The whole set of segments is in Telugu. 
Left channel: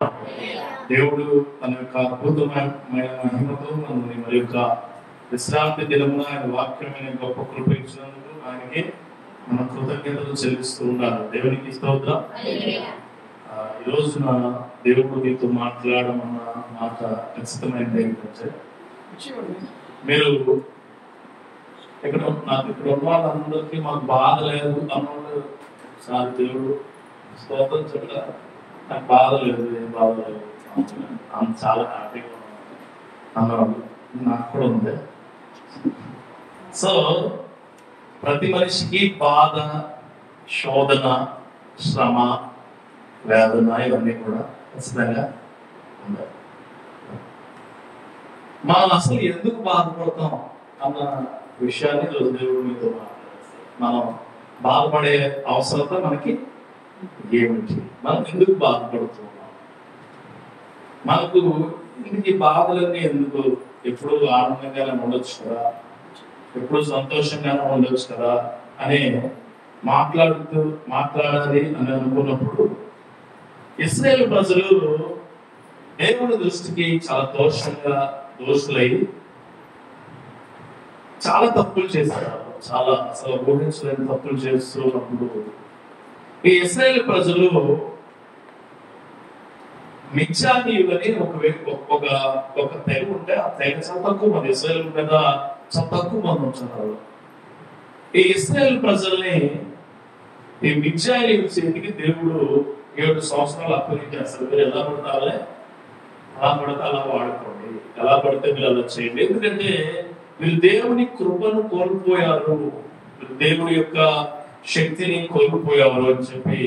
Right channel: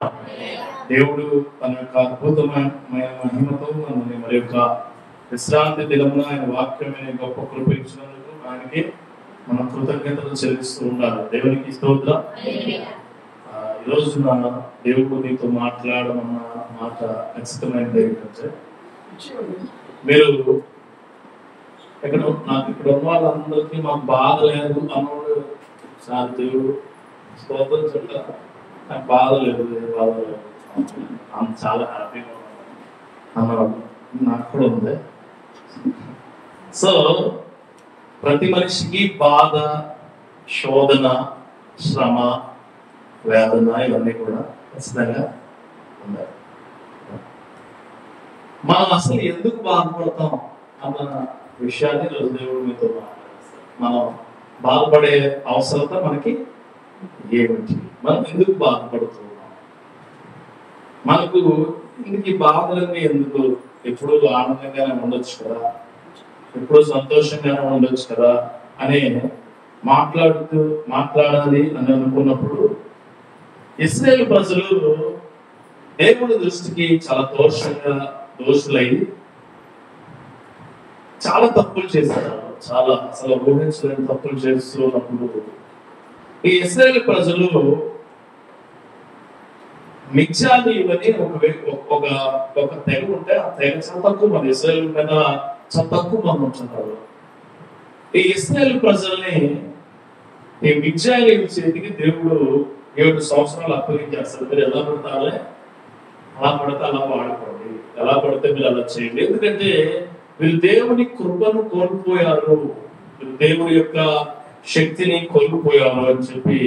దేవుడు తన యొక్క అద్భుతమైన మహిమతో మనల్ని మరి యొక్క విశ్రాంతి దినమున ఆయన వాక్యమైన గొప్ప కృప ఇచ్చినందుకు ఆయనకి మనం కృతజ్ఞతలు చెల్లిస్తూ ఉండాలి. దేవునికి స్తోత్రం. ఈరోజు నా దేవుడు నీతో మాట్లాడమన్న మాట ఖచ్చితమైనది ఏంటంటే, మీరు ఇక్కడ ఉన్న వాళ్ళందరికీ మాకు బాధ లేదు అన్నోడు సార్ దేవుడు స్తోత్రం చెప్తారు. నాకు బాధ లేదు, ఏం బాధ లేదు, చాలా హ్యాపీగా ఉన్నాను, నాకు కూడా ఉంది. సో ప్రతి మనిషికి బాధ, శోధన, శ్రమ, వేదన ఇవన్నీ కూడా ఖచ్చితంగా ఉన్నాయి. మనం అసలు ఎందుకు బాధపడతాం అన్న విషయాన్ని రోజు దేవుడు మీతో మాట్లాడేస్తాం. మనం బాధపడే అవసరత మనకి ఏమిటి, మనం ఎందుకు బాధపడుతున్నాం, మనకు ఇందుకు బాధలన్నీ ఎందుకు, ఎప్పుడు ఆనందంగానే ఉండొచ్చు కదా, ఎప్పుడు సంతోషంగానే ఉండొచ్చు కదా అని మాట్లాడాలి అని అనుకున్నప్పుడు, ఇశ్రాయేలు ప్రజలు దేవుడి దృష్టికి చాలా దోషులై చాలా తప్పులు చేశారు. చాలా అసలు ఊహించలేని తప్పులు చేస్తున్నప్పుడు ఈ ఇశ్రాయేలు ప్రజలు మిద్యానీయులు అని ఒక తెగ ఉంటే ఆ తెగ చాలా తక్కువ మంది, ఇశ్రాయేలు మీద చాలా తక్కువ మంది ఉంటున్నారు. ఈ ఇశ్రాయేలు ప్రజల్ని ఈ మిద్యానీయుల చేతికి దేవుడు 7 సంవత్సరాలు అప్పగించేస్తారు. మీరు ఎలా పడతారే అలా పడితే అలా వాడుకోండి, ఎలా పడితే మీరు అలా చేయండి. ఎందుకంటే వీళ్ళు దేవుని కృపను కోల్పోయారు, వీళ్ళు దేవుడి యొక్క శక్తిని కోల్పోయారు అని చెప్పి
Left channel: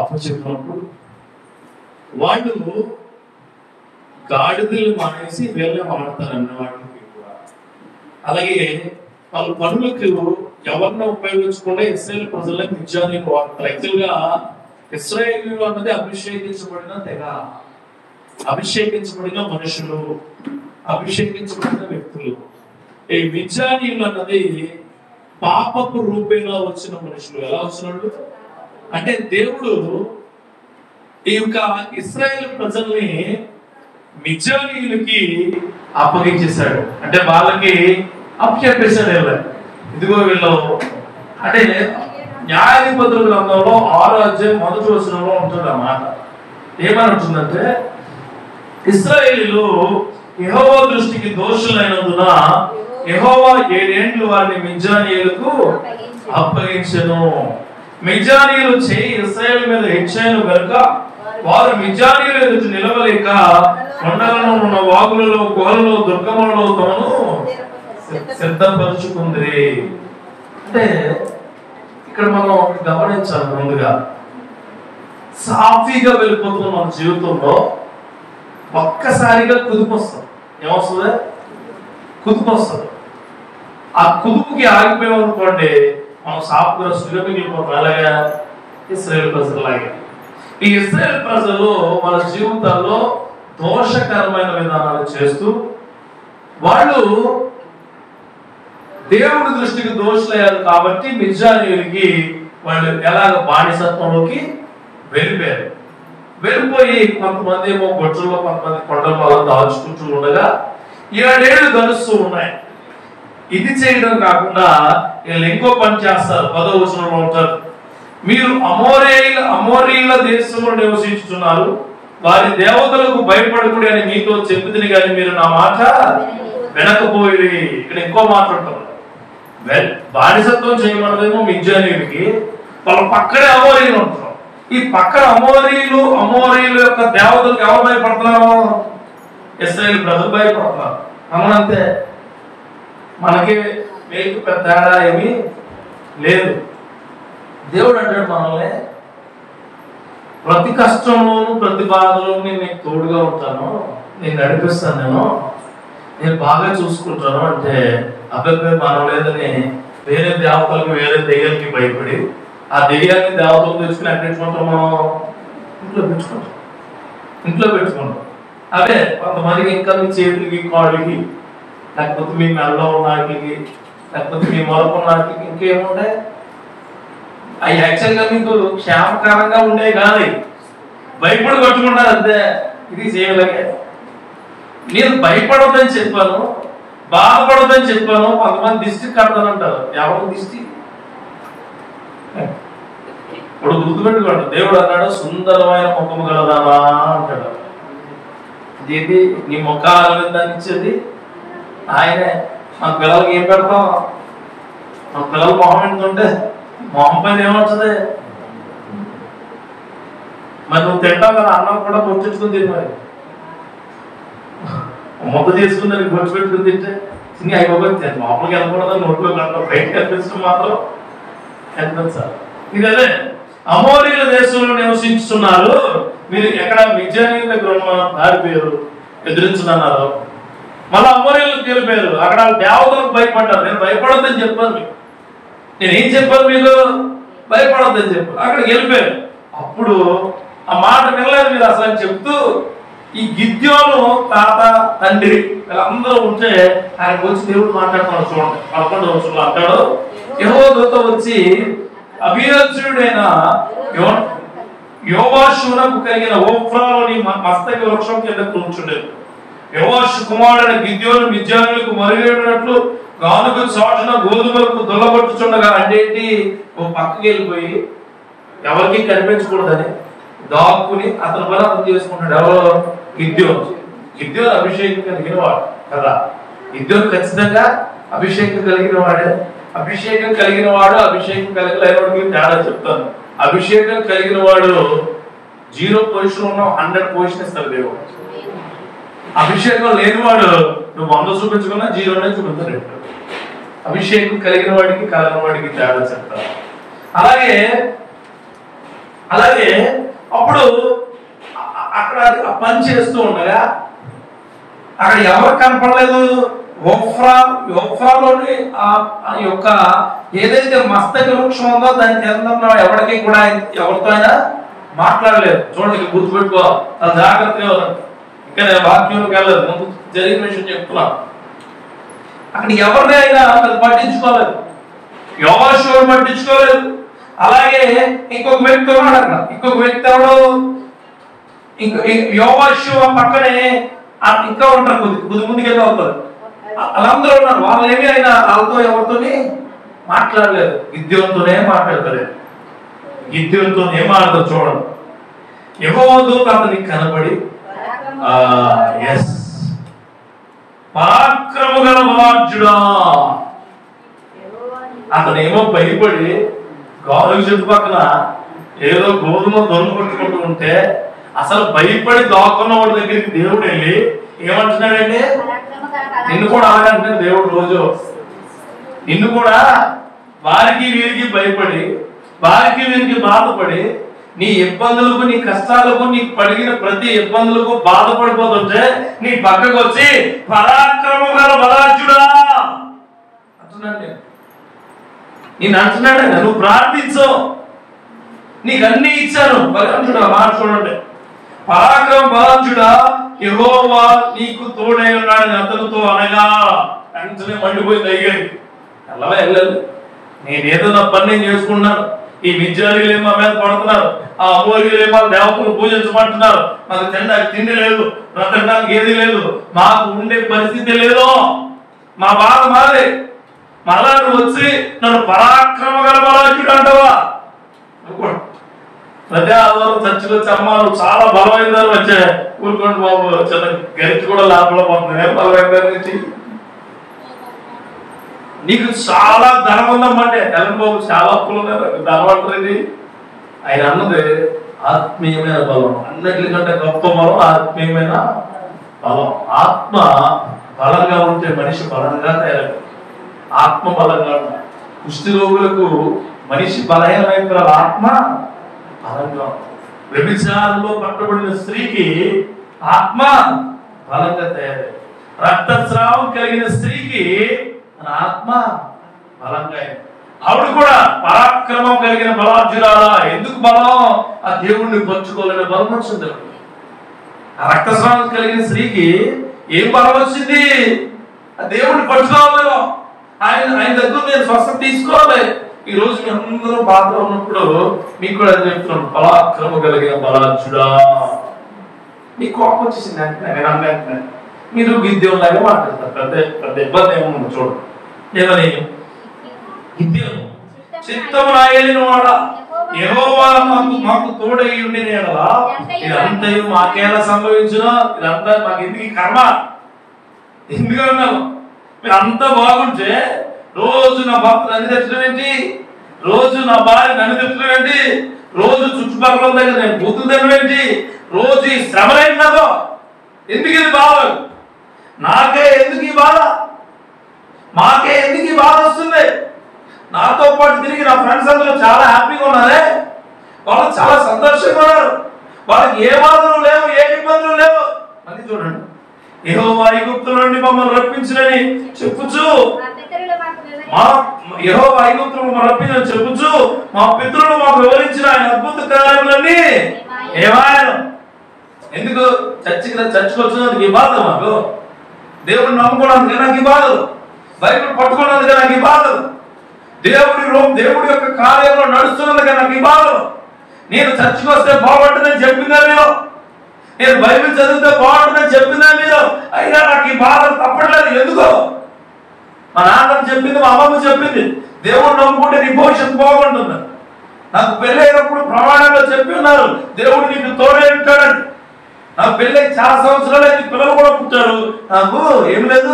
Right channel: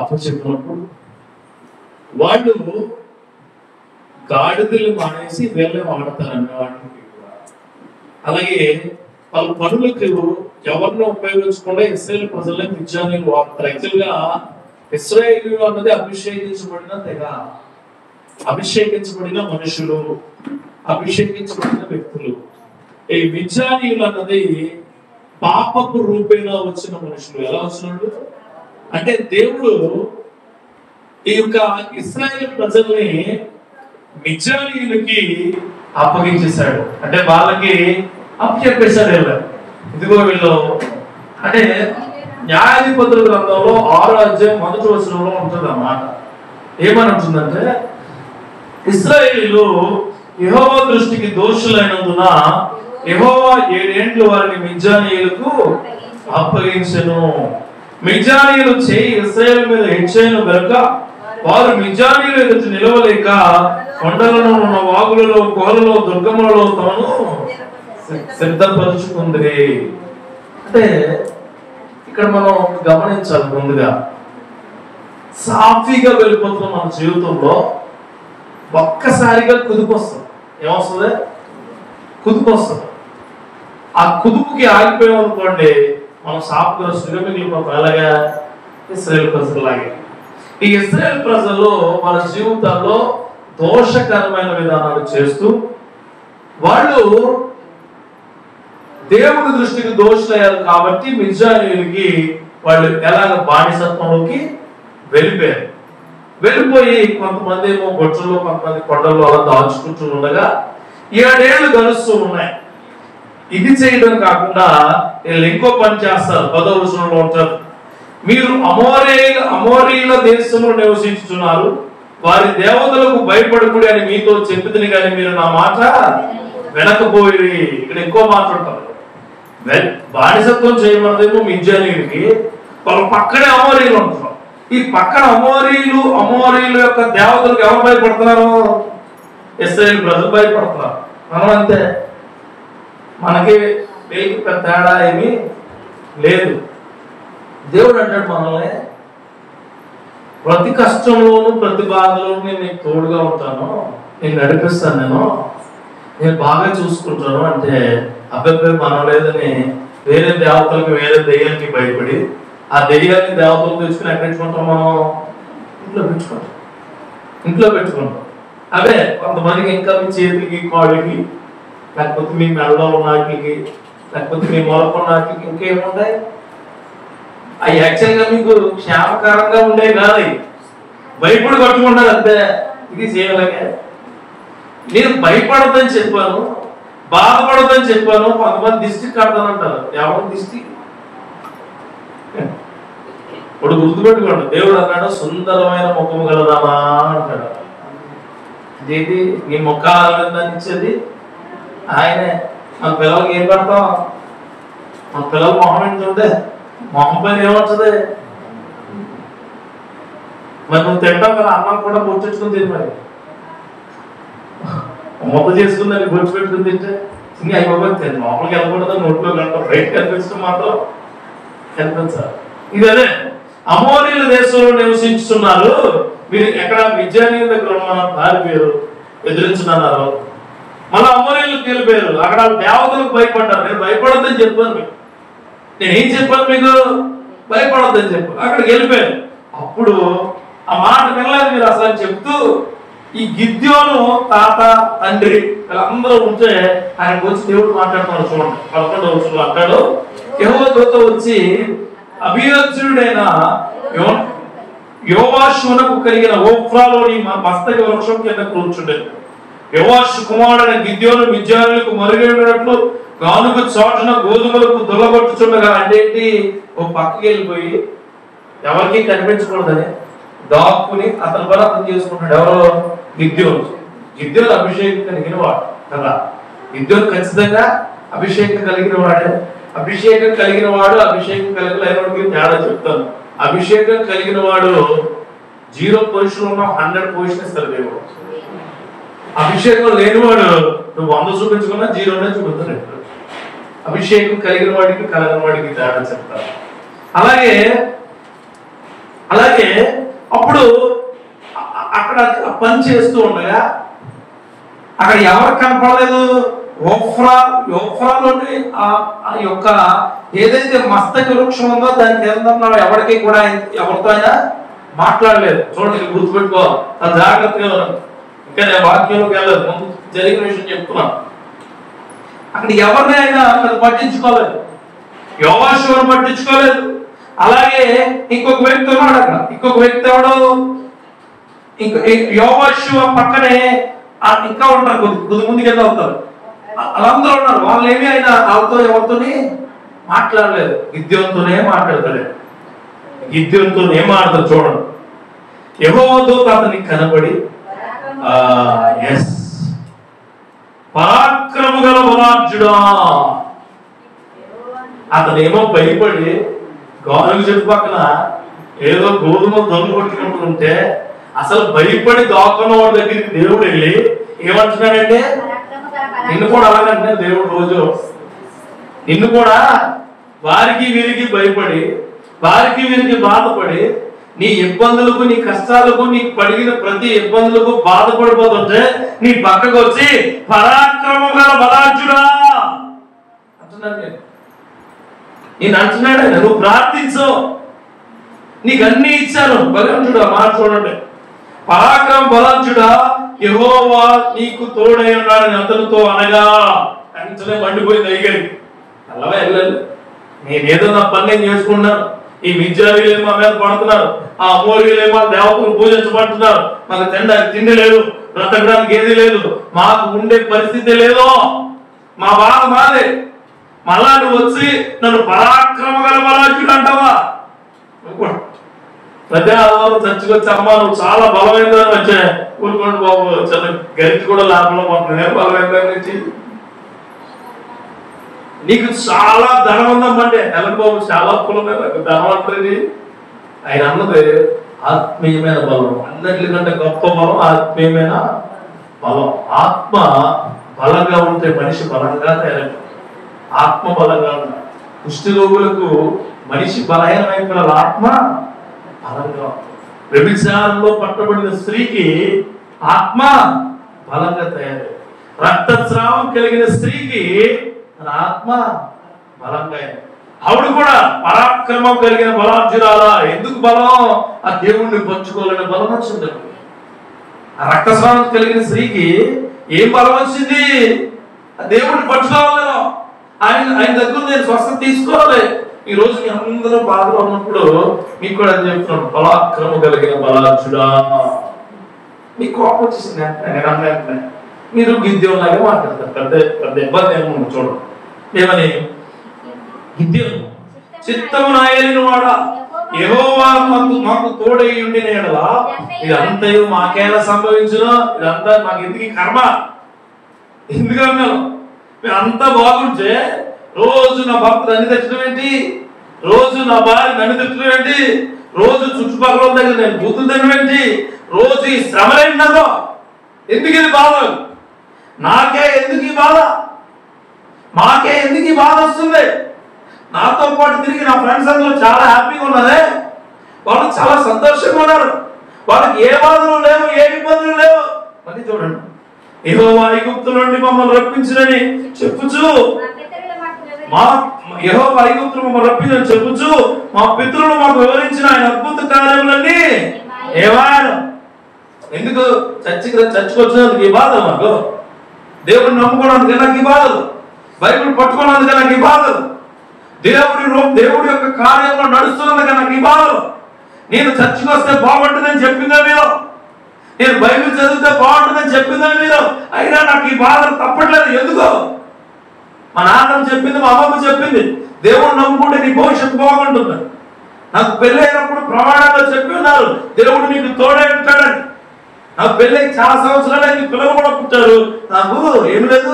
అప్పచెప్పినప్పుడు వాళ్ళు గాడిదలు మానేసి వేరే వాడతారన్న వాటికి కూడా. అలాగే వాళ్ళ పనులకు ఎవరినో ఉపయోగించకుండా ఇశ్రాయేలు ప్రజలకు మిద్యానీయులు వాడతారు. యాక్చువల్ గా ఇశ్రాయేలు అన్నది అభిషేకించబడిన తెగ, అభిషేకించబడిన మనుషులు, అభిషేకించబడిన వ్యక్తులు. ఈ మిద్యానీయులు అన్నది పాపపు రూపేణా వచ్చిన మనుషులు. ఎలా వచ్చినాడు అంటే, దేవుడు ఈ యొక్క ఇశ్రాయేలు ప్రజల్ని మిద్యానీయులకి అప్పగించేశాడు. అంటే వాళ్ళకి అప్పచెప్పేశాడు. ఇదిగో వీళ్ళు అంటే న్యాయాధిపతుల గ్రంథంలో 6వ అధ్యాయం 1వ వచనంలో ఉంటుంది అన్నమాట. ఏమని ఉంటుందంటే, ఇశ్రాయేలీయులు యెహోవా దృష్టికి దోషులైనందున యెహోవా 7 ఏండ్లు వారిని మిద్యానీయులకు అప్పగించెను. మిద్యానీయులు చేయి ఇశ్రాయేలు మీద హెచ్చాను గనుక వారు మిద్యానీయులు ఎదుటి నిలవలేక కొండలను ఉన్న వాగులలో, గోలలో, దుర్గములలో తమను సిద్ధపరుచుకుందిరే. అంటే ఇక్కడ మనం గమనించాలి, ముందుగా సాఫీగా వెళ్ళిపోతున్న మన జీవితంలో ఒక్కసారిగా కుదుపు వస్తుంది. ఏమొస్తుంది? కుదుపు వస్తుంది. ఆ కుదుపుకి ఆగిపోయాం అనుకోండి, మనం సాఫ్గా మిగిలిపోతాం. అలాగా ఇశ్రాయేలు ప్రజలాగే ఈ ఇశ్రాయేలు ప్రజలు మన జీవితాల్లో దోషకరమైన విధానాలు చేస్తూ వాళ్ళు దేవుడి దృష్టికి దోషులయ్యారు. కాబట్టి మిద్యానీయులకి వాళ్ళు ఎలాగ బానిసత్వంలోకి వెళ్ళిపోయి కొంతమంది ఏమో గొడ్చుల్లో, కొంతమంది కొండల్లో అలా దాచుకుంటూ ఉండగా 7 ఏళ్ళు గడుస్తూ ఉన్నాయి. ఇది చేయడం కాకుండా వీళ్ళు ఇంకో పని చేస్తారు. 10వ వచనంలో ఉంటారు, మీరు అమోరీల దేశంలో నివసించుతున్నారు, వారి దేవతలకు భయపడకూడదు అని మీతో చెప్పుతుంది, కానీ మీరు నా మాట వినకపోయి. ఇక్కడ ఇంకో మాట్లాడతారు, బానిసత్వం చేయమన్నదేమో మిద్యానీయులకి, వాళ్ళ పక్కనే అమోరీలు ఉంటున్నారు. ఈ పక్కన అమోరీల యొక్క దేవతలకు ఎవరు భయపడుతున్నారు? ఇశ్రాయేలు ప్రజలు భయపడుతున్నారు. మనమంతే, మనకి వీళ్ళకి పెద్ద తేడా ఏమీ లేదు. దేవుడు అంటాడు మనల్ని ప్రతి కష్టంలోనూ ప్రతి బాధలోనూ నేను తోడుగా ఉంటాను, నేను నడిపిస్తాను, నేను బాగా చూసుకుంటాను. అంటే అబ్బాయి మనం లేదని వేరే దేవతలకు, వేరే దెయ్యాలకి భయపడి ఆ దెయ్యాన్ని దేవతలు తెచ్చుకుని ఎక్కడ పెట్టుకుంటాం? మనం ఇంట్లో పెట్టుకుంటాం. అవే కొంతమందికి ఇంకా మీ చేతులకి, కాళ్ళకి, లేకపోతే మీ మెడలో ఉన్న వాటికి, లేకపోతే మీ మొరకు ఉన్న వాటికి ఇంకేముంటాయి? అవి యాక్చువల్గా మీకు క్షేమకరంగా ఉండే కాదు. భయపడి పట్టుకుంటారు అంతే. ఇది చేయలేక నేను భయపడద్దని చెప్పాను, బాధపడద్దని చెప్పాను. కొంతమంది దిష్టి కడతానంటారు. ఎవరు దిష్టి? ఇప్పుడు గుర్తుపెట్టుకోండి, దేవుడు అన్నాడు సుందరమైన ముఖము గలదావా అంటాడు. ఇదేంటి నీ ముఖ ఆనందాన్ని ఇచ్చేది ఆయనే. మన పిల్లలకి ఏం పెడతాం? మన పిల్లలు మొహం ఎంతుంటే మొహం పైన ఏమవుతుంది? మరి నువ్వు తింటావు కదా, అన్నం కూడా పొచ్చుకుని తిని, మరి మొక్క చేసుకుని బొచ్చు పెట్టుకుని తింటే ఇంకా అయిపోతుంది. తిని మామూలుగా వెళ్ళకూడదు, నోట్లో గంట బయట కనిపిస్తూ మాత్రం కనిపించాలి. ఇది అదే అమోరీల దేశంలో నివసించుతున్నారు. మీరు ఎక్కడ మిద్యానీయుల దగ్గర దారి పేరు ఎదిరించున్నారు. మళ్ళీ అమోరీలకు వెళ్ళిపోయారు. అక్కడ దేవతలకు భయపడ్డారు. నేను భయపడొద్దని చెప్పాను మీకు. నేనేం చెప్పాను మీకు? భయపడొద్దని చెప్పాను. అక్కడికి వెళ్ళిపోయారు. అప్పుడు ఆ మాట వినలేదు మీరు అసలు అని చెప్తూ ఈ గిద్యోను తాత తండ్రి వీళ్ళందరూ ఉంటే ఆయనకు వచ్చి దేవుడు మాట్లాడుతున్నాడు. చూడండి 11వ వచనంలో అంటాడు, యెహోవా దూత వచ్చి అభియోజ్యుడైన యోవాషునకు కలిగిన ఓఫ్రాలోని మస్తక వృక్షం కింద కూర్చుండేది. యోవాషు కుమారుడైన గిద్యోను మిద్యానీయులకు మరుగైనట్లు గానుగ చాటున గోధుమలకు దుల్లగొట్టుచుండగా. అంటే ఏంటి? ఓ పక్కకి వెళ్ళిపోయి ఎవరికి కనిపించకూడదని దాక్కుని అతని పని అతను చేసుకుంటాడు. ఎవరో? గిద్యోను. గిద్యోను అభిషేకం కలిగిన వాడు కదా. గిద్యోను ఖచ్చితంగా అభిషేకం కలిగిన వాడే. అభిషేకం కలిగిన వాడు అభిషేకం కలిగిన తేడా చెప్తాను. అభిషేకం కలిగిన వాడు 0 పొజిషన్ ఉన్న 100 పొజిషన్ ఇస్తారు దేవుడు. అభిషేకం లేనివాడు నువ్వు 100 చూపించుకున్నా 0నే చూపించలేదు. అభిషేకం కలిగిన వాడికి కలగని వాడికి తేడా చెప్తారు. అలాగే అప్పుడు అక్కడ పని చేస్తూ ఉండగా అక్కడ ఎవరు కనపడలేదు? ఓఫ్రాలోని ఆ యొక్క ఏదైతే మస్తక వృక్షం ఉందో దాని కేంద్రంలో ఎవరికి కూడా ఎవరితో అయినా మాట్లాడలేదు. చూడండి, గుర్తుపెట్టుకో, జాగ్రత్తగా. ఇంకా వాక్యంలోకి వెళ్ళలేదు, ముందు జరిగిన విషయం చెప్తున్నాను. అక్కడ ఎవరిని అయినా పట్టించుకోలేదు. యోవాషు పట్టించుకోలేదు. అలాగే ఇంకొక వ్యక్తి ఉన్నాడు అక్కడ. ఇంకొక వ్యక్తి ఎవడు? యోవాషు పక్కనే ఇంకా ఉంటారు, కొద్ది ముందుకెళ్ళి అవుతారు. వాళ్ళందరూ ఉన్నారు. వాళ్ళు ఏమీ అయినా వాళ్ళతో ఎవరితోని మాట్లాడలేదు. గిద్యోనుతోనే మాట్లాడతాడు. గిద్యోనుతో ఏం మాట్లాడతారు చూడండి. యెహోవా దూత అతనికి కనబడి పరాక్రమ గల బలాఢ్యుడా. అతనేమో భయపడి గానుగ చెట్టు పక్కన ఏదో గోధుమ దొంగ కొట్టుకుంటూ ఉంటే అసలు భయపడి దాక్కున్న వాడి దగ్గరికి దేవుడు వెళ్ళి ఏమంటున్నాడంటే, నిన్ను కూడా అలాగంటున్నాడు దేవుడు. రోజు నిన్ను కూడా వారికి వీరికి భయపడి వారికి వీరికి బాధపడి నీ ఇబ్బందులకు నీ కష్టాలకు నీకు పడిగిన ప్రతి ఇబ్బందులకు బాధపడిపోతుంటే నీ పక్కకు వచ్చి పరాక్రమం గల బలాఢ్యుడా అంటున్నాడు. నేను అంటున్నాడు, నువ్వు ప్రార్థించు, నీకు అన్ని ఇచ్చాను. బలాఢ్యుడా మాట చూడండి. పరాక్రమ బలాఢ్యుడా, యెహోవా నీకు తోడై ఉన్నాడని అతనితో అనగా వెంటనే మండిపోయింది అయ్యాడు. వెళ్ళలేదు, నేనేదో నా పని నేను చేసుకుంటున్నాను. ఈ మిద్యానీయులేమో మీద పడుతున్నారు, ఆ అమోరీయులేమో దేవతను పూజించబడుతున్నారు. మాకు తిండి లేదు, బ్రతకడానికి ఏది లేదు, మాకు ఉండే పరిస్థితి లేదు, మా బాధ మాదే. మళ్ళా నువ్వు వచ్చి నన్ను పరాక్రమ గల బలాఢ్యుడు అంటావా? అదే ఆధారం చర్చకొచ్చి అమ్మా నువ్వు చాలా బలమైందని వచ్చే ఊరుకోండి బాబు, చిన్న గరిటి కూడా లోపల పోతుంది. బలమైందని నుంచి నీకు చాలా ధనం ఉందమ్మంటే హెలన్ బాబు చాలా అప్పులు ఉన్నారు, ధనం అంటారు. ఆయన అన్నది ఆత్మీయమైన బలం. అన్నిటికంటే గొప్ప బలం ఆత్మీయమైన బలం. ఆత్మ బలంగా ఉంటే మనిషి బలంగా తయారు. ఆత్మ బలంగా ఉంటాయి. కుష్ఠరోగులకు మనిషి బలహీనమైన ఆత్మ బలంగా. వ్యభిచారంలో పట్టబడిన స్త్రీకి ఆత్మ బలంగా తయారై, రక్తస్రావం కలిగిన స్త్రీకి ఆత్మ బలంగా. ఆవిడ కూడా పరాక్రమం కలిగిన బలాఢ్యురాలా. ఎందుకు బలం? ఆ దేవుణ్ణి పంచుకోలేని బలం వచ్చింది. ఆ రక్తస్రావం కలిగిన స్త్రీకి ఏం బలం వచ్చింది? ఆ దేవుడిని పంచుకోవాలి. ఆయన దగ్గర నేను స్వస్థత తీసుకోవాలి, ఈ రోజు మీ అందరూ బాధలో ఉన్నప్పుడు మీకు కూడా అది చెప్తున్నాను, బలాక్రమ కలిగిన బలాచుడా. మీ కోపం వచ్చేసింది అంటే మీరు గిద్యోలాగా మాట్లాడతారు. పెద్ద ఇబ్బంది ఏమో చూడండి. ఏమని గిద్యోను చిత్తము నాయని వాడా యెహోవా మాకు తోడై ఉండిన యెడల ఇదంతయు మాకేలా సంభవించును, ఇదంతా మాకు ఎందుకు కర్మ. ఎందుకన్నాను, మీరు అంతా బాగుంటే రోజు నా భర్త నన్ను తెచ్చడం ఏంటి, రోజు నా భార్య నన్ను తెచ్చడం ఏంటి, రోజు చుట్టుపక్కల దగ్గర నేను బూతులు తినడం ఏంటి, రోజు ఈ శ్రమలేంటి నాకు, ఎందుకు ఇది బాధ, నాకే ఎందుకు ఈ బాధ, మాకే ఎందుకు ఈ బాధ వస్తుంది. నాతో పాటు తిరిగి నా ఫ్రెండ్స్ అందరూ చాలా హ్యాపీగా ఉన్నారే, వాళ్ళు చాలా సంతోషంగా ఉన్నారు, వాళ్ళకి ఏ బాధలు లేవు, ఏ ఇబ్బందులు లేవు. మళ్ళీ చూడండి, యెహోవా ఐగుప్తు నుండి మమ్మల్ని రప్పించునని చెప్పుచు, యెహోవా ఐగుప్తు మమ్మల్ని రప్పించని చెప్పుచు మా పితరులు మాకు వివరించిన ఆయన అద్భుత కార్యములన్నీ ఏమాయను. ఎందుకు చచ్చిపోతున్నందుకు ఈ బాధలు, నాకు దేవుడిని నమ్ముకోవడానికి నాకు ఈ బాధలు, బైబిల్ పట్టుకున్నందుకు నాకు ఈ బాధలు, దేవుడి యొక్క కార్యంలో నడుస్తున్నందుకు నాకు ఈ బాధలు. నేను చర్చికి వస్తే బాగుంటుందని చెప్పిందా మీరు, నేను బైబిల్ చదివితే బాగుంటుందని చెప్పిందా మీరు, అయినా నాకు ఈ బాధలు తప్పట్లేదు. ఎందుకో మా నాన్న చెప్పింది, మా అమ్మమ్మ చెప్పింది, దేవుడు నమ్ముకుంటే నీ భవిష్యత్తు బాగుంటుంది. నాకు పెళ్లి అయినప్పుడు ప్రమాణంగా చెప్పి ఉన్నారు, దేవుడు నీకు తోడే ఉంటాడని. నాకు పెళ్ళి చాలా సంవత్సరాలు అయితే పిల్లలు కూడా పుట్టారు, నాకు ఏం లేదు,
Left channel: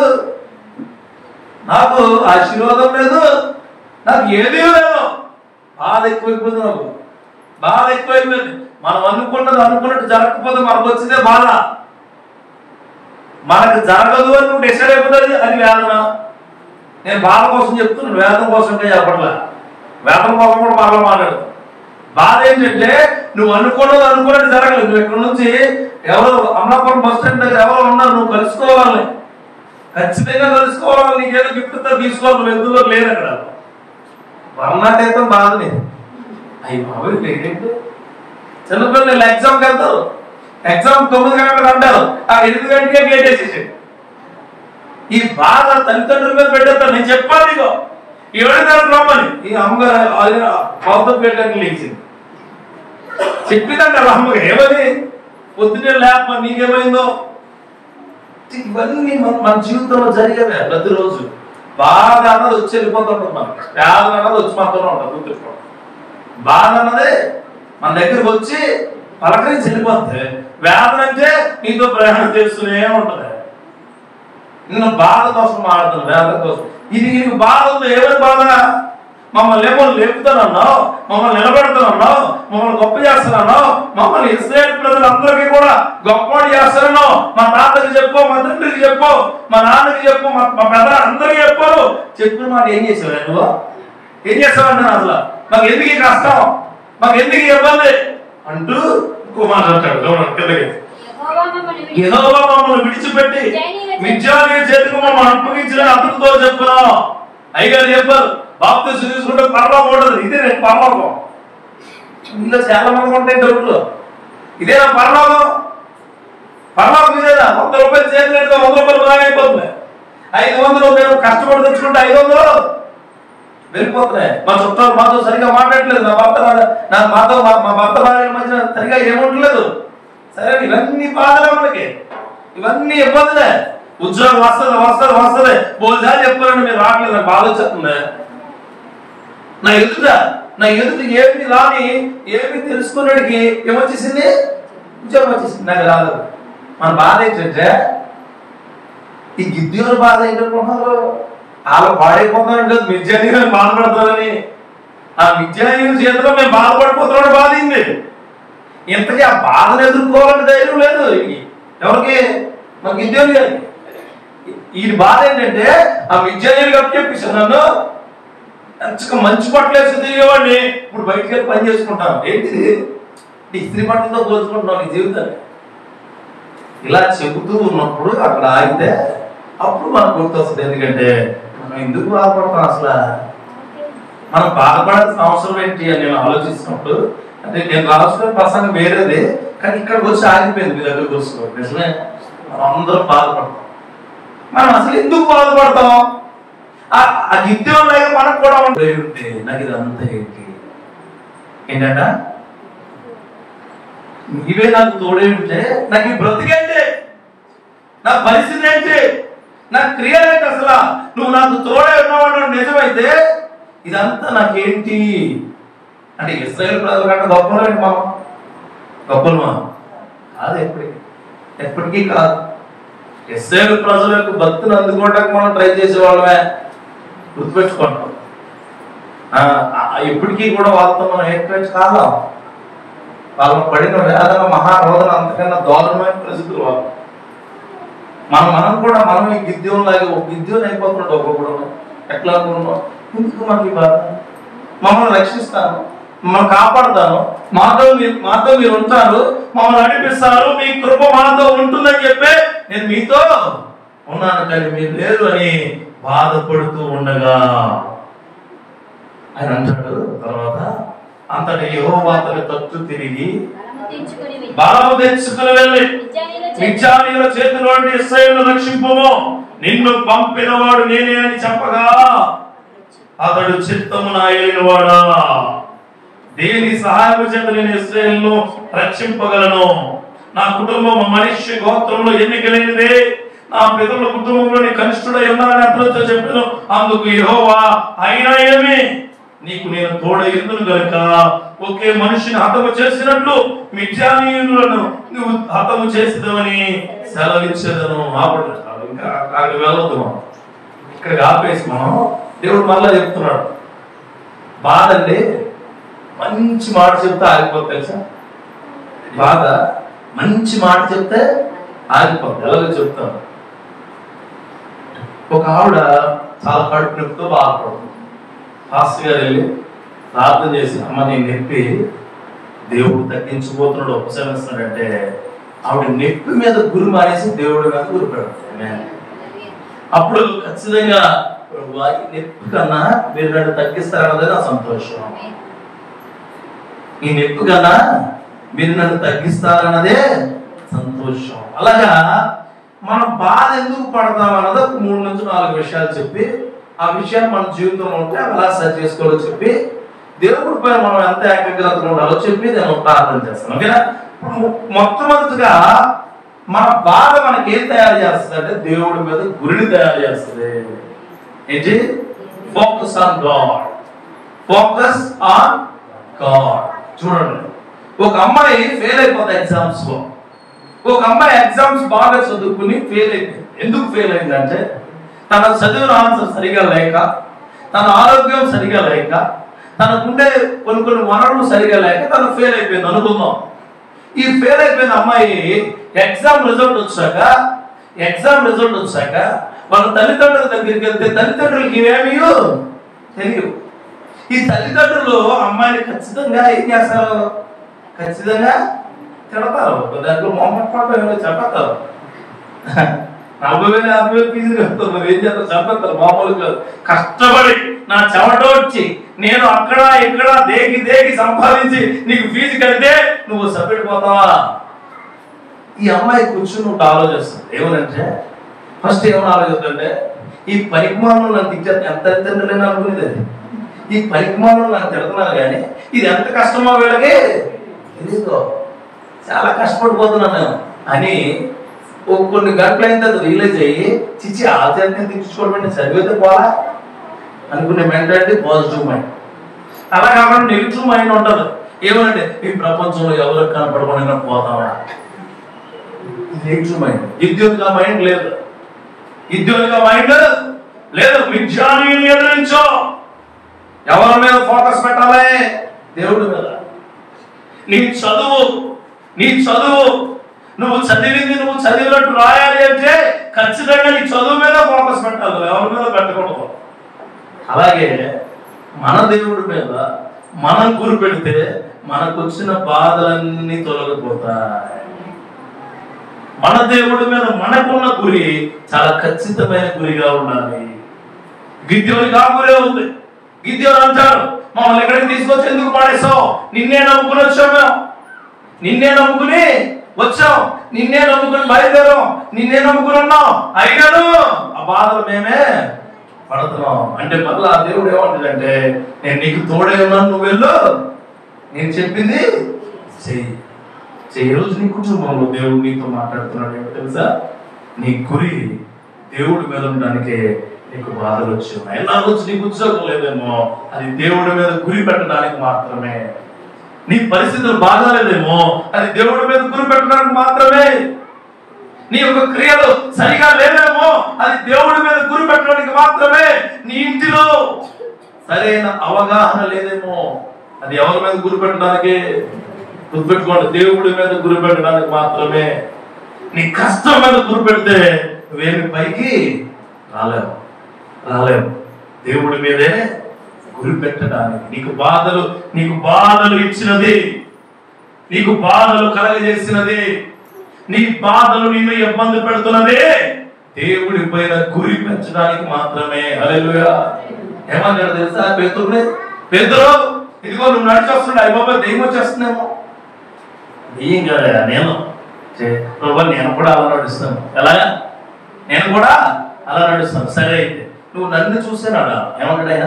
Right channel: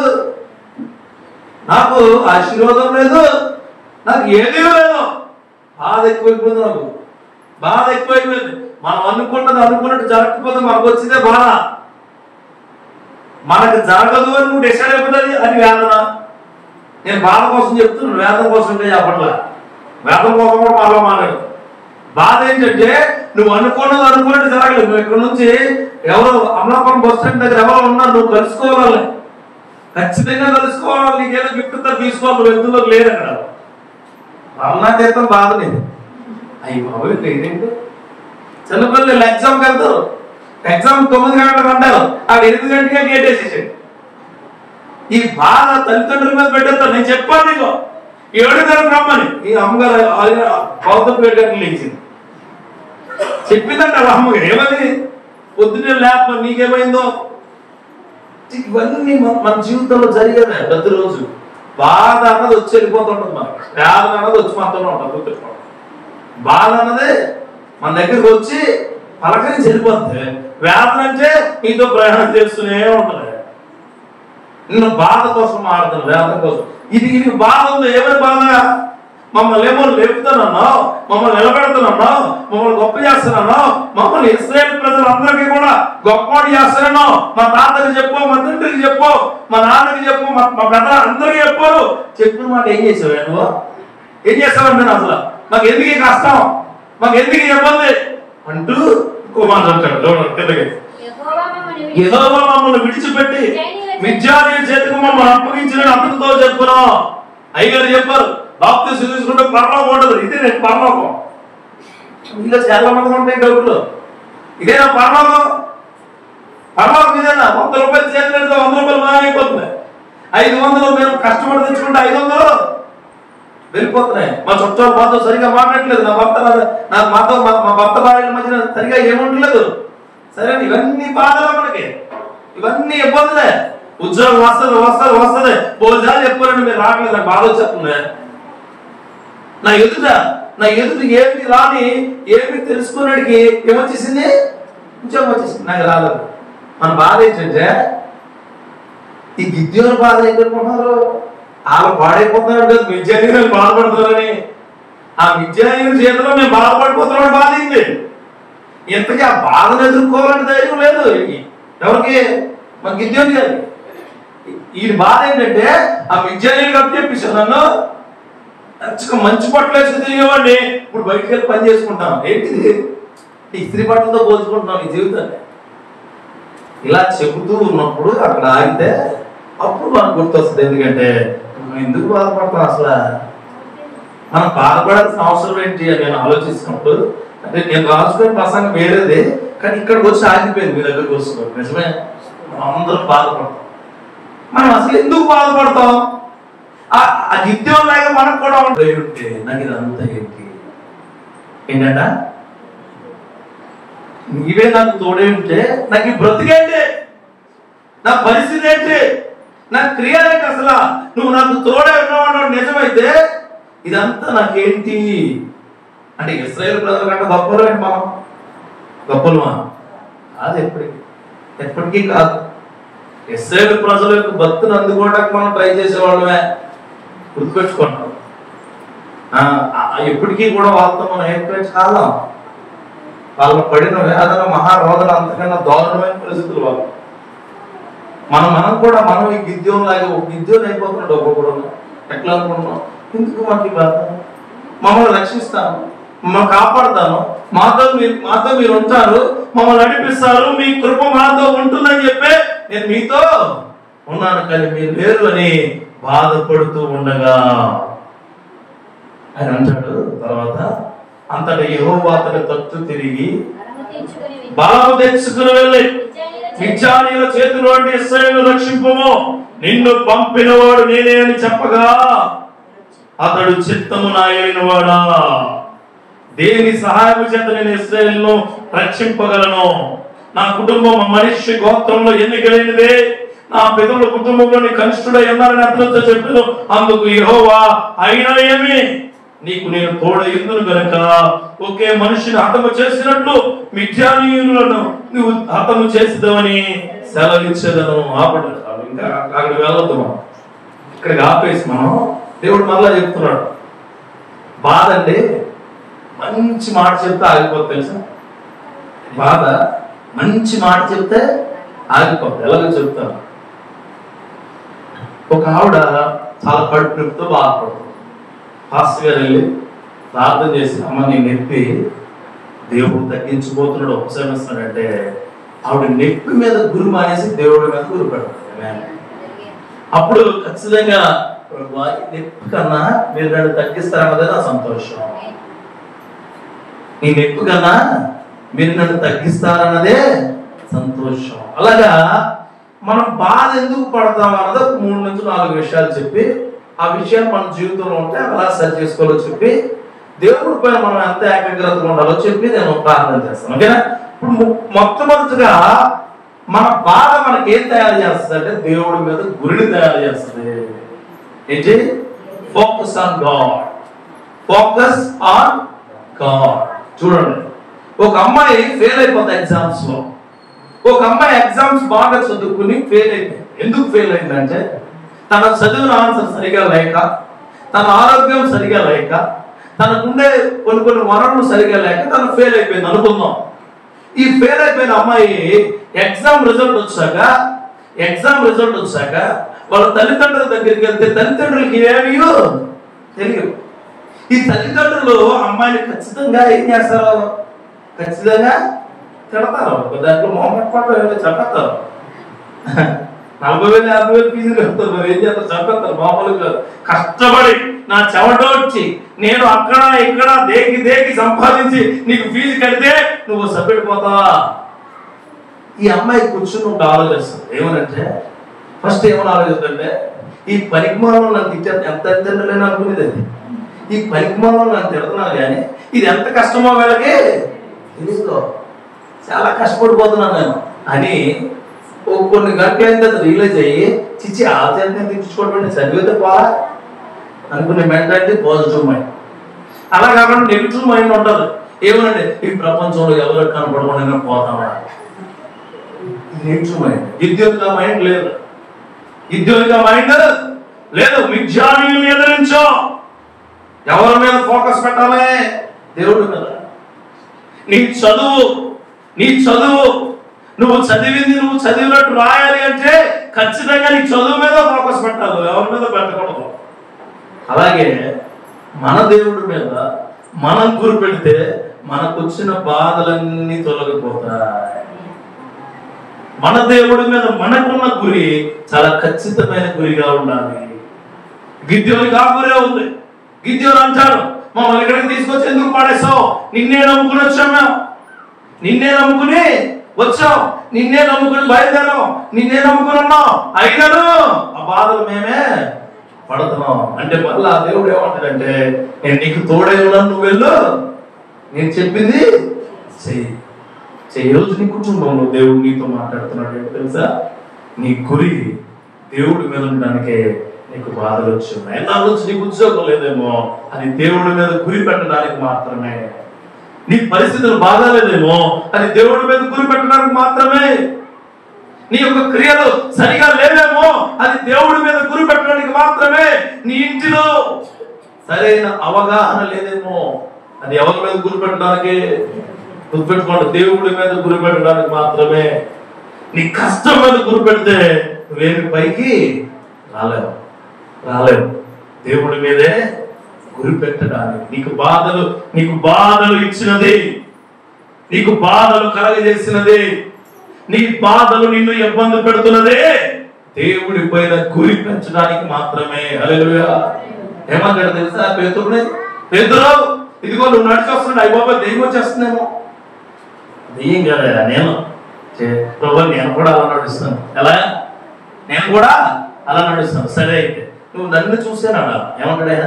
నాకు ఆశీర్వాదం లేదు, నాకు ఏదీ లేదు. బాధ ఎక్కువైపోయింది, నాకు బాధ ఎక్కువైపోయింది. మనం అనుకున్నట్టు జరగకపోతే మనకు వచ్చిందే బాధ. మనకు జరగదు అని నువ్వు డిసైడ్ అయిపోతుంది, అది వేదన. నేను బాధ కోసం చెప్తున్నాను, వేదన కోసం చెప్పట్లా, వేదన కోసం కూడా బాగా మాట్లాడదు. బాధ ఏంటంటే నువ్వు అనుకున్నట్టు జరగలేదు. నువ్వు ఇక్కడ నుంచి ఎవరో అమలాపురం బస్ స్టాండ్ దగ్గర ఎవరో ఉన్నారు, నువ్వు కలుసుకోవాలి, ఖచ్చితంగా కలుసుకోవాలి, నీకేదో గిఫ్ట్ తీసుకోవాలి, నువ్వు ఎందులో లేదు అక్కడ. వర్ణాతీతం బాధ లేదు. అయ్యి బాబు లేదేంటి, చిన్నపిల్లలు ఎగ్జామ్కి వెళ్తారు, ఎగ్జామ్ 9 గంటలకు అంటారు, ఆ 8 గంటకే గేట్ వేసేసాడు. ఈ బాధ తల్లిదండ్రుల మీద పెట్టేస్తారు. నేను చెప్పాను నీకు 7 గంటలకు రమ్మని, ఈ అమ్మగారు పౌతపేట గంటలు లేచింది, చెప్పిందంట అమ్మగారు. ఏమని పొద్దున్నే లేప నీకేమైందో. ఇవన్నీ మన జీవితంలో జరిగేదే. ప్రతిరోజు బాధ అన్నది వచ్చి వెళ్ళిపోతుంటుంది, మనకి వేదన అన్నది వచ్చి మనతోనే ఉంటుంది. గుర్తుపెట్టుకోండి, బాధ అన్నది మన దగ్గరికి వచ్చి పలకరించి వెళ్ళిపోతుంది. వేదన అంటే నీతో ప్రయాణం చేస్తూనే ఉంటుంది. నిన్ను బాధ కోసం మారుతాను, వేదన కోసం. ఇది బాధ ఉంది. ఏమైనా బాధ, మమ్మల్ని లేపుతున్నావు, మమ్మల్ని నిలబెడుతున్నావు, మమ్మల్ని గొప్ప చేస్తున్నావు, మమ్మల్ని ఇశ్రాయేలు ప్రజలందరికీ కూడా గొప్పవాడు చేస్తున్నాను. మా తాతకి చెప్పు, మా తండ్రికి చెప్పు, మా నాన్నకి చెప్పు, మా పెద్ద అందరికి చెప్పిన మాట ఏం చేసావు, నువ్వు ఏం చేసావంటున్నా, అసలు మాకు ఎందుకు కష్టం, మాకు ఎందుకు ఇబ్బంది అంటూ ఇంకో మాట అంటాడు. యెహోవా మమ్మల్ని విడిచిపెట్టి మిద్యానీయుల చేతికి మమ్మల్ని అప్పగించిన అతనితో చెప్పున్నాం. అయ్యగారు చెప్పారు, బాప్తిసం తీసుకుంటే పరలోకం ఉండదు. ఇదే నేను పరలోకం. ఇలా చాలా మంది ఉంటాయి డబ్బులు, ఇదేనా పరలోకం? పరలోకం ఇదేనా? 100 రూపాయలు చేతి 100 రూపాయలు రాయిపోతుంది. 500 మేము కష్టపడి తెచ్చుకుంటే 500 వెళ్ళిపోతున్నాయి. మా చుట్టాలు మాతో సరిగా మాట్లాడలేదు, మా భర్త భార్యల మధ్యన సరిగా ఏముంటలేదు. సరే, ఇవన్నీ బాధలే మనకి, ఇవన్నీ ఇబ్బందులే. ఉద్యోగం వస్తుంది భోజనాలు చెప్తారండి, మీరు రావట్లేదు, నాకు బాధ వచ్చేస్తుంది. నా ఎదుట ఏమి రాని ఏమి తెలుసుకున్నాడికి ఏమొచ్చేసింది, ఉద్యోగం వచ్చేసింది, నాకు రాలేదు. మన బాధ ఏంటంటే ఈ గిద్యోని బాధ ఏంటనుకుంటున్నారు, వాళ్ళు పాడైపోతున్నాడు, మిద్యానీయులు బాధపడుతున్నారని. ఆ మిద్యానీయుల చేతిలో మేము బాధపడిపోతున్నాడు, బాధ అయింది. ఇంతకీ ఆ బాధను ఎదుర్కోవాలని ధైర్యం లేదు ఎవరికి, మా గిద్యోని గారికి. ఈ బాధ ఏంటంటే ఆ మిద్యానీయులు కాబట్టి చెప్పేసాను, నన్ను మంచి బట్టలు వేసి తిరిగేవాడిని, ఇప్పుడు బయటికి వెళ్ళి పని చేసుకుంటాం. ఏంటిది, నీ ఇస్త్రీ బట్టలతో పోల్చుకుంటున్నావు నీ జీవితాన్ని. ఇలా చెబుతూ ఉన్నప్పుడు అక్కడ ఆగితే అప్పుడు మనకు గుర్తొస్తుంది. ఎందుకంటే మనం ఎందుకు బాధపడతాం, అసలు మనం బాధపడాల్సిన అవసరం ఏంటి అని నేను ఆలోచిస్తున్నప్పుడు, అంటే నేను రాసుకునే ప్రసంగం వేరేదే, కానీ ఇక్కడికి వచ్చి ఆగిపోయింది మీ దగ్గరకు వస్తుంది. నిజమే, మనం అందరం బాధపడతాం. మనం అసలు ఎందుకు బాధపడతాం? ఆ గిద్యోన్లాగా మనకు కూడా ఉంటే నాకు ఇదంతా ఏంటంట ఇవే నాకు తోడే ఉంటే నాకు ఈ బ్రతికేంటి, నా పరిస్థితి ఏంటి, నా క్రియలేంటి, అసలు నువ్వు నాకు తోడే ఉన్నావు నిజమైతే ఇదంతా నాకేంటి అంటే ఇశ్రాయేలు ప్రజల కంటే గొప్పలేంటి మనం, గొప్పలు కాదు, ఎప్పటికీ కాదు. ఇశ్రాయేలు ప్రజల యొక్క భక్తిని అందుకోవడానికి మనం ట్రై చేసేవాళ్ళమే, గుర్తుపెట్టుకుంటాం. ఎప్పటికీ కూడా వాళ్ళతో మనం ఏకైతే కాలం వాళ్ళు పడిన వేదన మహారోదన అంతకన్నా దారుణమైన పరిస్థితులు వాళ్ళు. మనం కూడా మనం ఈ గిద్యోన్ లాగా ఒక గిద్యోన్ అయిపోతున్నాడు. ఒక్కొక్కడు ఎట్లా అనుకుంటున్నాం, ఎందుకు మనకి బాధ, మమ్మల్ని రక్షిస్తాను, మమ్మల్ని కాపాడుతాను, మాతో మీరు ఉంటారు, మమ్మల్ని నడిపిస్తారు, మీ కృప మాతో ఉంటుందని చెప్పి నేను మీతో ఉన్నాను, కానీ మీరు లేరు అని బాధపడుతూ ఉండగా ఆయన అంటాడు తర్వాత, అంతటా యెహోవా తన తట్టు తిరిగి బలము తెచ్చుకుని వెళ్ళి మిద్యానీయుల చేతిలో నుండి ఇశ్రాయేలును రక్షింపుము, నిన్ను పంపినవాడు నేనే అని చెప్పగా అతడు చిత్తము నాయన వాడా, దేని సహాయము చేత నేను ఇశ్రాయేలును రక్షింపగలను, నా కుటుంబం మనిషి గోత్రంలో ఎన్నికలైనదే, నా పితరుల కుటుంబంలోని కనిష్ఠుడై ఉన్నారని అతనితో చెప్పాను. అందుకు యెహోవా అయినా ఏమి, నీకు నేను తోడైందును గనుక ఒకే మనిషిని హతము చేసినట్లు మిద్యానీయులను నువ్వు హతము చేస్తావని సెలవిచ్చేదను. ఇంకా అక్కడికి వెళ్ళొద్దు, మనం ఇక్కడికి ఆపేసి మనం దేవుడు మళ్ళా చెప్తున్నాడు. బాధ అంటే మంచి మాట చెప్తే ఆగిపోతుంది తెలుసా, బాధ మంచి మాట చెప్తే ఆగిపోతుంది. ఎలాగో చెప్తాను, ఒక ఆవిడ చాలా కడుపు నొప్పితో బాధపడుతుంది. పాస్టర్ గారు వెళ్ళి ప్రార్థన చేసి, అమ్మ నీ నొప్పి దేవుడు తగ్గించిపోతున్నాడు, ఉపశమిస్తున్నాడంటే ఆవిడ నొప్పి మీద గురి మానేసి దేవుడి మీద గురి పెడుతుంది. అప్పుడు ఖచ్చితంగా నొప్పి కన్నా మీరు నన్ను తగ్గిస్తారన్నదే నా సంతోషం, ఈ నొప్పి కన్నా మీరు నన్ను తగ్గిస్తారన్నదే సంతోషం. అలాగా మనం బాధ ఎందుకు పడతాం అన్నది 3 నుంచి 4 విషయాలు చెప్పి, ఆ విషయాలు మన జీవితంలో ఉంటే అలా సరి చేసుకోవాలో చెప్పి, దేవుడి పైన మనం ఎంత ఏకాగ్రతగా ఉండాలో చెప్పి నేను ప్రార్థన చేస్తాను. ఓకేనా? ఇప్పుడు మొట్టమొదటిగా మన బాధ మనకి ఏం తయారు చేస్తుంది అంటే దేవుడి మీద గురిని తయారు చేస్తుంది. ఏంటి? Focus on God, focus on God. చూడండి, ఒక అమ్మాయి ఫెయిల్ అయిపోతుంది ఎగ్జామ్స్ లో. ఒక అమ్మాయి ఎగ్జామ్స్ బాగా చదువుకుని ఫెయిల్ అయిపోయింది. ఎందుకు ఫెయిల్ అయిందంటే తన చదివిన ఆన్సర్ సరిగా లేక, తన ఆరోగ్యం సరిగా లేక, తనకుండే కొన్ని వనరులు సరిగా లేక తను ఫెయిల్ అయిపోయింది అనుకుందాం. ఈ ఫెయిల్ అయిపోయిన అమ్మాయి ఎగ్జామ్ రిజల్ట్ వచ్చాక వాళ్ళ తల్లిదండ్రుల దగ్గరికి వెళ్తే తల్లిదండ్రులకి ఏమీ తెలియదు. ఈ తల్లిదండ్రులు అమ్మాయిని ఖచ్చితంగా ఏం చేస్తారు, ఖచ్చితంగా తిడతారు. దాంట్లో మొహమ్మద్ పాటు ఏమైనా చెప్పేస్తారు, 40,000 50,000 ఫీజులు కడతారు. ఏం చేస్తారు, చెప్పేస్తారు. మామూలుగా కష్టపడి నా చెమట వచ్చి నేను అక్కడ ఇక్కడ దేకి సంపాదించి నీకు ఫీజు కడితే నువ్వు సపెడిపోతావా? ఈ అమ్మాయి కూర్చుని ఒక ఆలోచిస్తుంది. ఏమనంటే ఫస్ట్ ఏమని ఆలోచిస్తుంటే, ఈ పరిమాణం నన్ను తిట్టాను, ఎంత తింటలేని అనుకునేది అది. ఈ పరిమాణం నన్ను తిడుతున్నాను కానీ ఇది ఎంత కష్టమో వీళ్ళకి తెలీదు, చాలా కష్టపడిపోతున్నాను నేను అని కొన్ని గంటలైన తర్వాత రియలైజ్ అయ్యి, చిచ్చి ఆచార్యం తెచ్చుకోవడం చదివితే పోరా అనుకునే మెంటాలిటీ పాజిటివ్ మైండ్. అలా కాకుండా నెగిటివ్ మైండ్ ఉంటుంది. ఏమంటే ఈ ప్రపంచంలో ఎవరికి కనపడకుండా పోతామా, నెగిటివ్ మైండ్. గిద్యోనిగా మైండ్ లేదు, గిద్యోనిగా మైండ్ లేదు. మిద్యానీయులను ఎదిరించు. ఎవరి మీద ఫోకస్ పెట్టాలి? దేవుడి మీద. నీ చదువు నువ్వు చదివింది నువ్వు చదివినట్టు రాయాలి అంటే ఖచ్చితంగా నీ చదువు మీద ఫోకస్ పెట్టాలి, ఎవరి మీద పెట్టకూడదు. అలాగే మన దేవుడి మీద మనం గురి పెడితే మనకు వచ్చిన బాధలన్నీ తొలగిపోతాయి. మన దేవుడి మీద మనకున్న గురి చాలా ఖచ్చితమైన గురిగా ఉండాలి. గిద్యోనికి ఆ గురే ఉంది. గిద్యోను అంటారు, మమ్మల్ని ఎక్కడికి తీసుకొచ్చి ఎందుకు పాడేసావు? నిన్నే నమ్ముకుని వచ్చాం, మేము నిన్నే నమ్ముకుని వచ్చాం, నిన్నే నమ్ముకుని బయలుదేరాం, నిన్నే నమ్ముకుని ఉన్నాం. అయినారు ఆ బాధలు మేమే పడుతున్నావు అంటే మళ్ళా దేవుడు ఏమంటాడంటే నేను నీకు తోడే ఉన్నాను, నువ్వు వెళ్ళు, నేను చెప్పింది చెయ్యి. రోజు నీ కుటుంబంలో దేవుడు నీతో మాట్లాడుతున్నాడు ఏమో తెలుసా? నీ గురి దేవుడి మీద ఉండడానికే నీకు బాధలు వచ్చి ఉన్నాయి. నా రోజు నీకు ఉద్యోగం లేదేమో, అది దేవుడి మీద గురి పెట్టడానికి మాత్రమే. నీ పరిస్థితులు బాగాలేదేమో, అది దేవుడి మీద గురి పెట్టడానికి మాత్రమే. నీ యొక్క క్రియలు సరిగా లేదేమో, అది దేవుడి మీద గురి పెట్టడానికి మాత్రమే. నీ ఇంటిలో సరైన అవగాహన లేదేమో, అది ఎవరి మీద గురి పెట్టడానికి? గుర్తుపెట్టుకోండి, దేవుడి మీద గురి పెట్టడానికి మాత్రమే. నీ కష్టం మీద గురి పెడితే నువ్వేమి పైకి రాలేవు. దేవుడి మీదే గురి పెట్టడానికి. నీకు బాధలు ఇచ్చినది, నీకు బాధలు కలగజేసినది, నీ బాధలు నిన్ను ఇబ్బంది పెడుతున్నది దేవుడి పైన గురి పెంచడానికి మాత్రమే. హల్లెలూయా. ఏమన్నాడు తెలుసా పేతురుని? పేతురు, ఇదిగో నువ్వు నడిచి వస్తున్నాడు, అయ్య బాబా దెయ్యం వచ్చేస్తున్నామో. దెయ్యం కదా, నేను కూడా అలా నడుస్తాను. ఎలా? నేను కూడా అలా నడుస్తాను. సరే అయితే నువ్వు నన్ను చూసానాడా? ఏమన్నాడు ఆయన?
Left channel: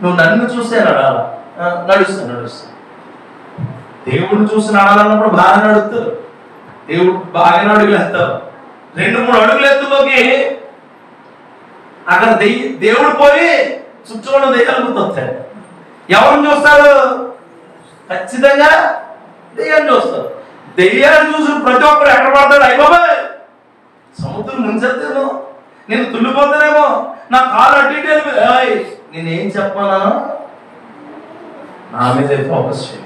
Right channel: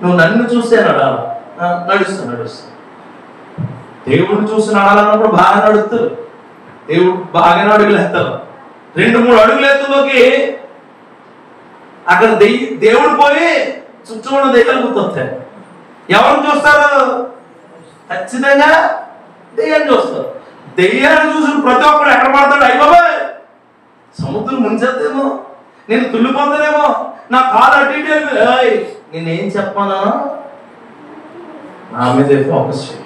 నువ్వు నన్ను చూసానాడా? నడుస్తాను. దేవుడిని చూసి నడాలన్నప్పుడు బాగా నడుస్తారు. దేవుడు బాగా అడుగులు ఎత్తారు. 2-3 అడుగులు ఎత్తులోకి అక్కడ దేవుడు పోయి చుట్టూ ఉన్న దెయ్యాలు గుర్తొస్తాయి. ఎవరిని చూస్తారు? ఖచ్చితంగా దెయ్యాన్ని చూస్తారు. దెయ్యాన్ని చూసిన ప్రతి ఒక్కరు ఎక్కడ పడతాడు? అయ్య బాబాయ్ సముద్రం ముంచేద్దేమో, నేను తుల్లిపోతానేమో, నా కాలు అటు నేనేం చెప్పానా? నా మీద ఫోకస్ చేయి,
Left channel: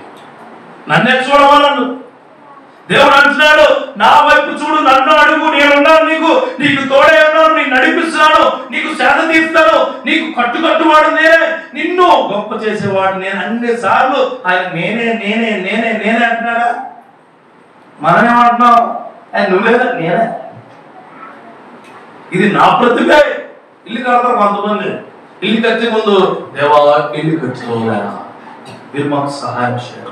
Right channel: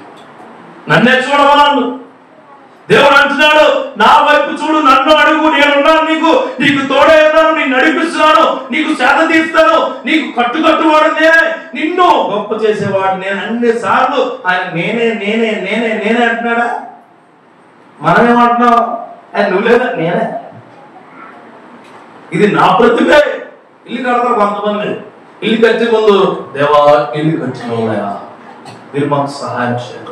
నన్నే చూడవాళ్ళు. దేవుడు అంటున్నాడు, నా వైపు చూడు, నన్ను అడుగు, నేనున్నాను నీకు తోడే ఉన్నాను, నీకు నడిపిస్తున్నాను, నీకు సేద తీస్తాను, నీకు కట్టువాడు నేనే, నిన్ను గొప్ప చేసేవాడు నేను. అన్ని సార్లు ఆయన నేనే అంటున్నాడా? మనమేమంటున్నాం? ఆయన నువ్వేనా? నేనే. ఇది నా ప్రతిభే. ఇల్లు కడతారు కొంతమంది. ఇల్లు కట్టే ముందు దేవా ఇల్లు కట్టిన మీరు మాకు సహాయం చేయాలి,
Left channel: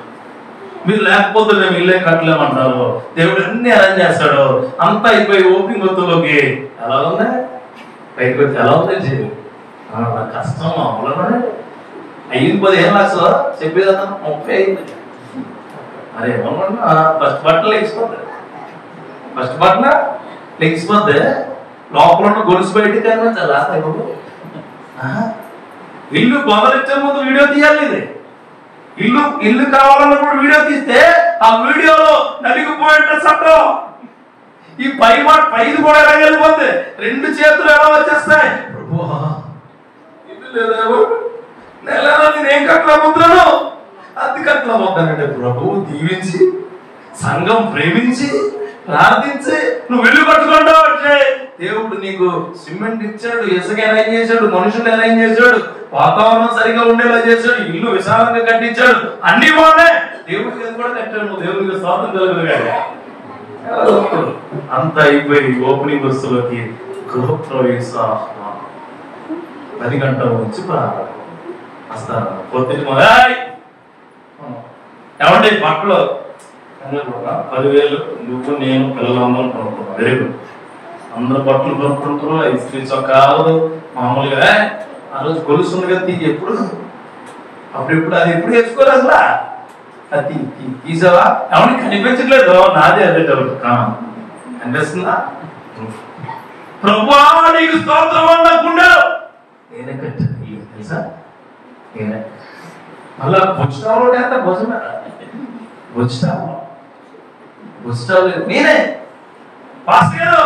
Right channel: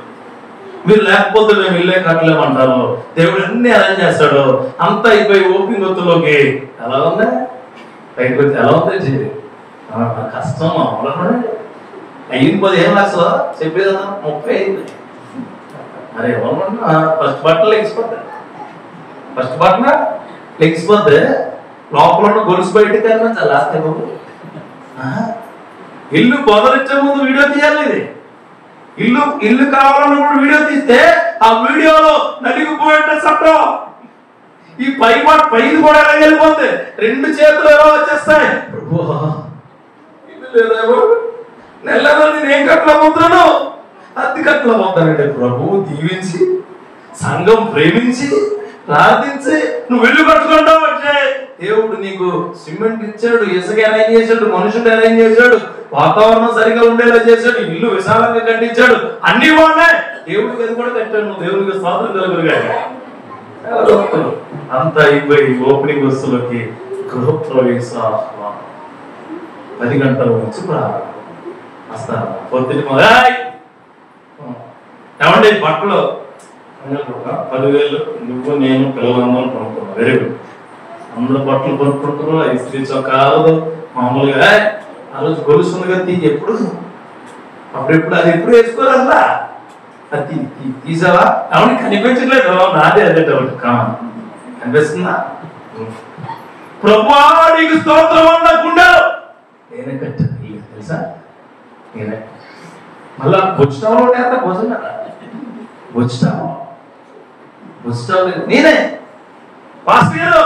మీరు లేకపోతే మేము ఇల్లే కట్టలేమంటాము. దేవుడు అన్ని అరేంజ్ చేస్తాడు. అంతా అయిపోయి ఓపెనింగ్ ఒత్తులోకి ఎలా ఉందా? పైకి ఎలా ఉంది? కష్టం అవలే. అయ్యింది 15 లక్షలు చెప్పేదా? 30 అయింది. అరే ఏమనుకుంటున్నా, ఫస్ట్ బట్టలు లెగిసిపోతే లోపల ఉన్న గొలుసు బయటకి వెళ్ళినా చాలా. ఇల్లు బొమ్మలిచ్చే ముందు వీడియో తీయాలి. ఇది ఇల్లు కావాలన్నప్పుడు వీడియో తీస్తే ఆ వీడియోలో నలిగిపోయేట చట్టం. ఈ పైది కూడా ఎలా వెళ్ళిపోతే 2 చేతులు ఎలా వచ్చేస్తాయి? నెలలో నేనేం కట్టలేకపోతున్నాను, అతి కట్టలేకపోతానంటే ప్రభువు దీవించి సంఘం ప్రేమించి ప్రార్థించి నువ్వు ఇల్లు కట్టుకుంటావు అంటే దేవుడు నీకు సిమెంట్ ఇచ్చాడు, ఇసుక అరేంజ్ చేశాడు, మనుషులు అరేంజ్ చేశాడు, వాతావరణం సరిగా ఉండేలా చేశాడు, ఇల్లు విశాలంగా కట్టించాడు, అన్ని బాగున్నాయి. దేవుడికి అది కూడా కట్టాడు. నువ్వు దేవుడికి స్తోత్రం కలుగునుగా. అంత అయిపోయి ఓపెనింగ్ వస్తువులకి గృహప్రవేశ 10 గంటల నుంచి వస్తారు. పొద్దున్న ఏమంటే బట్టలు 10,000 నువ్వు నేను పిల్లలందరం కొనుక్కున్నాం. Very good. అందరూ బట్టలు కొనుక్కుంటారు. ఇస్త్రీ చొక్కాలు మామూలుగా. ఆ రోజు గొలుసు ఉంది కదా, ఎప్పుడు అప్పుడెప్పుడు అది ఎప్పుడు వేసుకోరు అసలు. అది తీసావా? ఏమన్నా కనిపించట్లేదు. నాదే అదే డౌట్. కనిపిస్తుందా? ప్రభువా నీకు స్తోత్రం అన్నకుండా నేనే కట్టాను తెలుసా? నేనే. మళ్ళా బుచ్చుతావు అంటే బుచ్చుతావు నేనే. పాస్టర్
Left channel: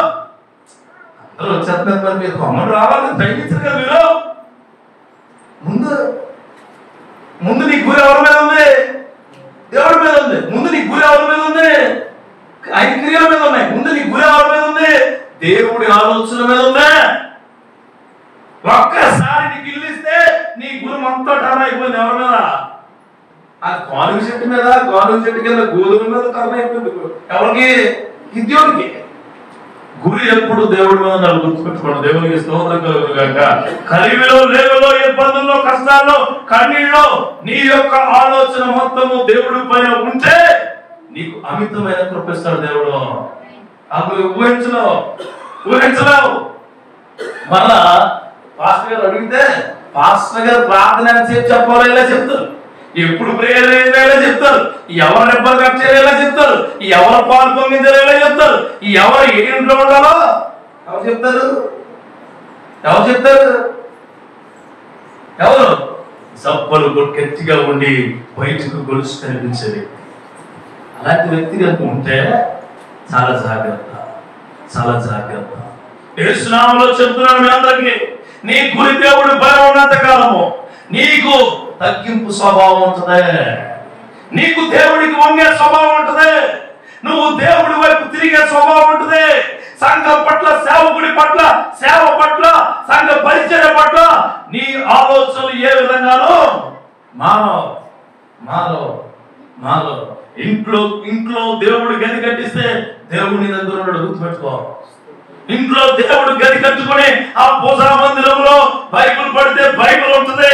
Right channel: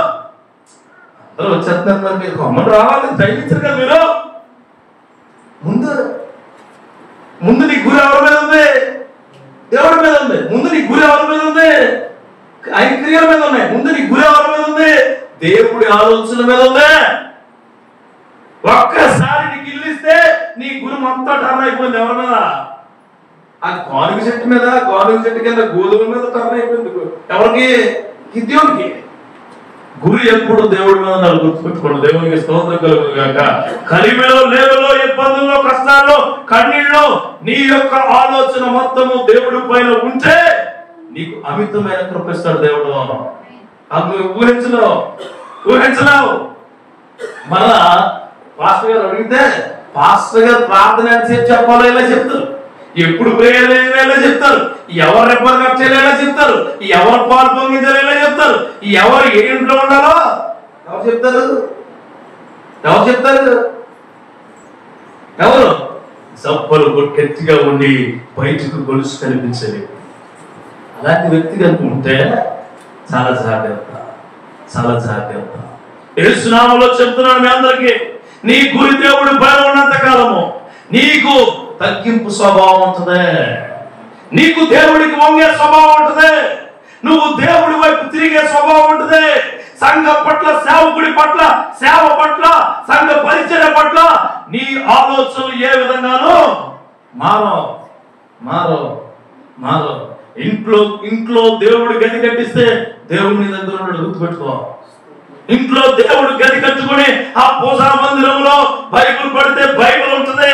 అందరూ వచ్చేస్తున్నారు, మరి మీరు కొమ్మలు రావాలని జయించారు కదా. మీరు ముందు నీ గురి ఎవరి మీద ఉంది? దేవుడి మీద ఉంది. ముందు నీ గురి ఎవరి మీద ఉంది? ఆయన క్రియల మీద ఉన్నాయి. ముందు నీ గురి ఎవరి మీద ఉంది? దేవుడి ఆలోచన మీద ఉంది. ఒక్కసారి నీకు ఇల్లు ఇస్తే నీ గురి మొత్తం టర్న్ అయిపోయింది. ఎవరి మీద? ఆ గానుగ చెట్టు మీద, గానుగ చెట్టు కింద గోధుమ మీద టర్న్ అయిపోయింది. ఎవరికి? గిద్యోనికి. గురి ఎప్పుడు దేవుడి మీద గుర్తుపెట్టుకోండి. దేవునికి స్తోత్రం కలుగుగాక. కలిమిలో, లేవలో, ఇబ్బందుల్లో, కష్టాల్లో, కన్నీళ్ళలో నీ యొక్క ఆలోచన మొత్తము దేవుడి పైన ఉంటే నీకు అమితమైన కృపిస్తాడు దేవుడు. అప్పుడు ఊహించలేవు. మళ్ళా పాస్టర్ గారు అడిగితే పాస్టర్ గారు ప్రార్థన ఎంతసేపు చెప్పాలో ఇలా చెప్తారు, ఎప్పుడు ప్రేయర్ ఎలా చెప్తారు, ఎవరు రెబ్బర్ కట్ చేయాలో చెప్తారు, ఎవరు పాలు పొంగించాలో చెప్తారు, ఎవరు ఏ ఇంట్లో ఉండాలో ఎవరు చెప్తారు? ఎవరు? సప్పలు గట్టిగా ఉండి బయటకు గొలుసు కనిపించేది. అలాంటి వ్యక్తి కనుక ఉంటే చాలా జాగ్రత్త, చాలా జాగ్రత్త. యేసు నామములో చెప్తున్నాను మీ అందరికీ, నీ గురి దేవుడు భయం ఉన్నంత కాలము నీకు తగ్గింపు స్వభావం ఉంటుంది, నీకు దేవుడికి వంగే స్వభావం ఉంటుంది, నువ్వు దేవుడి వైపు తిరిగే స్వభావం ఉంటుంది. సంఘం పట్ల, సేవకుడి పట్ల, సేవ పట్ల, సంఘ పరిచర్య పట్ల నీ ఆలోచనలు ఏ విధంగానూ మారో. ఇంట్లో దేవుడు గది కట్టిస్తే దేవుడి దగ్గర గుర్తుపెట్టుకో. ఇంట్లో దేవుడు గది కట్టుకుని ఆ పూజా మందిరంలో బైబిల్ పడితే బైబిల్ ఉంటుంది,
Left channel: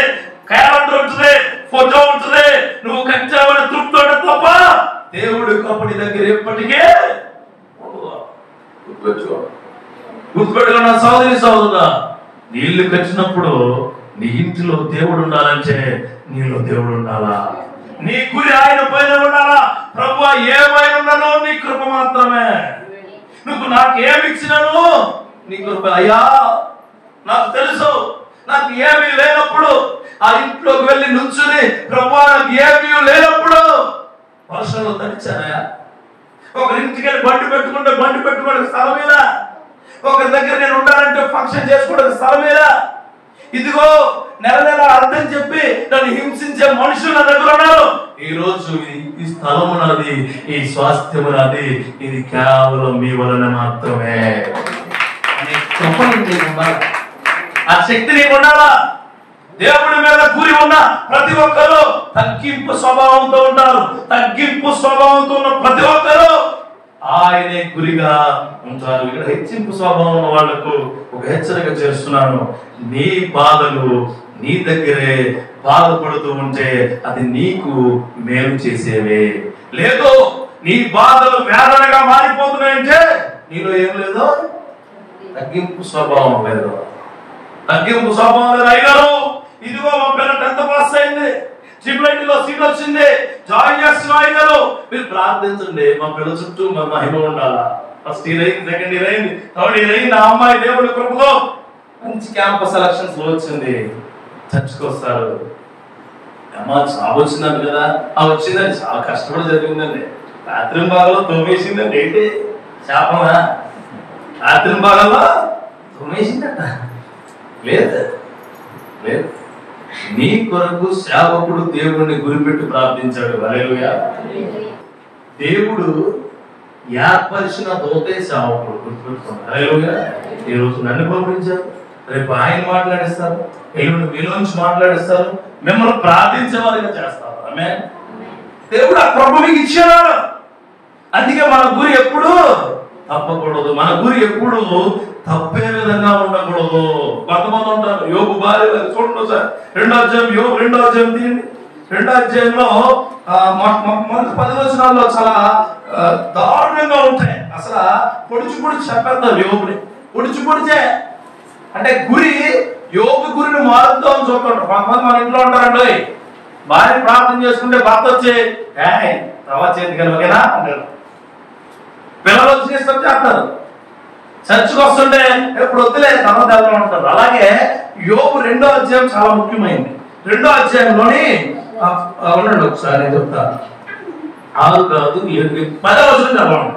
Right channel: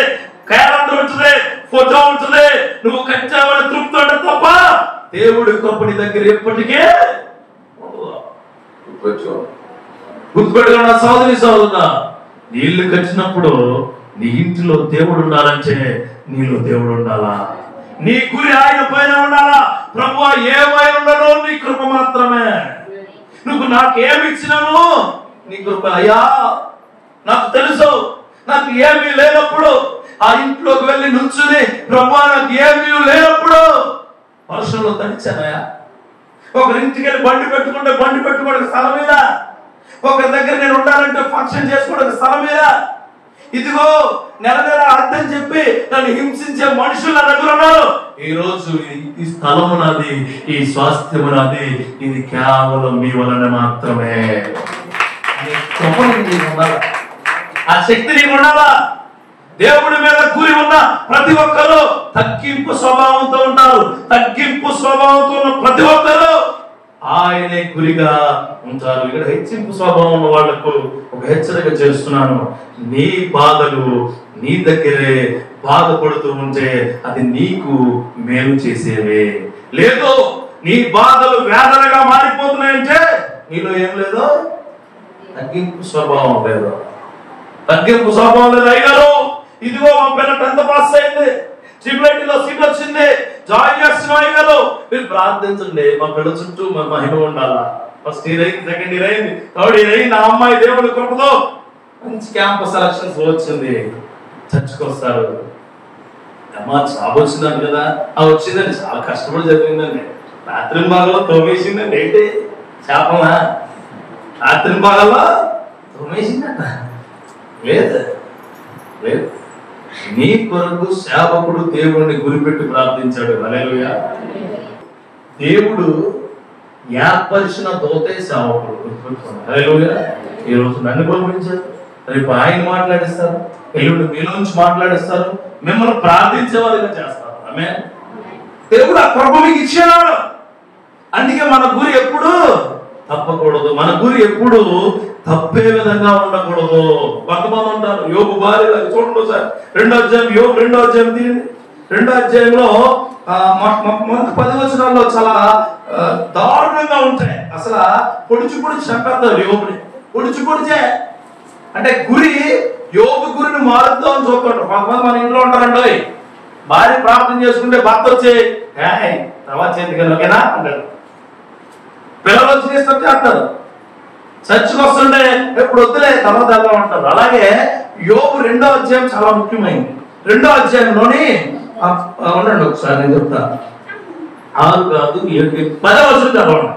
క్యాలెండర్ ఉంటుంది, ఫోటో ఉంటుంది, నువ్వు కచ్చావని తృప్తి ఉండదు తప్ప దేవుడి గొప్పని దగ్గర ఎప్పటికే గుర్తుపెట్టుకున్న సోదరుడా, నీళ్లు కట్టినప్పుడు నీ ఇంటిలో దేవుడు ఉండాలంటే నీలో దేవుడు ఉండాలా, నీ గురి ఆయన పైన ఉండాలా. ప్రభు ఏమైనా ఉండలో నీ కృప మాత్రమే. నువ్వు నాకేమి ఇచ్చినావు? నీ కృప. అయ్యా నాకు తెలుసు, నాకు ఏమీ లేనప్పుడు ఆ ఇంట్లోకి వెళ్ళి నుంచుని ప్రభు నాకు ఏమీ లేనప్పుడు వర్షంలో తడిచానయా. ఒకరింటికి వెళ్ళి బండి పెట్టుకుంటే స్థలం మీద, ఒకరి దగ్గర నేను ఉండాలంటే ఫంక్షన్ చేసుకోవడానికి స్థలం మీద. ఇదిగో నెల అర్థం చెప్పి నన్ను హింసించే మనుషులు నా దగ్గర ఉన్నారు. ఈ రోజు ఈ స్థలము నాది, ఈ స్వాస్థ్యము నాది, ఇది కేవలం మీ వలన మాత్రమే. ఆ శక్తి నీకు ఉండాలా. దేవుడి మీద గురి ఉన్న ప్రతి ఒక్కరు తగ్గింపు స్వభావంతో ఉంటారు. తగ్గింపు స్వభావంతో ఉన్న ప్రతి ఒక్కరు ఆయనే గురిగా ఉంటారు. ఇక్కడ హెచ్చింపు స్వభావం ఉన్న వాళ్లకు ఒక హెచ్చరిక చేస్తున్నాను. నీ బాధలు నీ దగ్గరే బాధపడుతూ ఉంటే అది నీకు మేలు చేసేవే. లేదు నీ బాధలు వేదనగా మారిపోతున్నాయంటే నీలో ఏం లేదు, తగ్గింపు స్వభావం లేదు. తగ్గింపు స్వభావం లేదు. అయ్యారు ఇదిగో మా పిల్ల 10th పాస్ అయింది, ట్రిపుల్ సీట్ వచ్చింది, జాయిన్ చేస్తున్నారు అయ్యారు, మీరు ప్రార్థించండి. మా పిల్ల చుట్టూ మా మహిమ ఉండాలా. ఫస్ట్ ఇయర్ అయింది, సెకండ్ ఇయర్ అయింది, థర్డ్ ఇయర్ అయింది. ఆ అమ్మాయి దేవుడి కృపతో మంచి క్యాంపస్ సెలక్షన్స్ వచ్చింది, చర్చకు వస్తారు. అమ్మ జాబ్ వచ్చిందండి కదా, ఆ వచ్చిందండి, చాలా కష్టపడి చదివిందండి, రాత్రి భాగంలో తోమేసిందండి. ఏంటి శాపమా? రాత్రి భాగంలో తోమేసిందట. లేదు లేదు, నీ కొరకు సేవకుడు దేవుడిని గురిపెట్టి ప్రార్థించాడు. హల్లెలూయా. దేవుడు ఏర్పరిచిన దోతే సేవకుడు. గుర్తుపెట్టుకోండి. హల్లెలూయా. ఈ రోజు నన్ను పంపించారు, రేపు ఆయన మాట్లాడిస్తారు, ఎల్లుండి మీలోంచి మాట్లాడిస్తారు, మిమ్మల్ని ప్రార్థించే వారిగా చేస్తారు. ఆమేన్. దేవుడు ఆ కృప మీకు ఇచ్చాడు. అందుకే మన గురి ఎప్పుడు తప్పకూడదు, మన గురి ఎప్పుడు తప్పే విధంగా ఉండకూడదు. కొంతమంది ఉంటారు, యోబు భార్య చూడండి సార్, 2వ అధ్యాయం, యోబు 2వ అధ్యాయం తీయండి. 2వ అధ్యాయంలో 10 వచనాల్లో చాలా దారుణంగా ఉంటాయి. అసలు పొడిచి చెప్పేస్తారు యోబుని, పొడిచే అంటే గురి, యోబు గురిని మారుద్దాం అని చూస్తుంటారు. కొంతమంది మన ఇంట్లో ఉంటారండి, భార్య ప్రార్థన చేసుకుంటే భర్త వచ్చే తర్వాత చేతికి ఓకేనా అంటారు, పిల్లలు వచ్చి చేస్తారు, చర్చకు వస్తుంటే ఎప్పుడు వద్దులే తర్వాత వెళ్తా ఉంటారు. అలాగే యోబు 2వ అధ్యాయం చాలా ముఖ్యమైనది. 2వ అధ్యాయంలోని ఉండండి ఒకసారి చెప్తా. 6 కాదు 7 10 వచనం చదవండి.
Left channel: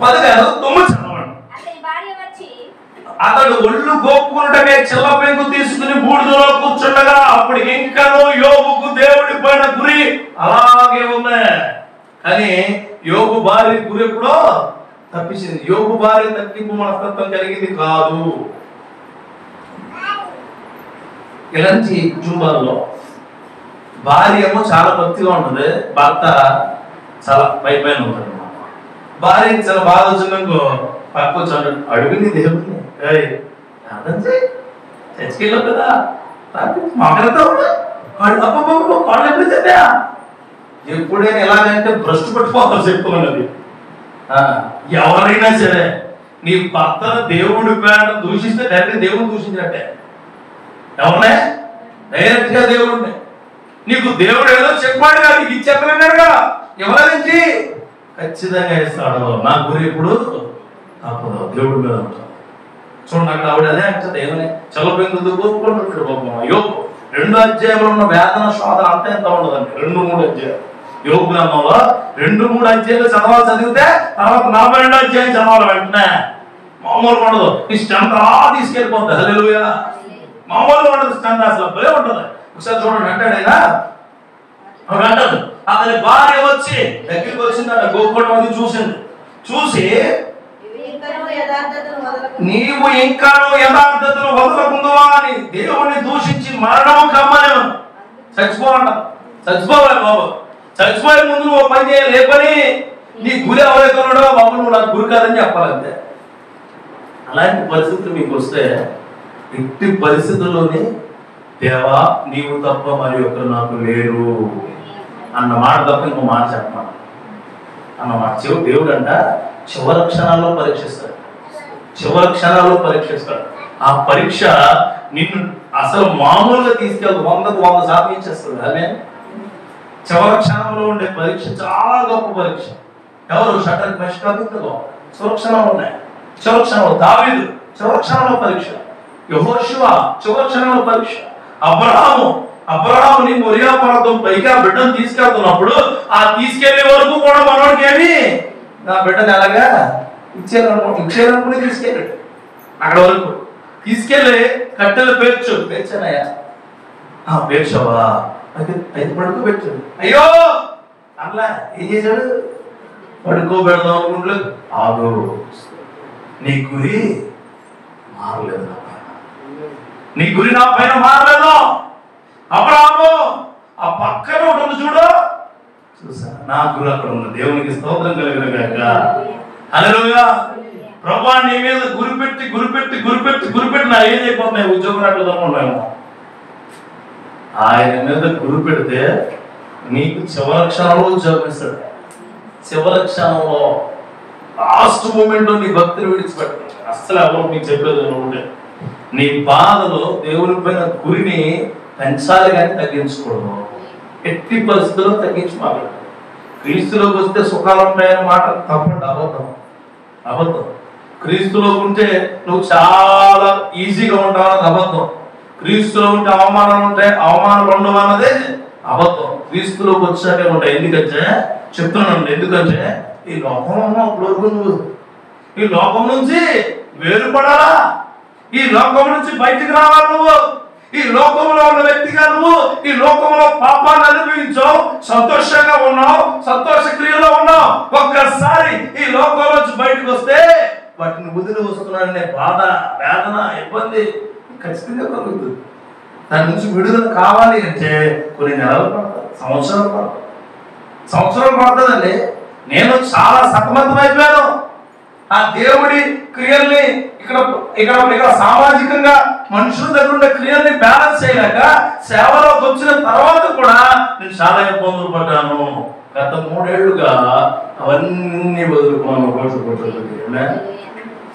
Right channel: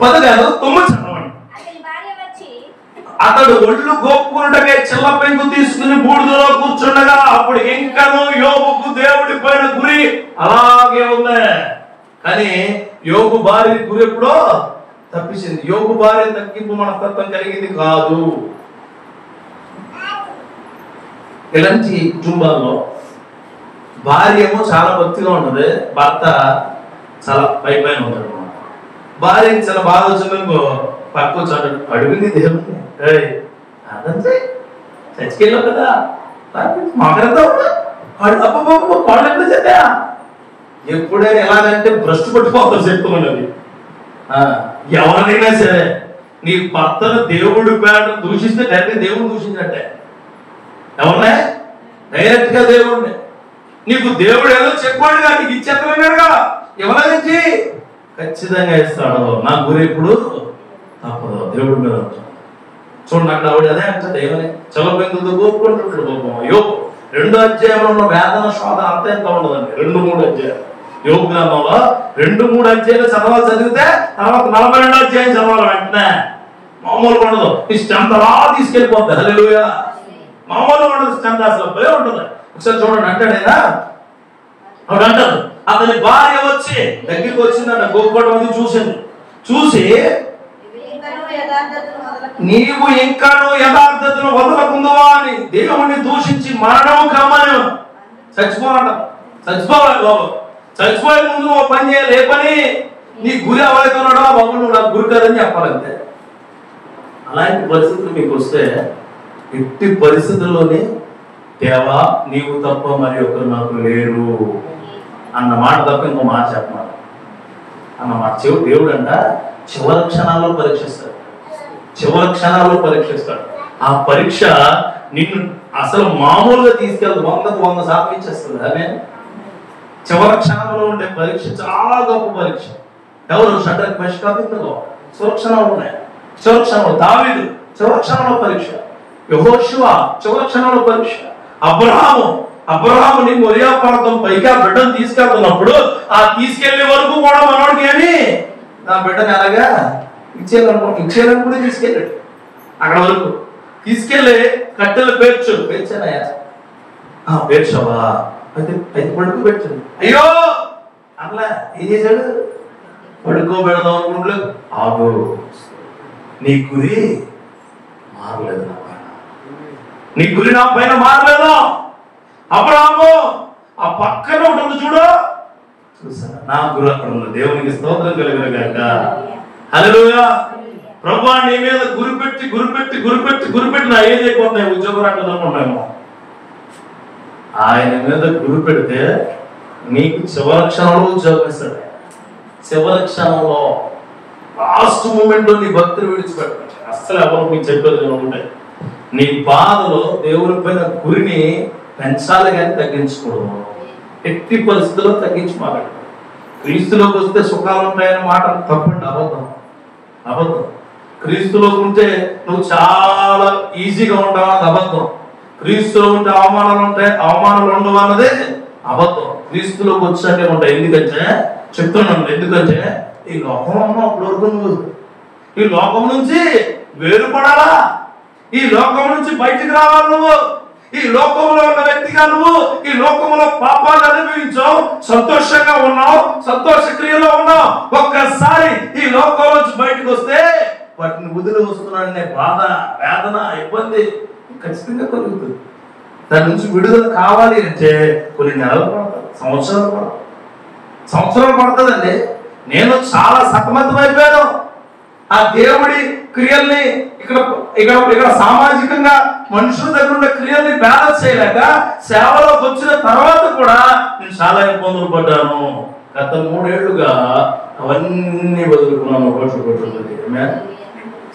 10 కాదు 9 చదవండి. అతడు ఒళ్ళు గోపుకున్నట్టుగా చిల్ల పెంకు తీసుకుని బూడిదలో కూర్చుండగా అప్పుడు ఇంకనూ యోబుకు దేవుడి పైన గురి అలాగే ఉంది. కానీ యోబు భార్య గురి ఎప్పుడో తప్పించింది. యోబు భార్య తగ్గింపు మనస్తత్వం కలిగింది కాదు. ఇలాంటి కుటుంబాల్లో భార్య ఏమో చాలా భక్తిగా ఉంటుంది, భర్త చాలా పైన ఉంటుంది అన్నమాట. భార్య చాలా బాగా వచ్చిందనుకో పక్క వచ్చాడు, అడుగుంది దేవుడిని, అర్థం చేయి, చచ్చికెళ్ళాం కదా మాట్లాడతావు, ఎప్పుడు చెప్పా. ఎప్పుడైనా ఎలాగంటే భ్రష్టు పట్టుకోవాలి చెప్పుకోండి. ఎవరైనా సరే నీ భర్తను దేవుడి పేట దూషిస్తే డైరెక్ట్ దేవుడిని దూషించినట్టే. అవునా? డైరెక్ట్ గా దేవుడిని. నీకు దేవుడు ఏదో చెప్పాడు కదా, నీకు ఇచ్చేస్తున్నాడు కదా, ఎవరైంది ఖచ్చితంగా ఇస్తాడు. నా గురి ఇప్పుడు తప్పదు, దేవుడి మీద ఉంటాడు. చూడండి అక్కడ ఆవిడ అదే అంటుంది, ఏమని చల్లబెందుకు కోరుకుంటుంటాడు పాపం. యోబు 2 అధ్యాయంలో ఉన్న వేదన శోధన అంత ఎంత ఉండదండి. 2-3 అధ్యాయాలు యోబు గ్రంథంలో 2-3 అధ్యాయాలు చదివితే తర్వాత 42 అధ్యాయం చదవాలి వెంటనే. మామూలుగా ఉండదు, నీ స్ట్రెంత్ అలా తీసుకెళ్ళిపోద్ది. హల్లెలూయా. మామూలుగా ఉండదు స్ట్రెంత్, అసలు భలే ఉంటుంది. ఒకసారి చూడండి అంటాడైనా అంటాడు, అతని భార్య వచ్చి దగ్గరికి వచ్చిందట, గోపటి మంది చూసింది. చూసి నీవు ఇంకా యథార్థతను వదలకుందువా అని దేవుణ్ణి దూషించి మరణము కమ్మను. చచ్చిపోవాల బాబు, చచ్చిపోయే ముందు నువ్వు పని చేయాలి. ఏ పని? నీ గురి ఎవరైతే ఉన్నాడో బాబు నువ్వు నాకు గురి కాదని చెప్పాలంతే. అలాంటి పరిస్థితులు మీకు వస్తే ఎట్టి పరిస్థితుల్లోని దేవా నీవు తప్ప మరి ఒకరు నాకు లేరు అన్న మాట తప్ప ఇంకో మాట చెప్పమాట అన్నమాట. దేవుడు అంట చివరి క్షణాల్లో పరీక్షిస్తాడు. ఆ పరీక్ష నిన్ను అసలు మామూలుగా తీసుకెళ్ళదు, 100% ఇచ్చేస్తుంది. అదే చివరి క్షణంలో ఉండే పరీక్ష చాలా గొప్ప పరీక్ష. ఎవరు? షడ్రక్ మెషక్ అబేద్నెగో చివరి క్షణంలో ఉన్నాయి. చివరి క్షణంలో దావీదు చివరి క్షణంలో పరీక్ష. యెహోషువ చివరి క్షణంలో పరీక్ష. అబ్రహాము నేను ఒరియా పర్వతం పైగా బిడ్డను తీసుకెళ్తున్నప్పుడు ఆ తీసుకెళ్లే వరకు కూడా మనోడికి ఏమి నా బిడ్డను ఎలాగా ఇచ్చేయాలనుకుంటే తీసుకెళ్ళాడు. అక్కడ వరకు తీసుకెళ్ళి కట్టెలు పేర్చానయ్యా, పేర్చవా అయితే పడుకోబెట్టు. అయ్యో అట్లా ఏం చేశాడు? పడుకోబెడదాం అనుకుంటే ఆగు, నీ గురి మారలేదు, నీ గురి నా పైన మారలేదు. అబ్రహాము ఆ పక్కన ఒకటి ఉంది చూడు, చూసా నా గురి అక్కడ ఉంది. దేవునికి స్తోత్రం కలిగిన హల్లెలూయా. ప్రభా నీ మీద గురిపెట్టి నా ఏం అయిపోతున్నాయి, ఉద్యోగం రాట్లేదనుకుంటాము. ఆయన మీద గురి పెడితే నీకు చివరి క్షణంలో ఉద్యోగం ఇస్తాడు. చివరి క్షణంలో లాస్ట్ మూమెంట్ లో నీ భక్తులు విడిచిపెట్టాడు. అస్సలు ఎవరు నీకు చెప్పేది అనుకుంటే నీ బాధలో దేవుని పైన గురిని పెంచాలి కానీ తగ్గించకూడదు. ఎట్టి పరిస్థితుల్లో తగ్గించి మాట్లాడు. క్రీస్తులోకి వస్తే సుఖాలు ఉంటాయని మాట తప్పండి, అబద్ధం. క్రీస్తులో ఉంటే నువ్వు చాలా ఈజీగా ఉంటావన్నది అబద్ధం. క్రీస్తులో ఉంటే అవమానాలు ఉంటాయి, అవమానాలు ఉండవు అన్నదే అబద్ధం. క్రీస్తులోకి వచ్చాకే ఉంటాయి. ఎందుకంటే చెప్తున్నాను, ఎందుకంటే ఈ లోకం నుంచి వేరుపడాలా, ఈ లోకం నుంచి బయటికి రావాలి. నువ్వు ఈ లోకంలో ఉన్న వ్యక్తిగా నువ్వు ఈ లోకంలో పాపాలు అనుభవించావు, సంతోషంగా ఉన్నావు, సంతోష క్రియలో ఉన్నావు. ఒక్కసారి ఈ లోకంలో నుంచి బయటకు వస్తే వాటిని వదిలి వస్తున్నాడనే బాధ, వేదన, ఇబ్బంది ఖచ్చితంగా కలుగుతుంది. దాని నుంచి విడుదల కావాలి అంటే కొన్ని నెలలు పడతాయి, సంవత్సరాలు పడుతుందండి. నేను చాలా సతమతమైపోయాను. ఆ దేవుడి క్రియల్ని ఇక్కడ సామాజికంగా మనుషుల దగ్గర ఉండే క్రియల్ని బ్యాలెన్స్ చేయలేక సేవలోకి వచ్చిన తర్వాత కూడా నేను చాలా ఇబ్బందులు పడ్డాను. గత 3 ఏళ్లుగా అవన్నీ వదులుకున్నాను.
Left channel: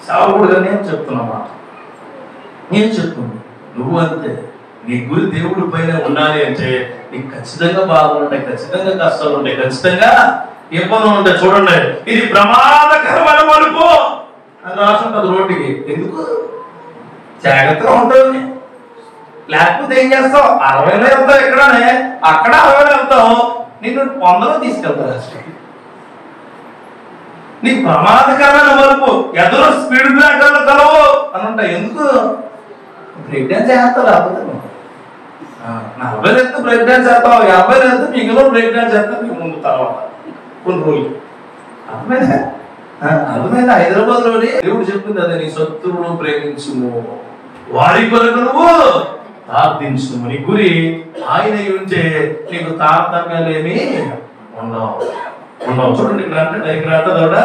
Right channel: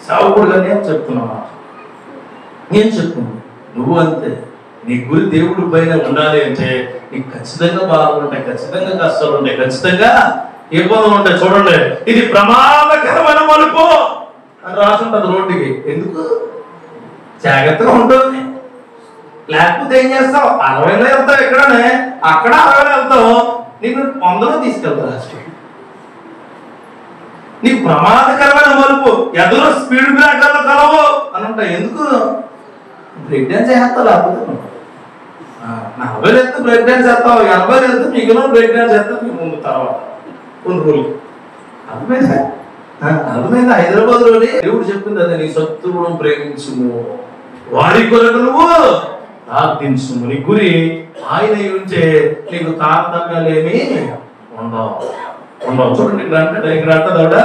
సేవకుడుగా నేను చెప్తున్నా, నేను చెప్తున్నాను, నువ్వు అంతే. నీ గురి దేవుడి పైన ఉండాలి అంటే నీకు ఖచ్చితంగా బాధలు ఉంటాయి, ఖచ్చితంగా కష్టాలు ఉంటాయి, ఖచ్చితంగా ఇబ్బందులు ఉంటాయి. చూడండి, ఇది ప్రమాదకరమైన మలుపు అని రాసుంటది రోడ్డుకి. ఎందుకు? జాగ్రత్తగా ఉంటుంది. లేకపోతే ఏం చేస్తావు? 60లో వెళ్తావు, ఇక్కడనే అక్కడ 60లో వెళ్తావు, నిన్ను 100లో తీసుకెళ్తావు. లాస్ట్కి నీకు ప్రమాదకరమైన మలుపు, ఎదురు స్పీడ్ బ్రేకర్లు కలవు అని ఉంటాయి. ఎందుకు? బ్రేక్ డాన్స్ చేస్తావు. లేకపోతే 40లో వెళ్తే బ్రేక్ డాన్స్ చేస్తావు, 50లో వెళ్తే మిగిలిన బ్రేక్ డాన్స్ చేస్తావు. నీకు ముందు తర్వాత కొన్ని రోజులు అర్థమైంది. హైదరాబాద్ లోని దేవుడు చెప్పింది అదే, నీ శత్రువును ప్రేమించుము, వారి కొరకు నువ్వు ప్రార్థించుము. నీ గురి ఆయన ఉంటే నీకు తారతమ్యాలేమి ఉండవు. చూడండి ఇక్కడ అంటాడు,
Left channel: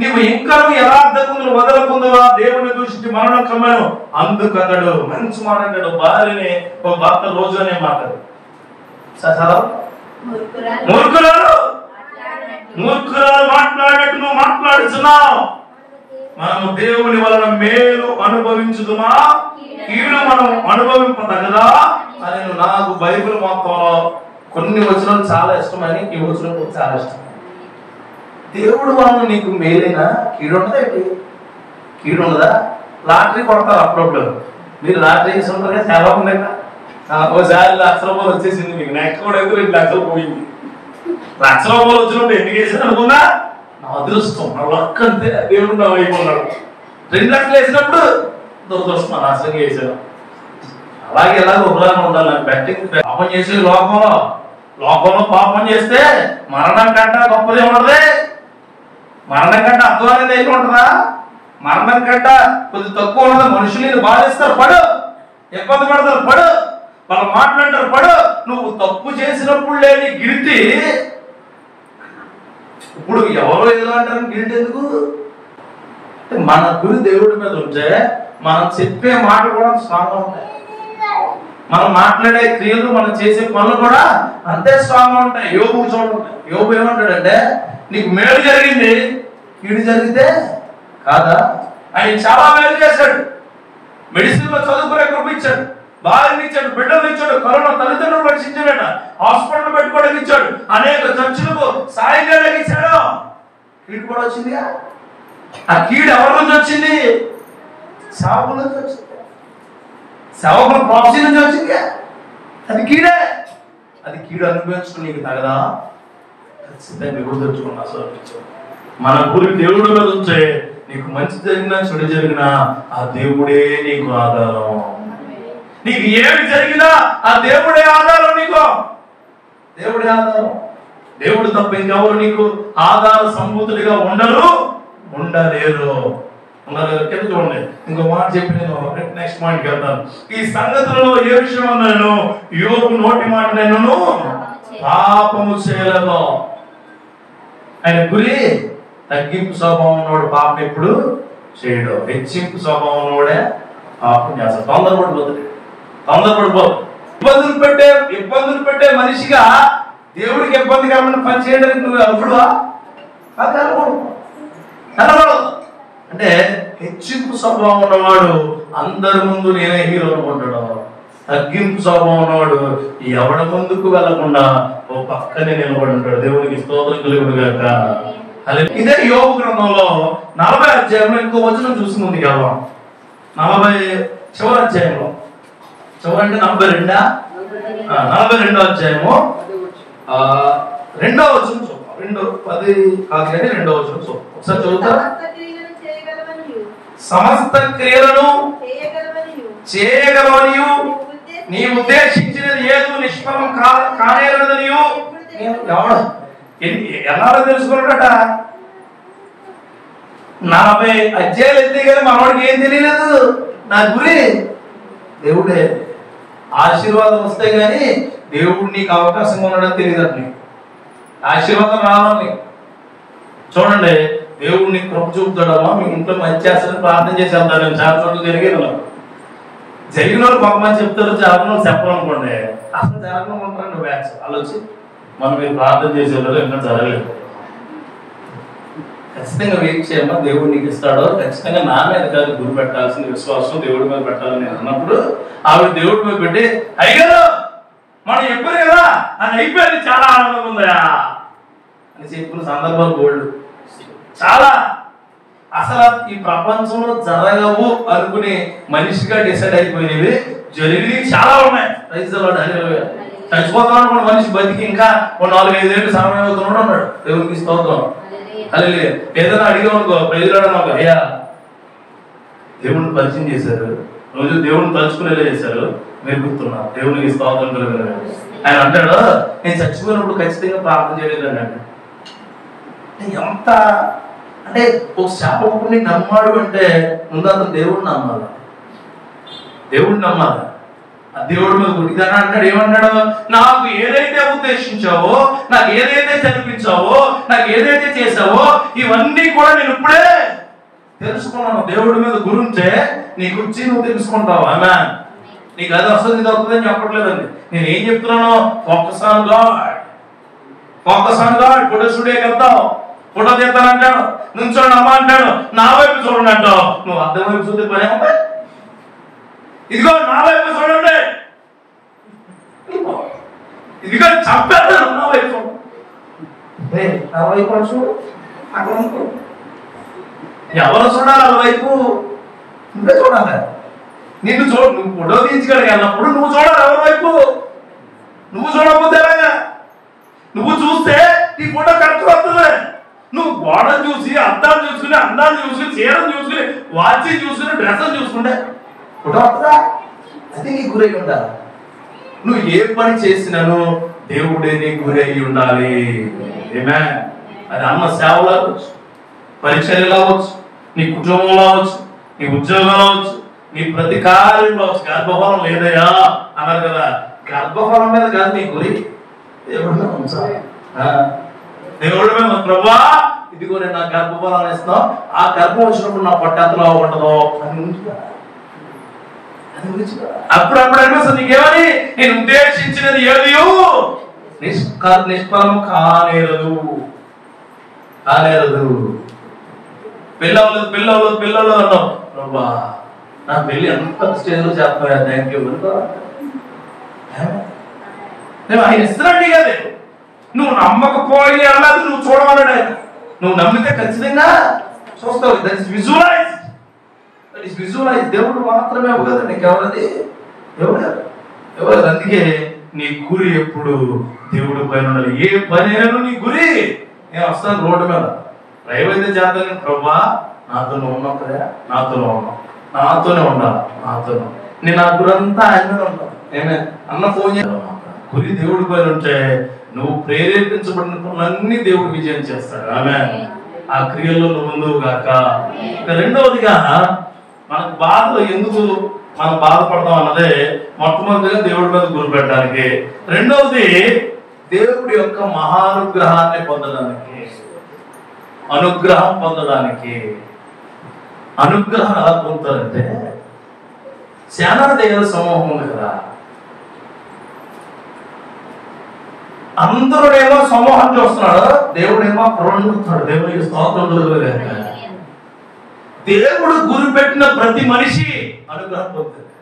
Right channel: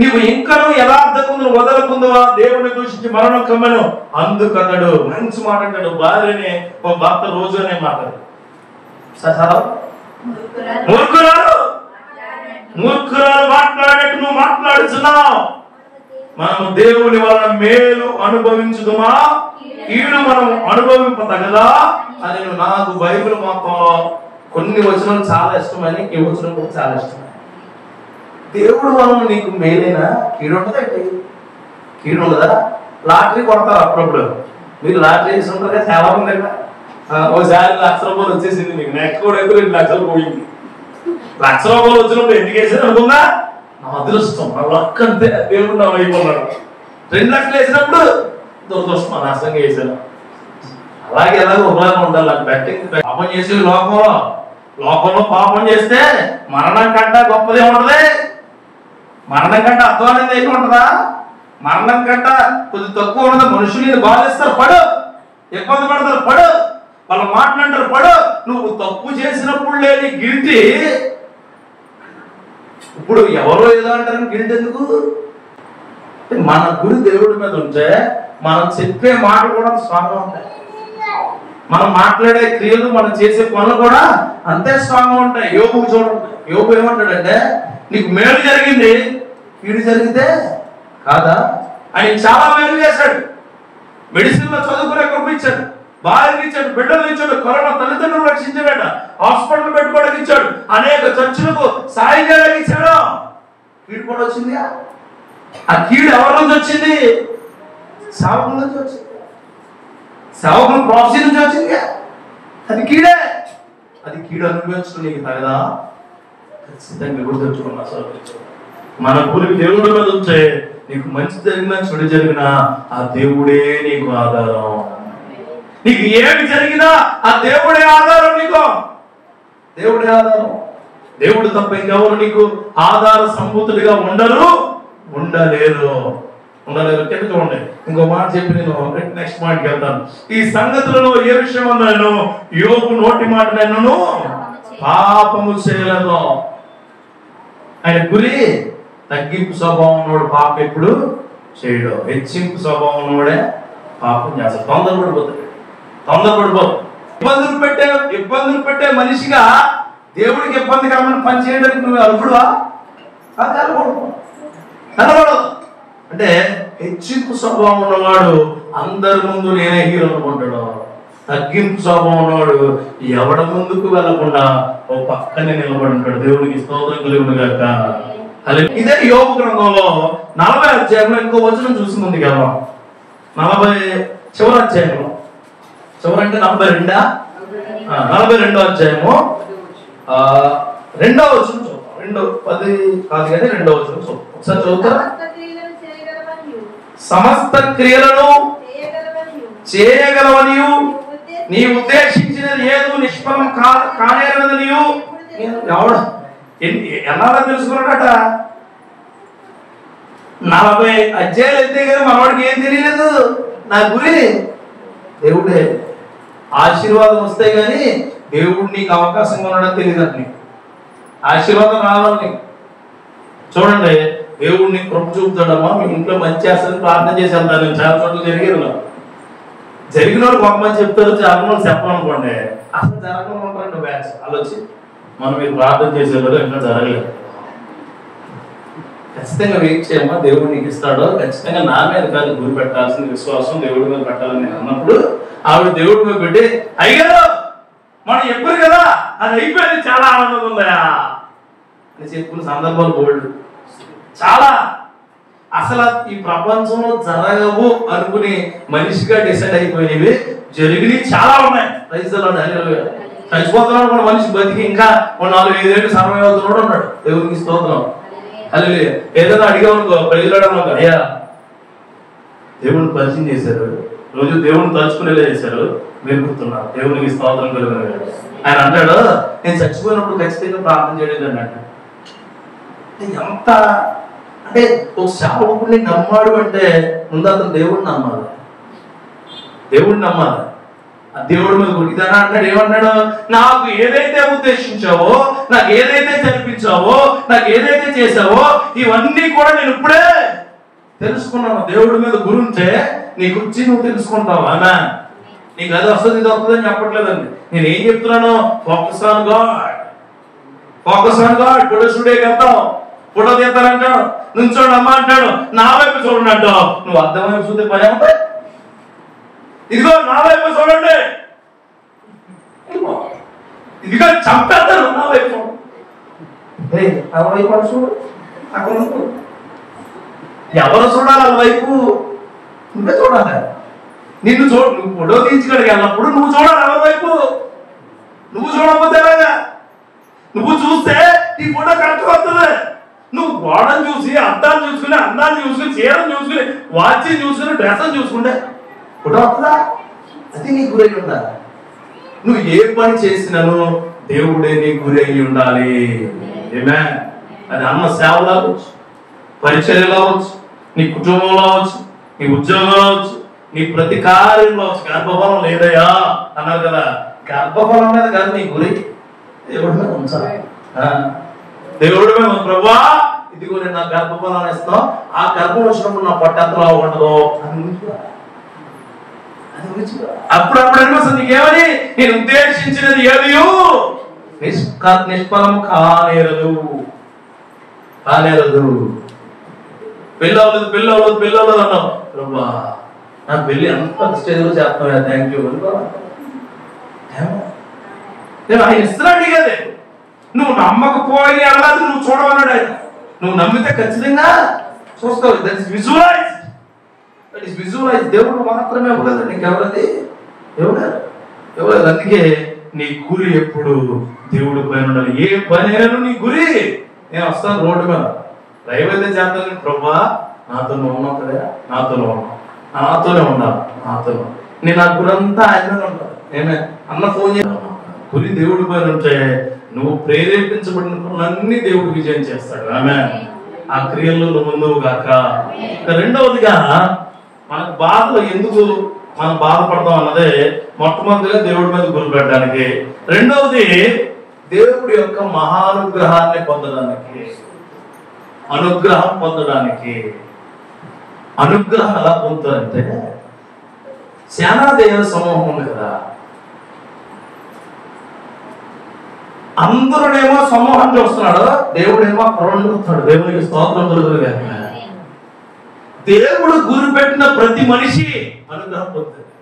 నీవు ఇంకా యథార్థతను వదలకుందువా దేవుని దూషించి మరణం కమ్మను. అందుకన్నాడు, మంచి మాట అంటాడు. భార్యని ఒక భర్త రోజునే మాట్లాడు. మూర్ఖురాలు మాట్లాడేట్టు నువ్వు మాట్లాడుతున్నావు. మనం దేవుని వలన మేలు అనుభవించుదుమా, కీడు మనం అనుభవింపదగదా అని నాకు బైబిల్ మొత్తం కొన్ని వచనాలు చాలా ఇష్టమని, ఈ వచనం చాలా ఇష్టం. దేవుడు వలన నీకు మేలేనా, కీడు ఉండదా? కీడు ఉండదా? లాటరీ కొడతారు అప్పుడప్పుడు. మీరు లాటరీ వేసి ఉంటారు కదా, చాలా ఉన్నాయి. ఒకసారి ₹1,00,000 వచ్చేసింది మీకు, నెక్స్ట్ కూడా ఎక్కువ ₹2,00,000 పోయింది. ₹1,00,000 వచ్చినప్పుడు ఎందుకు వేసాను అనుకున్నా, నా అదృష్టం, నా లక్ అంతే, దేవుడు నా అయిపోన్నాడు. $2,00,000 వేసినప్పుడు దురదృష్టం, నాశనంగా వేసాను. అలాగే ఒకలాగా ఉండాలి. నాకు బెట్టింగ్ పాపం చేసి లోకంలో పాపం చేస్తే మరణం కంటే గొప్పదే ఉండదు. మరణం కంటే అధ్వానం ఏమి ఉంటుందా? మరణం కంటే కొద్ది తక్కువ ఉండదు. మనుషులు బాధిస్తారు, పడు, ఇబ్బంది పడతారు, పడు, వాళ్ళు మాట్లాడతారు, పడు. నువ్వు తప్పు చేసినప్పుడు లేని గిల్టీ ఇప్పుడు ఎవరో ఏదో అంటారు. గిల్టీ ఎందుకు? మన గురి దేవుడి మీద ఉంటే మనం చెప్పే మాటలు కూడా స్ట్రాంగ్ ఉంటాయి. మనం మాట్లాడే క్రియలు, మనం చేసే పనులు కూడా అంతే స్ట్రాంగ్ ఉంటాయి. యోబుకు చూడండి, యోబు ఏమంటాడంటే, నీకు మేలు జరిగింది, కీడు జరిగితే కాదా? ఆయన చాలా మేలు చేశాడు. మెడిసిన్ లో చదువుకునే కృప ఇచ్చాడు, భార్యని ఇచ్చాడు, బిడ్డలు ఇచ్చాడు, కరోనా తల్లిదండ్రులు రక్షించాడట, హాస్పిటల్ పెట్టుకోవడానికి ఇచ్చాడు, అనేక చర్చలకు సాయం చేయడానికి ఇచ్చాడు. కీడు కూడా వచ్చిందిగా. ఆ కీడు ఎవరి నుంచి వచ్చింది? సేవకుల నుంచి వచ్చింది. సేవకుల ప్రాఫెసీ నుంచి వచ్చిందిగా. అది కీడే. అది కీడు అనుభవించడం నీకు తగదా? ఖచ్చితంగా గుర్తుంచుకున్నా. మన గురి దేవుడి మీద ఉంటే నీకు మంచి జరిగినా చెడు జరిగినా ఆ దేవుడే నీకు ఆధారం. నీకు ఏమి జరిగినా ఆ దేవుడే ఆధారం. నీకు దేవుడే ఆధారం. దేవుడు తప్ప ఇంకెవరు నీకు ఆధార సంభూతుడిగా ఉండలేరు. కింద చూడండి, ఇంకో మాట చెప్పి నేను నెక్స్ట్ పాయింట్కి వెళ్తాను. ఈ సంగతులలో ఏ విషయం అన్నాను? యోబు నోటి మాట నేను పాపము చేయలేదు. ఆయన గురి తగ్గింపు స్వభావం ఉన్నవాడు పాపం ఎప్పుడు చేయడు. హెచ్చింపు స్వభావం ఉన్నవాడే పాపం చేస్తాడు. తొందరపడిపోదు. ఇబ్బందులు పెట్టే మనిషిగా దేవుడికి ఇబ్బందికరమైన పని చేయడానికి నువ్వు అర్హుడువా? కనబడదు. అంటే హెచ్చింపు స్వభావం ఉన్నవాడు అందరి ముందు నేనే హీరో అనుకుంటాడు. తగ్గింపు స్వభావం ఉన్నవాడు ఎవడ ముందుకు వెళ్లకుండా ఓ పక్కనే నిలబడి ఉంటాడు. దేవునికి స్తోత్రం కలుగునుగాక. ఇదే యోబు గ్రంథంలో 40వ అధ్యాయంలో ఇంకో వచనం చూసి ముందుకు వెళ్దాం. 40 చివరి అధ్యాయంలో, చివరంటే 42వ అధ్యాయము 2వ వచనం చూద్దాం. 2:10 కాదు కానీ 2వ వచనం చూద్దాం. ఒకసారి చదువుతారా? సమస్త క్రియలను చేయగలవనియు నీ ఉద్దేశించినది ఏదో నిష్ఫలం కానేరదు. నీవు ఎలా తెలుసుకున్నాడట? 40 అధ్యాయాలు ఎత్తే కదా మనవాడికి ఏం తెలియలేదు. నా గురి దేవుడే. ఆశీర్వాదం వస్తే గాని దేవుడు నీకు అవకాశం ఉన్నాడని తెలియదు. నీకు ఆశీర్వాదం రావాలి. చూడండి, దేవుడిని కృప చూపుతాడమ్మా. మీ ఇంట్లో మంచి చేస్తారని ప్రార్థన చేసి వెళ్తాను. నేను చాలా చోట్ల జరిగిన వాళ్ళు కొంతమంది చెప్తారు, చాలా మంది చెప్పాలనుకోండి. అసలు జరగకుండా బ్యాచ్ వాళ్ళు వచ్చి మీరు ప్రార్థన చేసేవాళ్ళు ఇంకా జరగలేదు. ఖచ్చితంగా వెయిట్ చేయమ్మా, దేవుడు నీకు ఇస్తాడో. ఖచ్చితంగా నా మీద కాదు గురి పెట్టాల్సిన విశ్వాసం దేవుడి మీద పెట్టాలని నేను అన్నప్పుడు ఆవిడ దేవుడి మీద పెట్టి, అయ్యారు మనం ఎప్పుడు కదా అది అయిపోయింది, చాలా ఆనందంగా ఉందా అని చెప్పుకున్న సందర్భాలు బోల్డ్ చాలా. అసలు ఈ ప్రపంచంలో జరగవు అనుకుని మనిషిగా డిసైడ్ అయిపోయినవి జరిగినవి చాలా ఉన్నాయి. చచ్చిపోతున్నాడు కూడా మనిషి, బతికి ఇంకా 4-5 ఏళ్ళు సమయవుతున్నాడు ఉన్నాడు. దేవునికి స్తోత్రం. హల్లెలూయా. ఏదైనా అడిగామనుకో, ప్రజలు అయ్యా దేవుడిని పరిచయం చేశారు, రోజు దేవుడిని తలుచుకునేలా చేశారు, మీరు గుర్తున్నారు. దేవునికి స్తోత్రం కలుగుతుంది. ఆయన అంటాడు, నేను చచ్చిపోయినప్పుడు ఖచ్చితంగా ప్రార్థన చేయలేదు అంటే. ఎంత అంటే ఒక సేవకుడిని నమ్మాడు అంటే ముందు అతను దేవుడిని నమ్మాలి. దేవుడిని నమ్మాలి. ఆ దేవుడి మీద గుడిదానా అంటాడు. ఏమన్నాడు? నాకు ఏదైతే ఉద్దేశించావో, నాకు ఏదైతే జరిపించావో, నాకు ఏదైతే చేసావో ఇవన్నీ కూడా నేను ఇప్పుడే తెలుసుకున్నాను. దేవుడి మీద గురుంటే నీ గురించి నువ్వు తెలుసుకుంటావు. ఆమేన్. నీకు అది వస్తుంది ఇది వస్తుందని చెప్పట్లేదండి. నేను ఏం చెప్తున్నాను? Focus on God. Focus on God. గుడ్ టుడే కర్తావు. ఫోటో తీస్తానంటాడు, నుంచోండి అమ్మ అంటాడు, నా వైపు చూడండి అంటావు. నువ్వు అర్థం వైపు చూస్తే పని ఏమంటే ఇదిగో నా వైపు చూడండి, ఇదిగో చంపేస్తాను నా వైపు చూడు, చూడు అక్కడ ఎవరు చూడాలి ఆ వైపు? నువ్వే చూడాలి. నిన్ను నువ్వు ఫోటో తీయించుకోవడానికి వెళ్ళినప్పుడు నువ్వు చూడాలి ఎవరి వైపు. నువ్వు చూడకపోతే నువ్వు చూస్తే నీ ఫోటో కరెక్ట్ వస్తుంది. నువ్వు గోడను చూసి అద్దాన్ని చూసుకుని అందాన్ని చూసుకుని చీరను చూసుకుని వాచ్ చూసుకుని డ్రెస్ చూసుకుంటే ఫోటో వస్తుందా? అది నీ గురై ఉండాలి. నువ్వు ఏ పని చేసినాను దేవుడే నీ గురి అయి ఉండాలి. అది అమ్మ సేవలు అవ్వచ్చు, పరిచర్యలు అవ్వచ్చు, నీ కుటుంబంలో అవ్వచ్చు, నీ ఉద్యోగంలో అవ్వచ్చు, నీ ప్రతి కార్యంలో అవ్వచ్చు. గర్భఫలం లేదయా అన్నారు కదా, గర్భఫలం మీద కాదు నీ గురి దేవుడి మీద ఉంచాలి. దేవుడి మీద ప్రభువా ఇదిగో నేను నా గర్భఫలాన్ని ఇస్తాం, ఆ గర్భం వచ్చినప్పుడు నా పొట్టెంతలో ఉండదు అని అప్పుడప్పుడు అనిపిస్తుంది నీకేమని నేను ఉద్దేశించినది ఏది నిష్ఫలం కానేరదు కానేరదు. పిల్లలు పిల్లలు పిల్లలు అన్నావు ప్రభా నా పెళ్లి అంత స్టేజ్లో చేస్తావు, థ్యాంక్ యూ. ఆయన ఇస్తున్నాడు కదా, నువ్వు నమ్మకపోయిన అన్నది నువ్వు చూడమన్నాడు ఆయన. నువ్వు నమ్మితే ఖచ్చితంగా చూస్తావు. That is visualise, that is visualise. దేవుడు మాత్రమే అవ్వదు, నీకెవరది ఎవరు. అందుకే నీ గురి ఎప్పుడు దేవుడి పైన ఉండాలి. ఏ పని అయినా నీ గురి. నేను వస్తాను రోడ్డు మీద డ్రైవ్ అయితే చేస్తాను, ప్రభా నాతో ఉన్నప్పుడే నాతోనే ఉండాలి. నేను నా గురంతా ఆయన ఉండాలి. నేను అన్న ఫోన్ చేయాలి. గురి దేవుడి పైన ఉంటే నువ్వు ప్రేరేపించబడిన అన్ని దేవుడు విజయం చేస్తాడు. ఆమె ఆ క్రియల్లో నువ్వు ముందువు గాక. రెండవదిగా మనకు బాధలు ఎందుకు మనం బాధపడతాం అన్నదే మొట్టమొదటిగా దేవుడి మీద గురి పెట్టడానికి. రెండవది దేవుడి యొక్క మహానుగ్రహాన్ని పొందడానికి, అనుగ్రహం పొందడానికి. అనుగ్రహం ఎలా పొందుతారంటే సేనా దేవుల సమూహం ఉంది కదా, అందరూనేమో సమూహం చూస్తున్నాడు, దేవుడేమో పురండుతాడు. దేవుడికి స్తోత్రం కలుగుగాక. దేవుడు గురి పెట్టిన ప్రతి మనిషి అనుగ్రహం పొందుతాడు.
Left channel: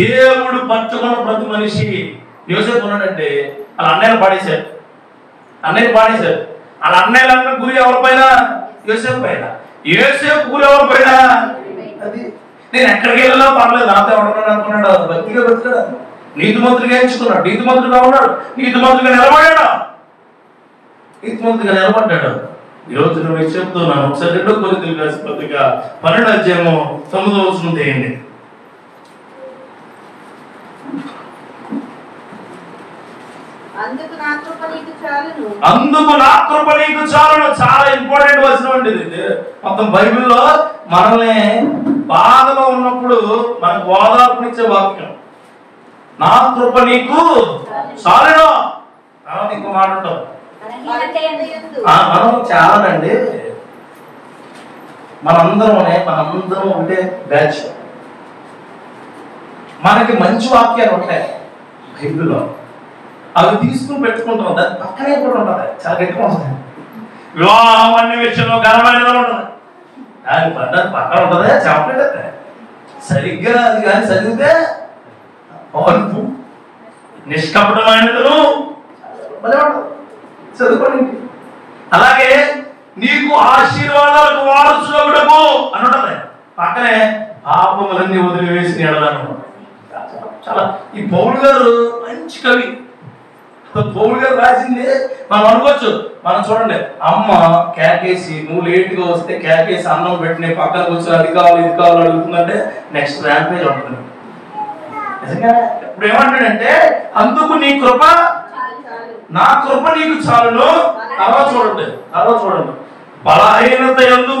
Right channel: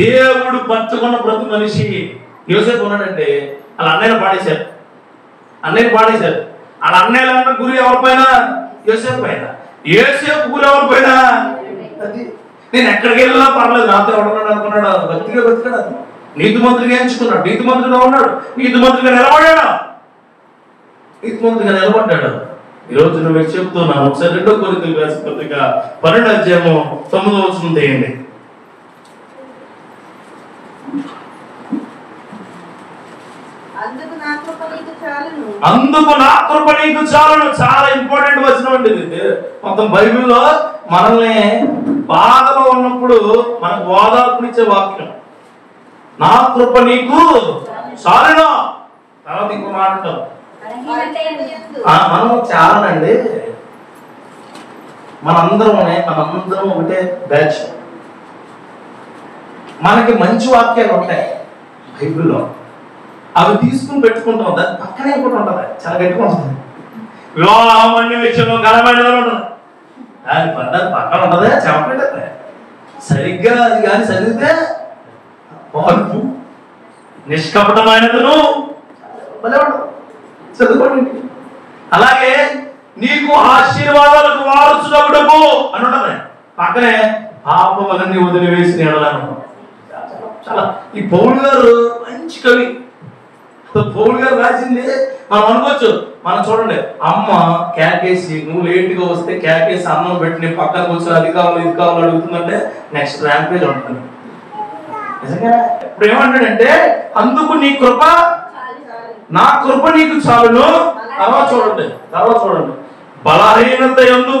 దేవుడు పంచుకున్న ప్రతి మనిషి. యోసేపు ఉన్నాడంటే వాళ్ళ అన్నయ్యలు పాడేశారు. వాళ్ళ అన్నయ్యల గురి ఎవరిపైన? యోసేపు పైన. యోసేపు గురి ఎవరిపైన? అది నేను ఎక్కడికి వెళ్ళినా పర్లేదు, నాతో ఎవరున్నాడు అనుకున్నాడు. భక్తిగా బతికాడు, నీతిమంతుడిగా ఎంచుకున్నాడు, నీతిమంతుడిగా ఉన్నాడు, నీతిమంతుడిగా నిలబడ్డాడు. ఈరోజు నువ్వు చెప్తున్నాను. ఒకసారి 2 కొరింథీయులకు రాసిన పత్రిక 12వ అధ్యాయము 9వ వచనం తీయండి. అందుకు నా కృప నీకు చాలును. చాలా ఇంపార్టెంట్ వచనం అండి ఇది. మొత్తం బైబిల్లో మనల్ని బాధలో ఉన్నప్పుడు మనకు ఓదార్పునిచ్చే వాక్యం. నా కృప నీకు చాలును. తర్వాత ఇంకో మాట ఉంటాం, మనం చాలానండి. మనందరం ఒకటే బ్యాచ్. మనకి మంచి వాక్యాలు ఉంటాయి బైబిల్లో, అవి తీసుకుని పెట్టుకుంటాం. దాని పక్కనే కూడా ఉంటుంది, చాలా గట్టిగా ఉంటుంది. వివాహం అన్ని విషయంలో ఘనమైనది ఉంటుంది, దాని పక్కన ఉంటుంది చాక్లెట్ అయితే. సరిగ్గా అది కానీ చదివితే పాల్పు నిష్కపటమైనదును చదువుకోండి. అలాగే నీకు ఆశీర్వాదాలకు వారసుడవు అని ఉంటది, పక్కనే పాపములన్నీ వదిలివేసి నేడలను. చాలా ఈ పౌలు గారు మంచి కవి. పౌలు గారు రాసింది మనం అనుకోవచ్చు. మనం చూడండి, అమ్మ కేకేసి నువ్వు లేటుగా వస్తే కేకేసి అన్నం పెట్టి పక్కన కూర్చొని అది కావాలి ఇది కావాలి అడుగుతుందంటే నెక్స్ట్ ర్యాంక్ పేజ్ ఉంటుంది. నిజంగా ఇప్పుడు ఏమంటాడంటే అందుకు నీ కృప, నా కృప నీకు చాలును. తర్వాత చూడండి బలహీనత యందు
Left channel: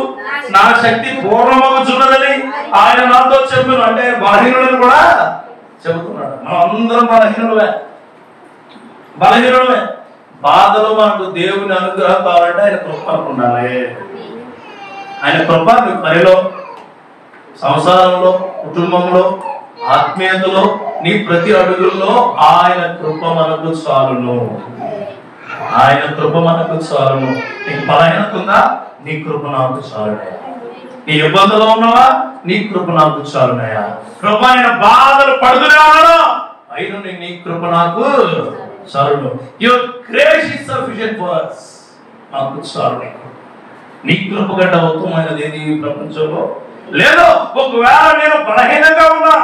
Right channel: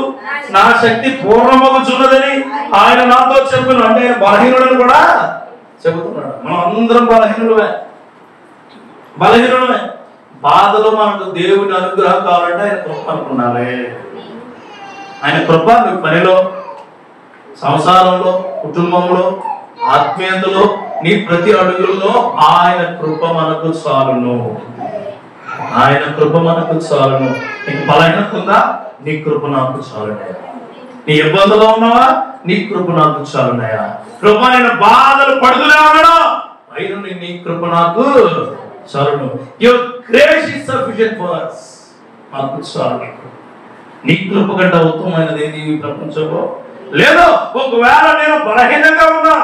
నా శక్తి పూర్ణమగుచున్నదని ఆయన నాతో చెప్పాను. అంటే బలహీనుడని కూడా చెబుతున్నాడు. మనం అందరం బలహీనులమే. బాధలో మనకు దేవుని అనుగ్రహం కావాలంటే ఆయన కృప అనుకున్నాను. ఆయన కృప నువ్వు పనిలో, సంసారంలో, కుటుంబంలో, ఆత్మీయతలో, నీ ప్రతి అడుగుల్లో ఆయన కృప మనకు చాలును. ఆయన కృప మనకు చాలును. నీకు బలహీనత ఉందా? నీ కృప నాకు చాలునయ్యా. నీ ఇబ్బందులో ఉన్నావా? నీ కృప నాకు చాలునయ్యా. కృప ఆయన బాధలు పడుతునేవాడు అయిన నీ కృప నాకు చాలును. Your grace is sufficient for us. నాకు చాలు. నీ కృప కంటే ఉత్తమమైనది ఏది ఈ ప్రపంచంలో లేదు. ఒకవేళ నేను బలహీనంగా ఉన్నా,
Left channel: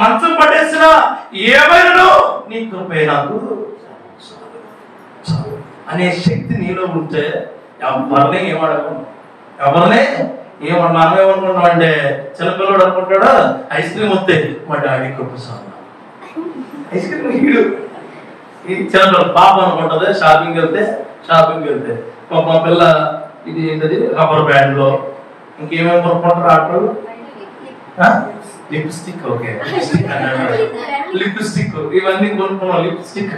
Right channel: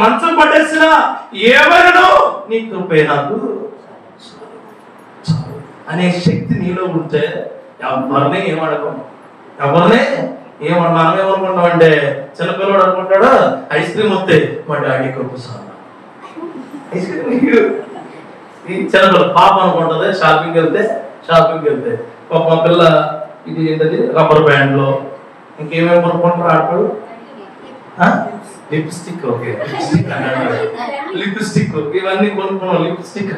మంచం పట్టేసినా, ఏమైనా నీ కృపే నాకు అనే శక్తి నీలో ఉంటే ఎవరిని ఏమడగం. ఎవరిని మనం ఏమనుకుంటాం అంటే, చిన్నపిల్లడు అనుకుంటాడు ఐస్ క్రీమ్ వస్తే మా డాడీ కృప చాలు. ఐస్ క్రీమ్ చిన్నపిల్ల పాప అనుకుంటుంది షాపింగ్ వెళ్తే ఒక మా పిల్ల ఇది ఏంటది రబ్బర్ బ్యాండ్లో ఇంకేమేమి కొనుక్కుంటారు ఆటలు, లిప్స్టిక్. ఓకే, లిప్స్టిక్ ఇవన్నీ కొనుక్కున్నాం. లిప్స్టిక్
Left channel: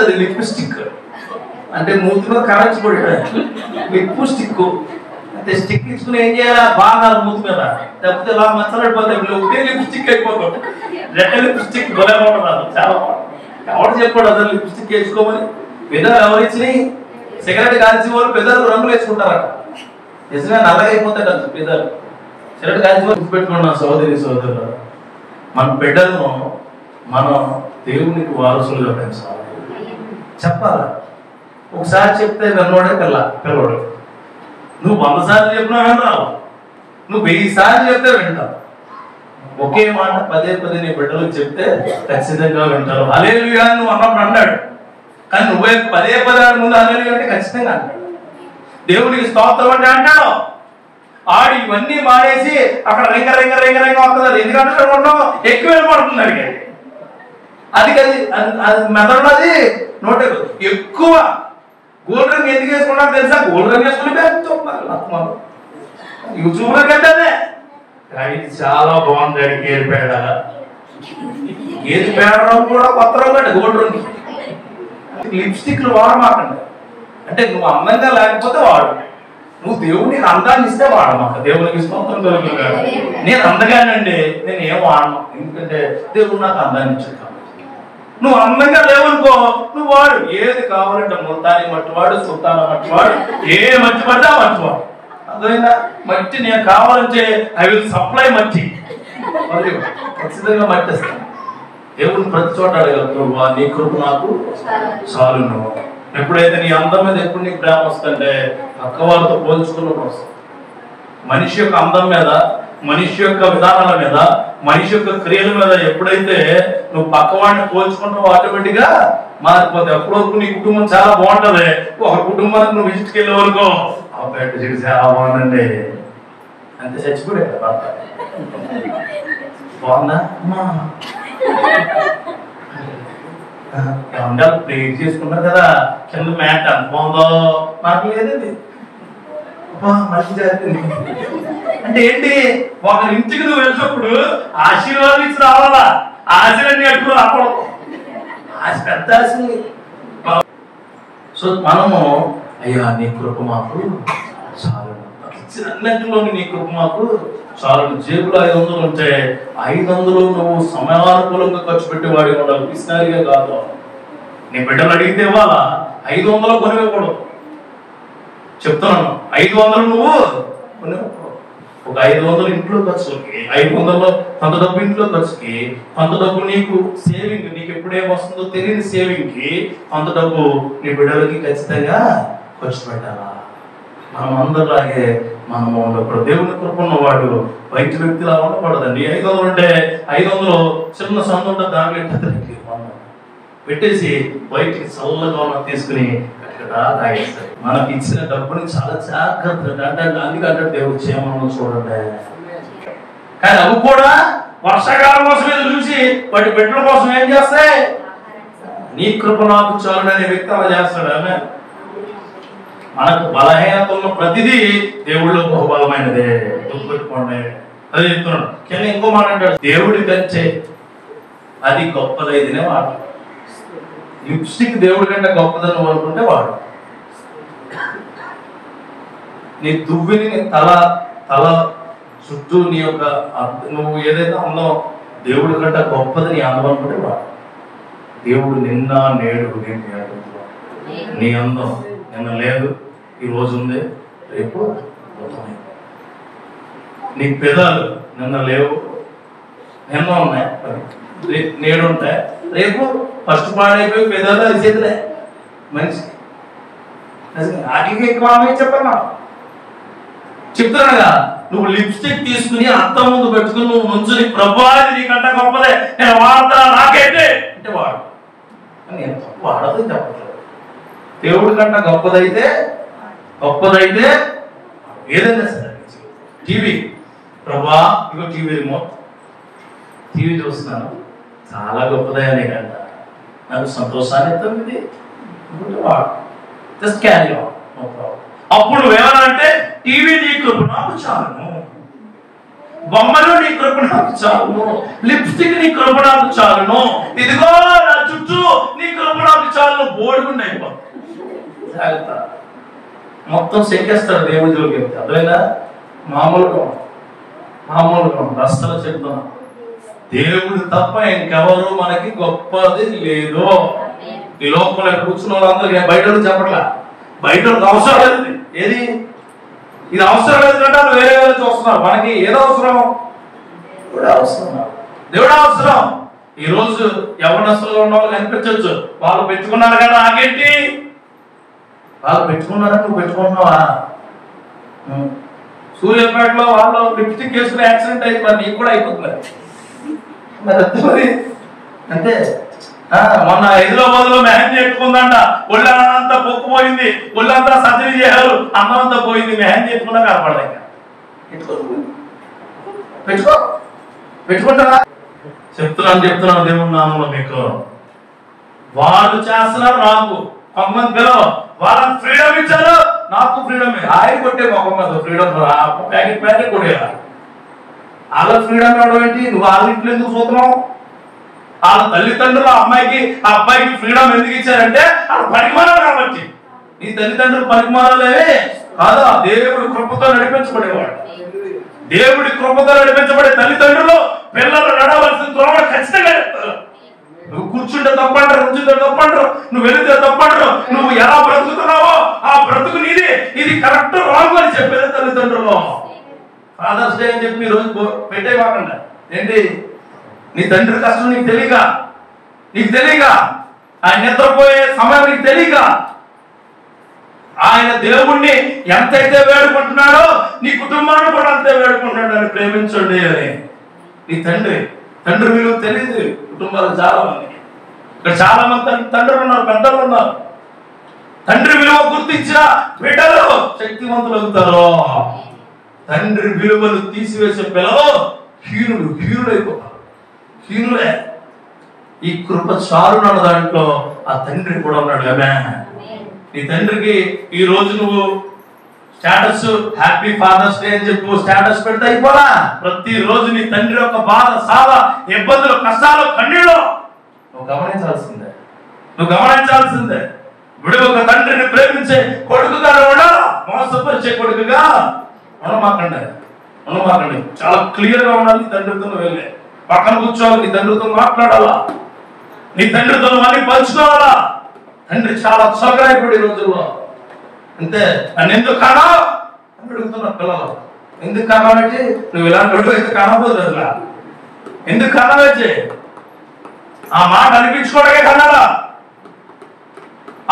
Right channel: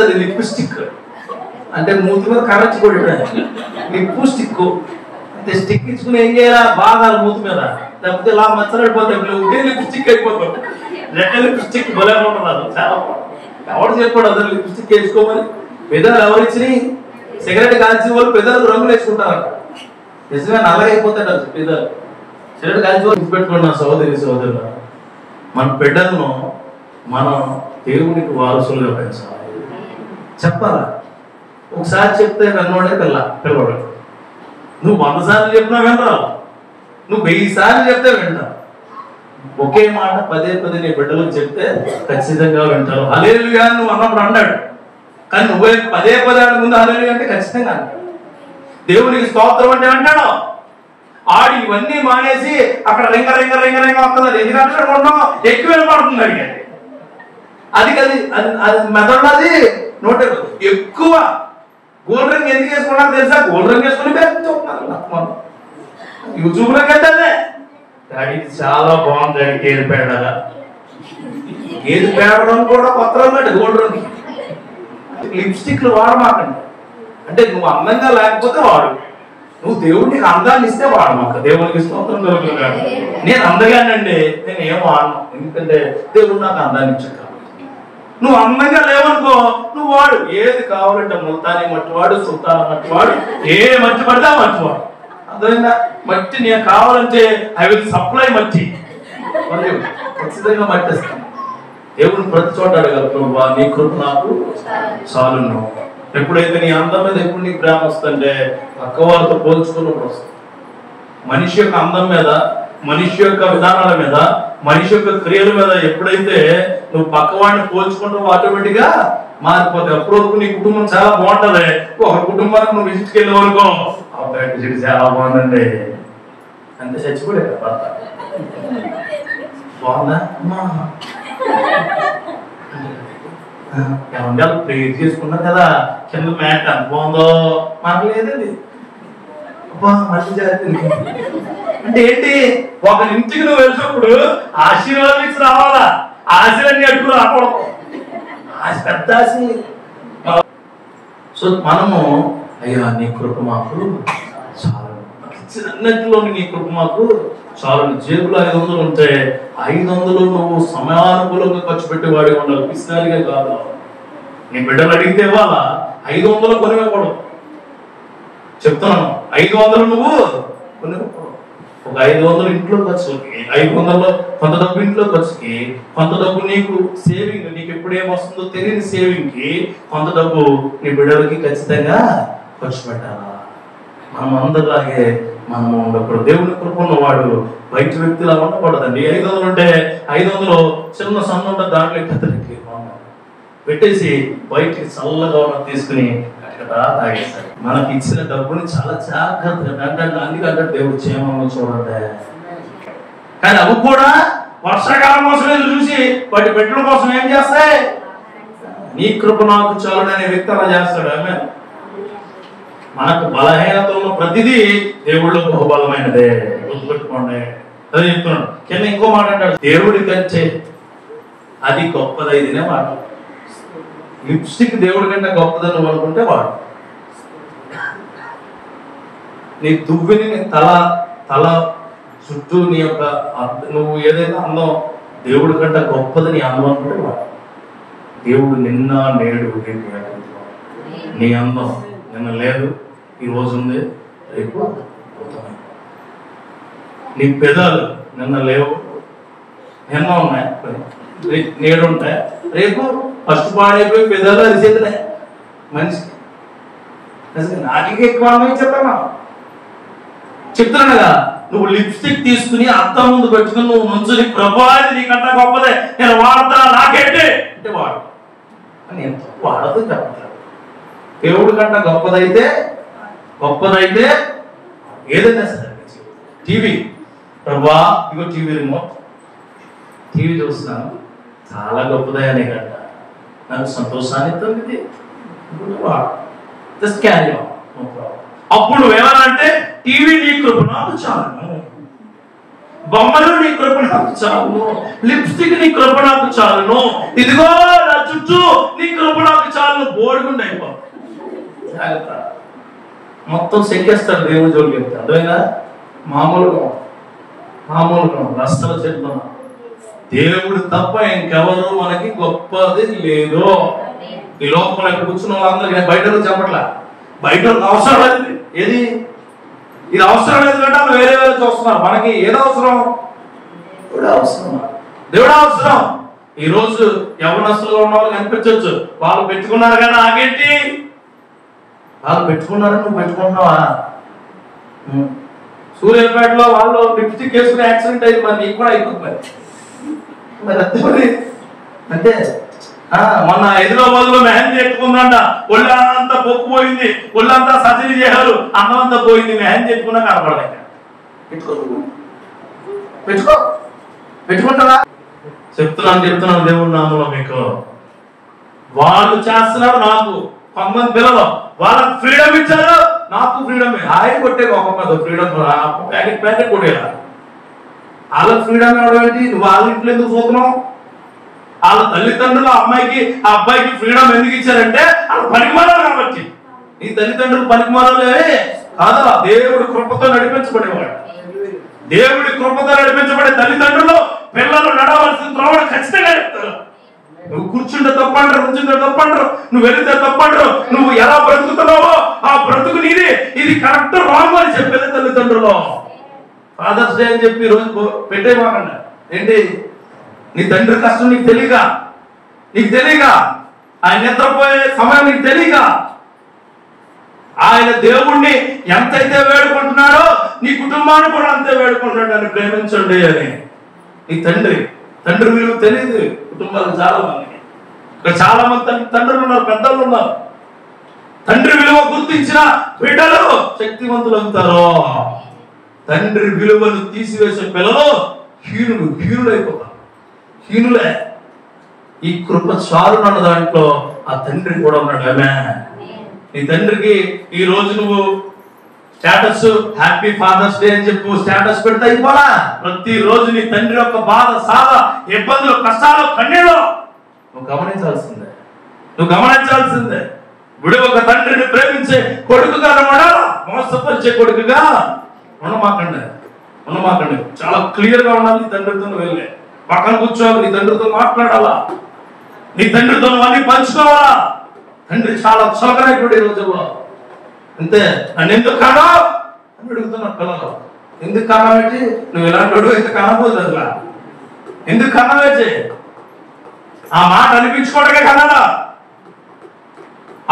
అది లిప్స్టిక్ అంటే మూతిలో కరచి కూడా లిప్స్టిక్ అంటే స్టిక్ ఇచ్చుకుని ఏం చేయాలా? బాగా మూతి మీద లేకపోతే ఇలా మచ్చలైపోతే లిప్స్టిక్ అయిపోతుంది. రెడ్ లిప్స్టిక్ భలే బాగుంటున్నారు. చాలా ఎవరు చెప్పాడు అసలు లిప్స్టిక్ వేసుకోమని? పెద్దలు ఎవరు ఇచ్చినాయి? సిగరెట్ కాల్చి వాళ్ళు పెద్దలు రంగులు వేసుకుంటారట. నిజంగా నల్లగైపోతాడు పెద్దలు. సిగరెట్ కాల్చి వాళ్ళు పెట్టుకున్నాం. సోదరులు, మన బిడ్డలను మనం దేవునికి వారసులుగా పెంచాలి. చెప్పాలా? ఒకసారి చెప్తే నన్నోడే పిల్లవాడు. నువ్వు 100 సార్లు చెప్పినా వినరావు, నువ్వు 1000 సార్లు చెప్తే వింటావు. ఒకే మాట పదే నీ బిడ్డలకు చెప్తే ఖచ్చితంగా వింటారు. హల్లెలూయా నువ్వు అన్నప్పుడు అన్నాడు, కానీ నువ్వే పదే ముందు హల్లెలూయా అంటే ఖచ్చితంగా అంటాడు. దేవునికి స్తోత్రం అంటే అంటాడు. ఆడి ఇవన్నీ మానేసి అక్కడ రింగ వస్తుంది. ఎందుకంటే ఉండవు ఎక్కువ పడుతుంది అడిగాడు. అది మెదడు అది నోటే ఎక్కువ. గోల్డ్ రంగు ఎందుకు వేసుకున్నాడు తెలుసా? గోల్డ్ రంగు వేసుకుని యూట్యూబ్ లోకి వెళ్తానే ఇది చాలా బాగుంది. గేదె పేడ రంగు కూడా కొత్త రంగు అంటే గోల్డ్ రంగు. లిప్స్టిక్లు వాడమాకండి. అంటే నువ్వు అందంగా లేకపోతే వాడు, నువ్వు దేవుడికి అందాన్ని ఇస్తే వాడమాక. దేవునికి స్తోత్రం కలుగుతుంది. నేను అందగానండి, నేను ఏం వాడను, ఎందుకంటే దేవుడు నాకు అందాన్ని ఇచ్చాడు. నువ్వు అందంగా లేవనుకో, నువ్వు వాడు. ఏది కావాలంటే ముల్తాని మట్టివాడు, సుల్తాన మట్టివాడు, ఏ మట్టి పడితే ఆ మట్టివాడు. అర్థమైందా? మట్టి నేను కావాలంటే ఐ విల్ సప్లై మట్టి, ఖచ్చితంగా మట్టిస్తాను. దేవుడిని ప్రతి చోట అడగలరు, నీ కృప నాకు చాలు. ఎప్పుడైతే నీ అందం మీద ఎప్పుడు నీకు ప్రేమ వస్తుంటే పక్కవారితో పోల్చుకున్నప్పుడు వస్తుంది. మనిషి యొక్క అందం మీద, మనిషి యొక్క విధానాల మీద, మనిషి యొక్క క్రియల మీద ఎప్పుడైతే నువ్వు పక్కవాడిని పోల్చుకుంటావు ఆటోమేటిక్ గా మారిపోతావు. ఎప్పటివరకు నీ కుటుంబం చాలా బాగుంటది. ఒక కుటుంబానికి నువ్వు విజిట్కి వెళ్ళే వరకు చాలా బాగుందండి అంతే, చచ్చిపోయా బాగుందా ఏమంటే ప్రేర్ చేసుకున్నారు కదా కింద మ్యాట్ అంత బాగుందో మాకు లేదండి. అంటే ఏంటి? ఒక ఇంటికి నువ్వు వెళ్ళినప్పుడు ఆశీర్వాదం ఇచ్చి రావాలా? ఆశలన్నీ ఎప్పుడు రాకూడదు. ఆశ పెద్ద ఆశ. సో మనము అయ్యా నీ కృప మాకు చాలు, ఇచ్చినట్లో నీ కృప మాకు చాలు. జేబులో 500 ఉంటే 500 నువ్వు సమయానుకూలంగా ఖర్చు పెట్టేవాడి ఉండాలి, పిసినారిగా కాదు. నీ బిడ్డలు అడిగితే ఇవ్వాలా? 500 కొనివ్వకూడదు. చెప్తున్నాను, 500 నువ్వు కొనివ్వకూడదు. ఒక 500 ఇంట్లో ఖర్చులకి, 500 కొంత డబ్బు ఇంట్లో ఖర్చుకి, కొంత డబ్బు నీకు సేవింగ్, నీకు ఎప్పుడేమొస్తుందో తెలియని సేవింగ్ కి, కొంత డబ్బు నీ బిడ్డలకి ఖచ్చితంగా ఖర్చు పెట్టాలా? మనం అందరిలాగే మనము ఇప్పుడు దేవుని కృప ఉన్నవాడు బయట వ్యక్తిలా ఉండకూడదండి. 500 ఉంటే 500 చిన్న సన్న ఉంటే దాంట్లో ఇద్దరికి పెట్టేసి బయటికి చల్లగా తీసుకుని తాగేస్తారు. మనకి ఇచ్చిన డబ్బుని చాలా జాగ్రత్తగా అంటే అందుకంటే దేవుడు క్షేమంగా చూడండి. కానీ అవి కూడా వర్షాకాలం కోసం చూసి వాటి బిడ్డల కోసం ఏం చేస్తాయి? నీ కృప నాకు చాలు అనే వ్యక్తి అలా చేస్తాడు. ఆమె మనకు బలహీనతల్లో ప్రతిదీ దేవుళ్ళు బహుబలమైనదే, గుర్తుపెట్టుకోండి. అదే చెప్తున్నాడు. కింద ఇంకో మాట అంటాడు, దేవుడి కంటే అది గొప్పదైతేనే వాడు. లిప్స్టిక్ దేవుడి కంటే గొప్పదని అనుకుంటే వాడు. నీ దువ్విని తల చుట్టూ నీ యొక్క నువ్వు ఏదైతే అందం దేవుడి కంటే గొప్పది నీ అందం అనుకుంటే వాడు. దేవుడు నిన్న నేడు నీ అందం నిన్న లేదు, ఈ రోజు ఉంది, రేపు పోతున్నాయి. నీ పెదాలు నిన్న లేవు, నిన్న ఉన్నాయి, నేడు ఉంటాయి, రేపు ఫస్ట్ పాడైపోయి పెదాలు అరిచేతులే మనిషికి. నాటికి ఎక్కువ చెప్తున్నా చెప్తున్నాగా. నువ్వు లిప్స్టిక్ తీసుకుని అద్దం ముందు పెట్టుకుని నువ్వు ముంచుని ప్రభాది నీకంటే గొప్పదే, నేను వాడతా, నాకేంటి అంటే వాడు అని ఎంత వాడదు చెప్పట్లేదు. దేవుడి కంటే గొప్పదైతే ఏదైనా సరే. టీవీ, ప్రభా ఇగో టీవీ రిమోట్, టీవీ చూస్తున్నాను, చాలా గొప్పదయ్యా నీకంట, నాకు సంతోషాన్ని ఇస్తుంది, వాడు just carry on, no problem. అప్పుడు నువ్వేమనంటే టీవీ నీ కృప నాకు చాలును, బొమ్మలు నీ కృప నాకు చాలును, లిప్స్టిక్ నీ కృప నాకు చాలును, ఇదిగో నా చుట్టూ నీ కృప నాకు చాలును, బోడుగుండి అయిపోతుంది. మొత్తం చెక్కేస్తాడు దేవుడి జోలికి చెప్తే. అదేనా మామూలుగా రస్తలు చెప్తున్నాం. దేవుడు తప్ప ఇంకెవరు మనకి గొప్పది లేదు. ఈ లోపల కూర్చున్న వాళ్ళందరూ బయట చెప్పట్లా, బయట అవసరం లేదు. ఏది ఇది అవసరం లేదు కంటే వేరే వాళ్ళు చూస్తున్నారు. మనకి ఏదో అవసరం, దేవుడు అవసరం. ఈ రోజు యవనస్తులుగా ఉన్న వాళ్ళు కనిపించవచ్చు, వాళ్ళు పెట్టుకున్నారు కదా, నాకేంటి, వాళ్ళు పెట్టుకున్నారా, నువ్వు పెట్టుకుంటున్నావా? సూర్యాపేటలో వాళ్ళు లిప్స్టిక్ వేసుకుని యాక్సిడెంట్ అయింది, మరి నీకు కూడా అయిపోతుంది. మరి అంటే మొన్న హైదరాబాద్లో మెహందీ ఎట్టుకుందంట, ఒళ్ళంతా పొక్కుపోయింది, ఒళ్ళంతా సర్జరీ చేశారు, అన్నంతా పోయింది, మెహందీ ఎట్టుకున్నా కనపడదాక. పెట్టుకుంటారా? చెప్తున్నాను దేవుడు నామంలో మీకు. వాళ్ళు చేస్తున్నారు, నాకు కొంతమంది పిల్లలు వాళ్ళకి ఫ్రీడమ్ ఇచ్చారు, నాకు ఫ్రీడమ్. ఆయన కొట్టే ఒక ఫ్రీడమ్ ప్యాకెట్ కొట్టేయాల. వాళ్ళకి ఫ్రీడమ్ ఇవ్వడం ఏంటి? నువ్వు వాళ్ళ ఇంట్లో ఎందుకు చూస్తున్నావు? వాళ్ళ తల్లిదండ్రులు ఆ అబ్బాయికి ఫ్రీడమ్ ఎందుకు ఇచ్చారంటే వాళ్ళ పనికిమానాలు కాబట్టి. నీ తల్లిదండ్రులు పనికిమానాలేవే కాదు, దేవుడి కృపతో నడిపించబడేవాడు. దేవుడి కృపతో నడిపించబడే తల్లిదండ్రులు పిల్లలు నడవలసిన త్రోవ ఖచ్చితంగా నడుపుతారు. నువ్వు కూర్చుంటే తప్పంటారు, కూర్చుంటే తప్పంటారు, నువ్వు వెళితే తప్పంటారు, నువ్వు ఎలా బ్రతుకుతున్నావో ఆ బ్రతుకు నీది, ఇది కరెక్ట్ రాంగ్ అని చెప్పేది తల్లిదండ్రులు. ఫాదర్స్ డే అని చెప్పి రోజు పెట్టేవాకండి. ఏంటి నీ తండ్రి కష్టం నీకు తెలియక, ఆయన నిద్రపోయే సమయం నీకు తెలియక, ఆయన దేవుణ్ణి ఎంతైతే వేడుకుంటున్నాడో నీ కుటుంబాన్ని కూడా అంతే వేడుకుంటున్నాడు అని ప్రేమించండి అని. నీ తండ్రి విలువ తెలియదు కుటుంబాలు చాలా మందికి. ఇక్కడ చాలా మంది తండ్రులు ఉన్నారు, పెద్దలు ఉన్నారు. తండ్రి విలువ గుర్తించిన బిడ్డలు శక్తివంతులు అవుతారు. తండ్రి విలువను తీసివేసే పిల్లలు హీనులైపోతారు. హీనులే. ఈ కృప చాలున్న దాంట్లో ఆ తండ్రి కూడా ఉన్నాడు. నీ తండ్రికి ఈ రోజు నువ్వు స్టేటస్ హ్యాపీ ఫాదర్స్ డే అని చెప్పు స్టేటస్ పెడితే అయిపోలా. ప్రతి రోజు నీ తండ్రి యొక్క బాధ, సాధ, ఇబ్బందులు, కష్టాలు, కన్నీళ్ళు నువ్వు గమనించాల్సిందే. విడుగు ఒక తండ్రిని ప్రేమించే కొడుకుగా ఉండాలా, మోసపరిచే కొడుకుగా ఉండమాకండి. చాలా క్లియర్ గా ఉండాలి. నీ తండ్రితో వెళ్ళే పక్కన కూర్చోవాలి, నీ తండ్రితో మాట్లాడాలా, నీ తండ్రితో అన్ని పంచుకోవాలా. తండ్రి చాలా చొరకైపోయాడు ఈ రోజుల్లో. అంతే. నన్ను ఎందుకు కానా అని అడుగుతున్నారు పిల్లలు. ఎందుకు కానాబెట్టి నువ్వు ఇలాంటి వాడు ఎందుకు కానబోదు అసలు, ఎందుకు కన్నావేచి ఆ మాట అనిపించుకోవడమే కన్నాడా?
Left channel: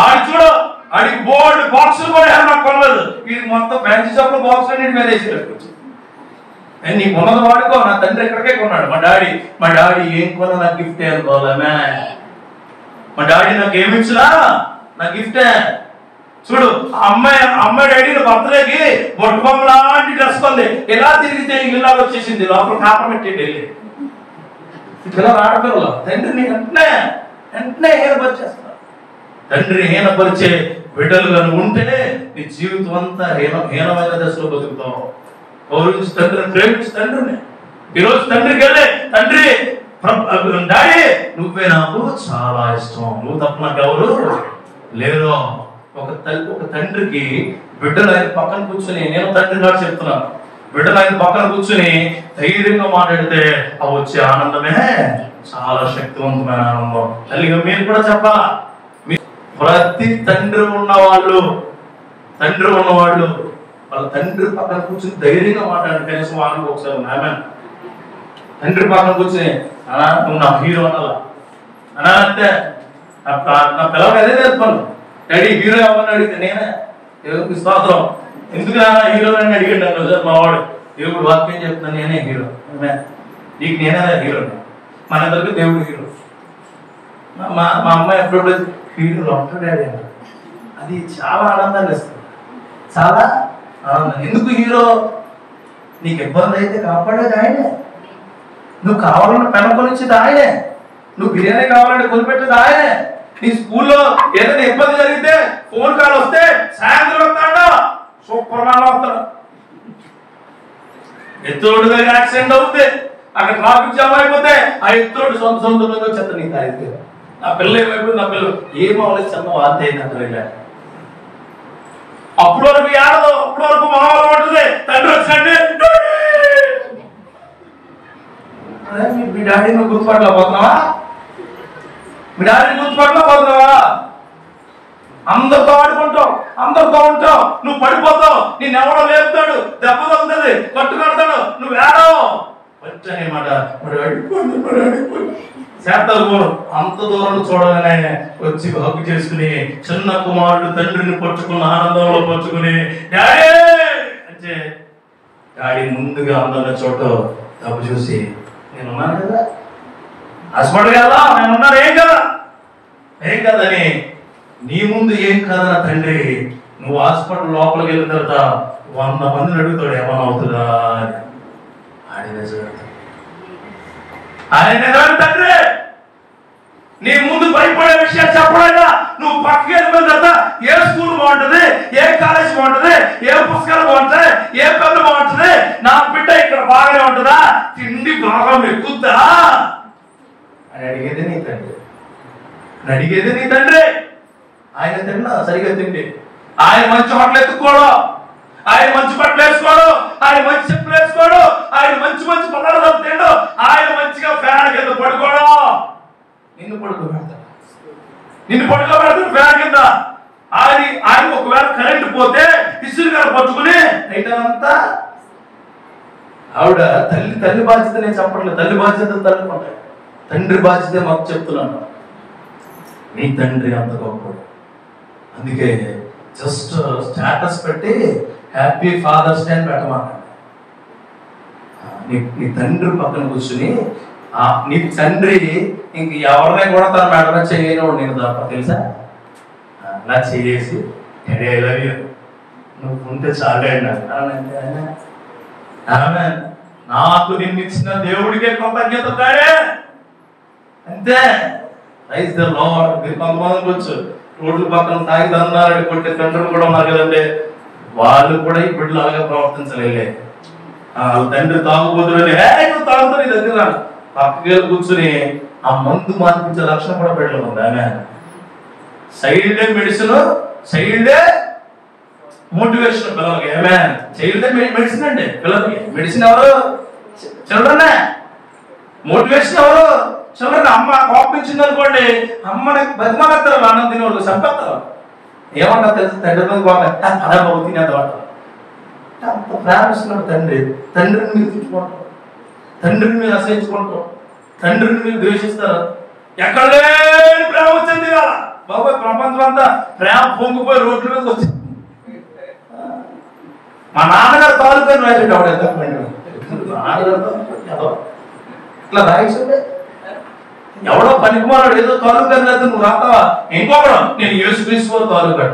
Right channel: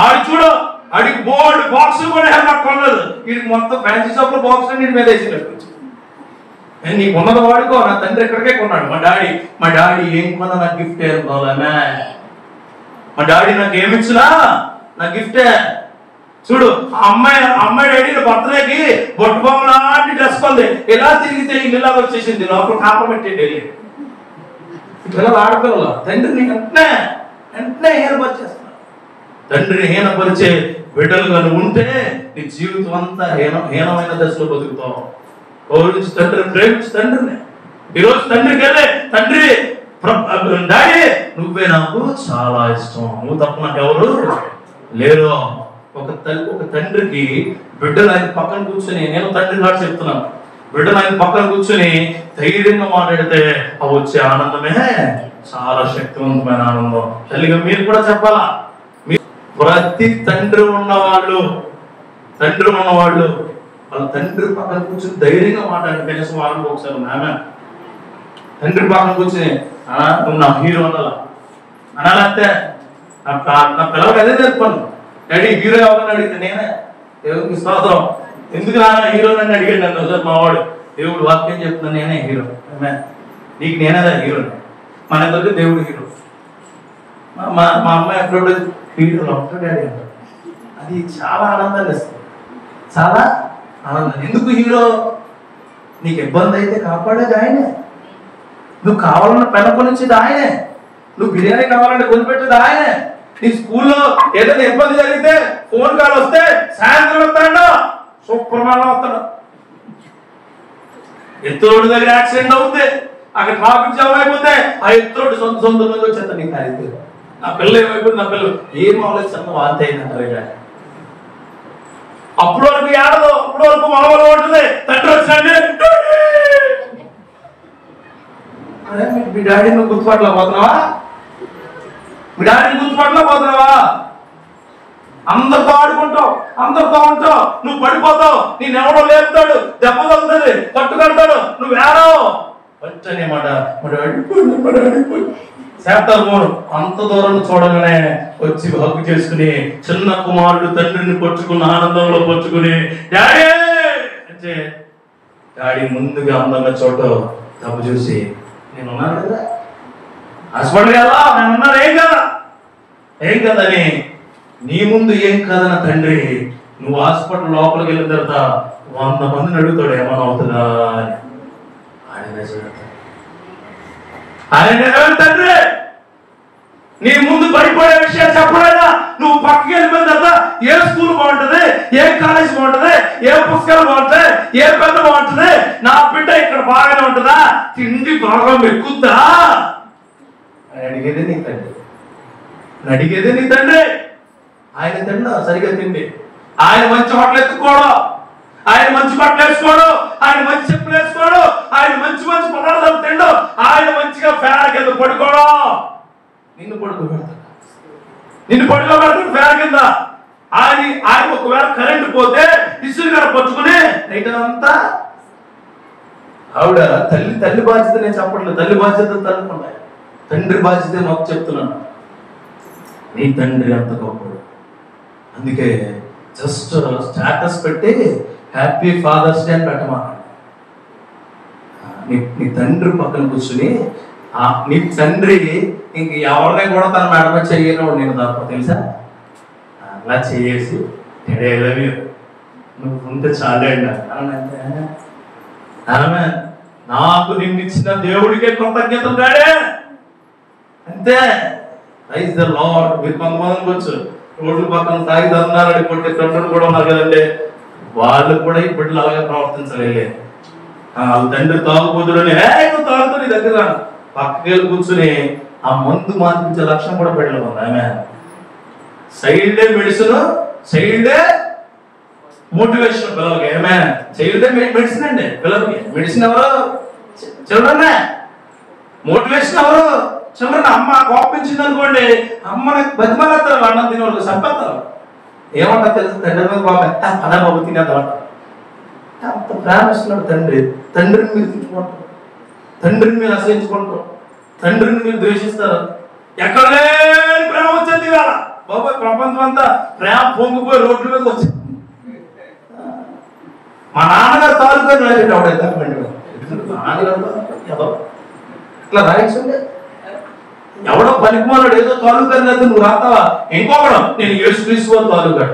ఆడి చూడు, ఆడికి బోర్డు బాక్సులు కూడా నాకు కొనలేదు. వీడికి మొత్తం ఫ్యాన్సీ షాప్ లో బాక్స్ నీటి మీద వేసి పెట్టుకోవచ్చు. నేను నీకు ఉన్నది వాడుకో. నా తండ్రి ఎక్కడికే కొన్నాడు. మా డాడీ ఏం కొన్నా నాకు గిఫ్ట్ అనుకోవాలమే. మా డాడీ నాకు ఏమిచ్చినా నా గిఫ్టే. చూడు, అమ్మాయి డాడీ బర్త్డేకి బొట్టు బొమ్మ లాంటి డ్రెస్ కొంది. ఎలా తిరిగితే ఇల్లులాగా వచ్చేసింది, లోపల కాపం పెట్టింది. పిల్లలు, ఆడపిల్లలు తండ్రిని వెంటనే హీనపరిచేస్తున్నారు. తండ్రిని హీనపరిచే బిడ్డలుగా ఉంటే నీ జీవితం అంతా హీనమైన దశలో బతుకుతావు. ప్రేమించు తండ్రిని. ఈరోజు తండ్రికి వెళ్ళే తండ్రి డాడీ నువ్వే నాకు చాలా ఇష్టం, నువ్వు తప్ప నాకు ఎవరు లేరు. ఒక తండ్రికి బిడ్డలు ఆయన పక్కన కూర్చొని, నేను తండ్రి లాగా చెప్తున్నాను, బిడ్డలు ఆయన పక్కన కూర్చొని ధైర్యంగా మాట్లాడితే ఆ వచ్చే ఆనందమే చాలా శక్తివంతమైన ఆనందం. తల్లిగా మీరు కూడా చెప్పాలా. ప్రతి తండ్రి ఉన్నవాళ్ళు వాళ్ళ తండ్రి పక్కన కూర్చొని ధైర్యంగా మాట్లాడు. కనీసం వాళ్ళు ఒకసారి ఆమె తండ్రి పక్కన కూర్చొని అన్నా నువ్వు నా హీరో అనాలంటే నా పిల్లలకి అదే చెప్పాను. డాడీ హీరో ఎవరని అడిగితే నేనే దేవుడికి స్తోత్రం. ఎందుకు నాన్న హీరో అని అడిగాడు నన్ను సార్ మావాడు. దేవుడు వాక్యం చెప్తున్నా నేనే హీరో, నీకు నేనేదా హీరో, మన ఇద్దరికి దేవుడు హీరో. మా అమ్మాయి ఎప్పుడు హీరోలో ఉంటాడు డాడీ అంటారు. అది చాలా ఆనందాన్ని ఇస్తుంది, చాలా ఆనందం. ఎందుకు హీరో? నీకు ఇబ్బంది అయితే కాపాడేది ఆయనే, నువ్వు కావాలన్న పెన కొనిచ్చేది ఆయనే, నువ్వు బిర్యానీ కావాలంటే కొనిపెట్టేది ఆయనే. నీ స్కూల్లో ఏదైనా ఇబ్బంది జరిగితే ఫోన్ కాల్ వస్తే సాయంత్రం వస్తాడు, సూపర్ మాన్ వస్తాడు. ఎత్తోడు దగ్గర యాక్సిడెంట్ అవుతే అక్కడ ట్రాఫిక్ జామ్ అయిపోతే ఆ ఎత్తోడు సొంతంగా వచ్చేస్తా నీకు ఖరీదు. నా పిల్లలు ఏమైపోయింది, నా పిల్లలు ఏం అవ్వలేదు చిన్న వాంతి అయింది అంటారు. అప్పుడు వరకు ఏడదు, అప్పుడు వరకు మనవాళ్ళు ఉంటుంది. తండ్రి వచ్చాడు, మీ డాడీ నువ్వు గుర్తుపట్టలేకపోతున్నావా? మీ డాడీని గుర్తుపట్టలేకపోతున్నావా? అందరితో ఆడుకుంటావు, అందరితో ఉంటావు, నువ్వు పడిపోతావు, నిన్ను ఎవడో లేపుతాడు, దెబ్బ తగ్గుతుంది, కొట్టుకెళ్తాడు, నువ్వు ఏడవు వచ్చని మాట. శాతాలు మూడు అంత దూరం చూడగానే వచ్చి హక్కు చేసుకుని చిన్న కుమారుడు తండ్రిని పట్టుకుని ఆనందంలో పట్టుకుని డాడీ అంటే డాడీ ముందుగా అందన్న చోట తప్పు చూసి నేనున్నాను కదా, హాస్పిటల్ కదా నేనున్నాను, ఏం కదని నీ ముందు ఏం కదన్న తండ్రి నువ్వు హాస్పిటల్ లోపలికి వెళ్ళిన తర్వాత 100 మందిని అడుగుతాడు ఏమన్నా అవుతుందా ఆయన తండ్రి. నీ ముందు భయపడే విషయాలు చెప్పడైనా నువ్వు పక్కకి వెళ్ళిపోయిన తర్వాత ఏ స్కూల్ బాగుంటది, ఏ కాలేజ్ బాగుంటది, ఏ పుస్తకాలు బాగుంటాయి, ఏ పెన్ను బాగుంటది, నా బిడ్డ ఇక్కడ బాగానే ఉంటుందా, తిండి బాగా మెక్కుద్దా అని అడిగేది నీ తండ్రి. ఆయన తిన్నా సరిగ్గా తిండి, ఆయన మంచి హోటల్ ఎత్తుకోవడం, ఆయన మంచి బట్టలు వేసుకోవడం, ఆయన మంచి చెప్పులు వేసుకోవడం, ఆయన మంచి పదార్థాలు తినడం, ఆయన మంచిగా ఫ్యాన్ కింద పడుకోవడం. నిన్ను పడుకోబెడతాడు ఫ్యాన్ కింద. ఆయన ఒకవేళ కరెంట్ పోతే ఇసురు గారు పట్టుకుని అంతా ఆవిడ తల్లి బాధ్యత నేను చెప్పట్లేదు, తల్లి బాధ్యతలు తల్లుకుంటాయి, తండ్రి బాధ్యత మాకు చెప్తున్నాను. నీ తండ్రి అంత గొప్పడు. అందుకే జస్ట్ స్టేటస్ పెట్టి హ్యాపీ ఫాదర్స్ డే అని పెట్టమన్నాడు. నీ తండ్రి పక్కన కూర్చుని నీ తండ్రి ఇంక ఎవరిని కూడా తన మేడం చేయను నేను తప్ప తెలుసా, అలా చేసి నువ్వు ఉంటే చాలే నాకు నిన్ను ఇచ్చిన దేవుడికే కృతజ్ఞతలు కాడే అంతే. Praise the Lord. మీరు కొంతమంది వచ్చు రోడ్ల పక్కన తాగి దందాలని కొట్టే తండ్రులు కూడా ఉన్నారు కదండి, వాళ్ళు కూడా ఇప్పుడు అలాగే ప్రవర్తించలేలే. తండ్రి తాగుబోతులని తాగుతూ నీ దగ్గర పక్కకి కూర్చుని ఆ మందు మార్పించే లక్షణం కూడా పెట్టలేదు. ఆమె సైల్డే మెడిసిన్, సైల్డే మోటివేషన్ పిల్లలకి. ఏమే చైల్డ్ మెడిసిన్ అండి పిల్లలకి. మెడిసిన్ ఎవరు? చిల్డ్రన్. మోటివేషన్ ఎవరు? చిల్డ్రన్. అమ్మ కోపించింది అనుకోండి, అమ్మని బతిమాలేస్తారు, అన్నం తినే వాళ్ళు చంపేస్తారు. ఏమంటారు తెలుసు, తండ్రి మీద కోపం అదే బాబు తినేదంట. అంత ప్రేమిస్తున్నాడు తండ్రి. తండ్రిని మీరు తిట్టుకుంటారు, తండ్రిని మీరు అసహించుకుంటారు, తండ్రిని మీరు ద్వేషిస్తారు. ఎక్కడ లేని ప్రేమ వచ్చింది కదా బాబాయ్, ప్రపంచం అంతా ప్రేమ పొంగిపోయి రోడ్ల మీద వచ్చింది. మా నాన్నగారు తాలూకా రాసేట ఆవిడ ఇట్లా రాయించండి. ఎవడో పనికిమానాడు ఏదో తాలూకా రాదు, నువ్వు రాస్తావా? ఇంకొకడం నేను యేసుక్రీస్తు వారు తాలూకా.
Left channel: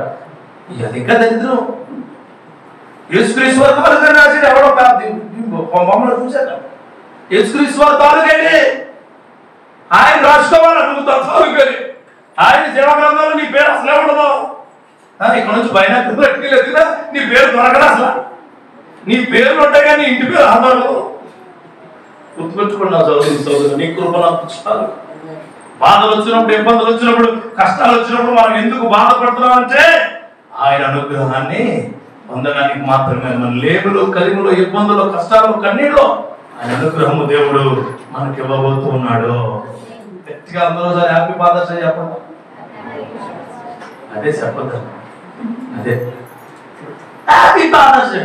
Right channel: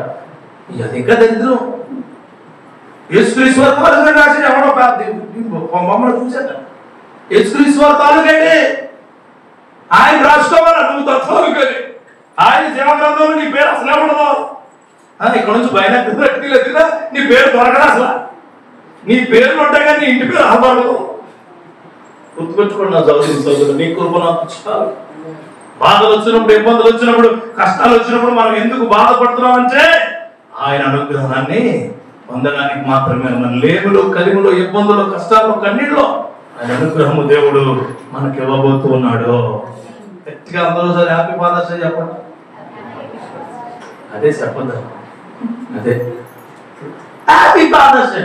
అది ఇంకా దరిద్రం. యేసుక్రీస్తు వారు తాలూకా రాసి ఎవడో మమ్మల్ని చూశాక యేసుక్రీస్తు వారు తాలూకండి ఆయన రాసుకోవాలా, నువ్వు తాలూకని. ఆయన జీవగ్రంథంలో నీ పేరు అసలే ఉండదు. ఇక్కడ నుంచి బయటకు నీ పేరు దొరకదు అసలు. నీ పేర్లు ఉంటాయి కానీ నీ ఇంటి పేరు రాబడదు. గుర్తుపెట్టుకోండి నా చదువు, నీ కృప నాకు చాలు. బాధలు వచ్చినప్పుడు, ఇబ్బందులు వచ్చినప్పుడు, కష్టాలు వచ్చినప్పుడు మనం ఎందుకు బాధపడుతున్నాం అంటే ఆయన అనుగ్రహాన్ని పొందడానికి మాత్రమే. మన లేములో, కలిములో, ఇబ్బందులు, కష్టాలు, కన్నీళ్ళు ఆయన అనుగ్రహము దేవుడు మనకి ఇవ్వబోతూ ఉన్నాడు. గట్టిగా అందరూ సార్ హ్యాపీ ఫాదర్స్ డే చెప్పండి. అదే చెప్పదు, అదే హ్యాపీ ఫాదర్స్ డే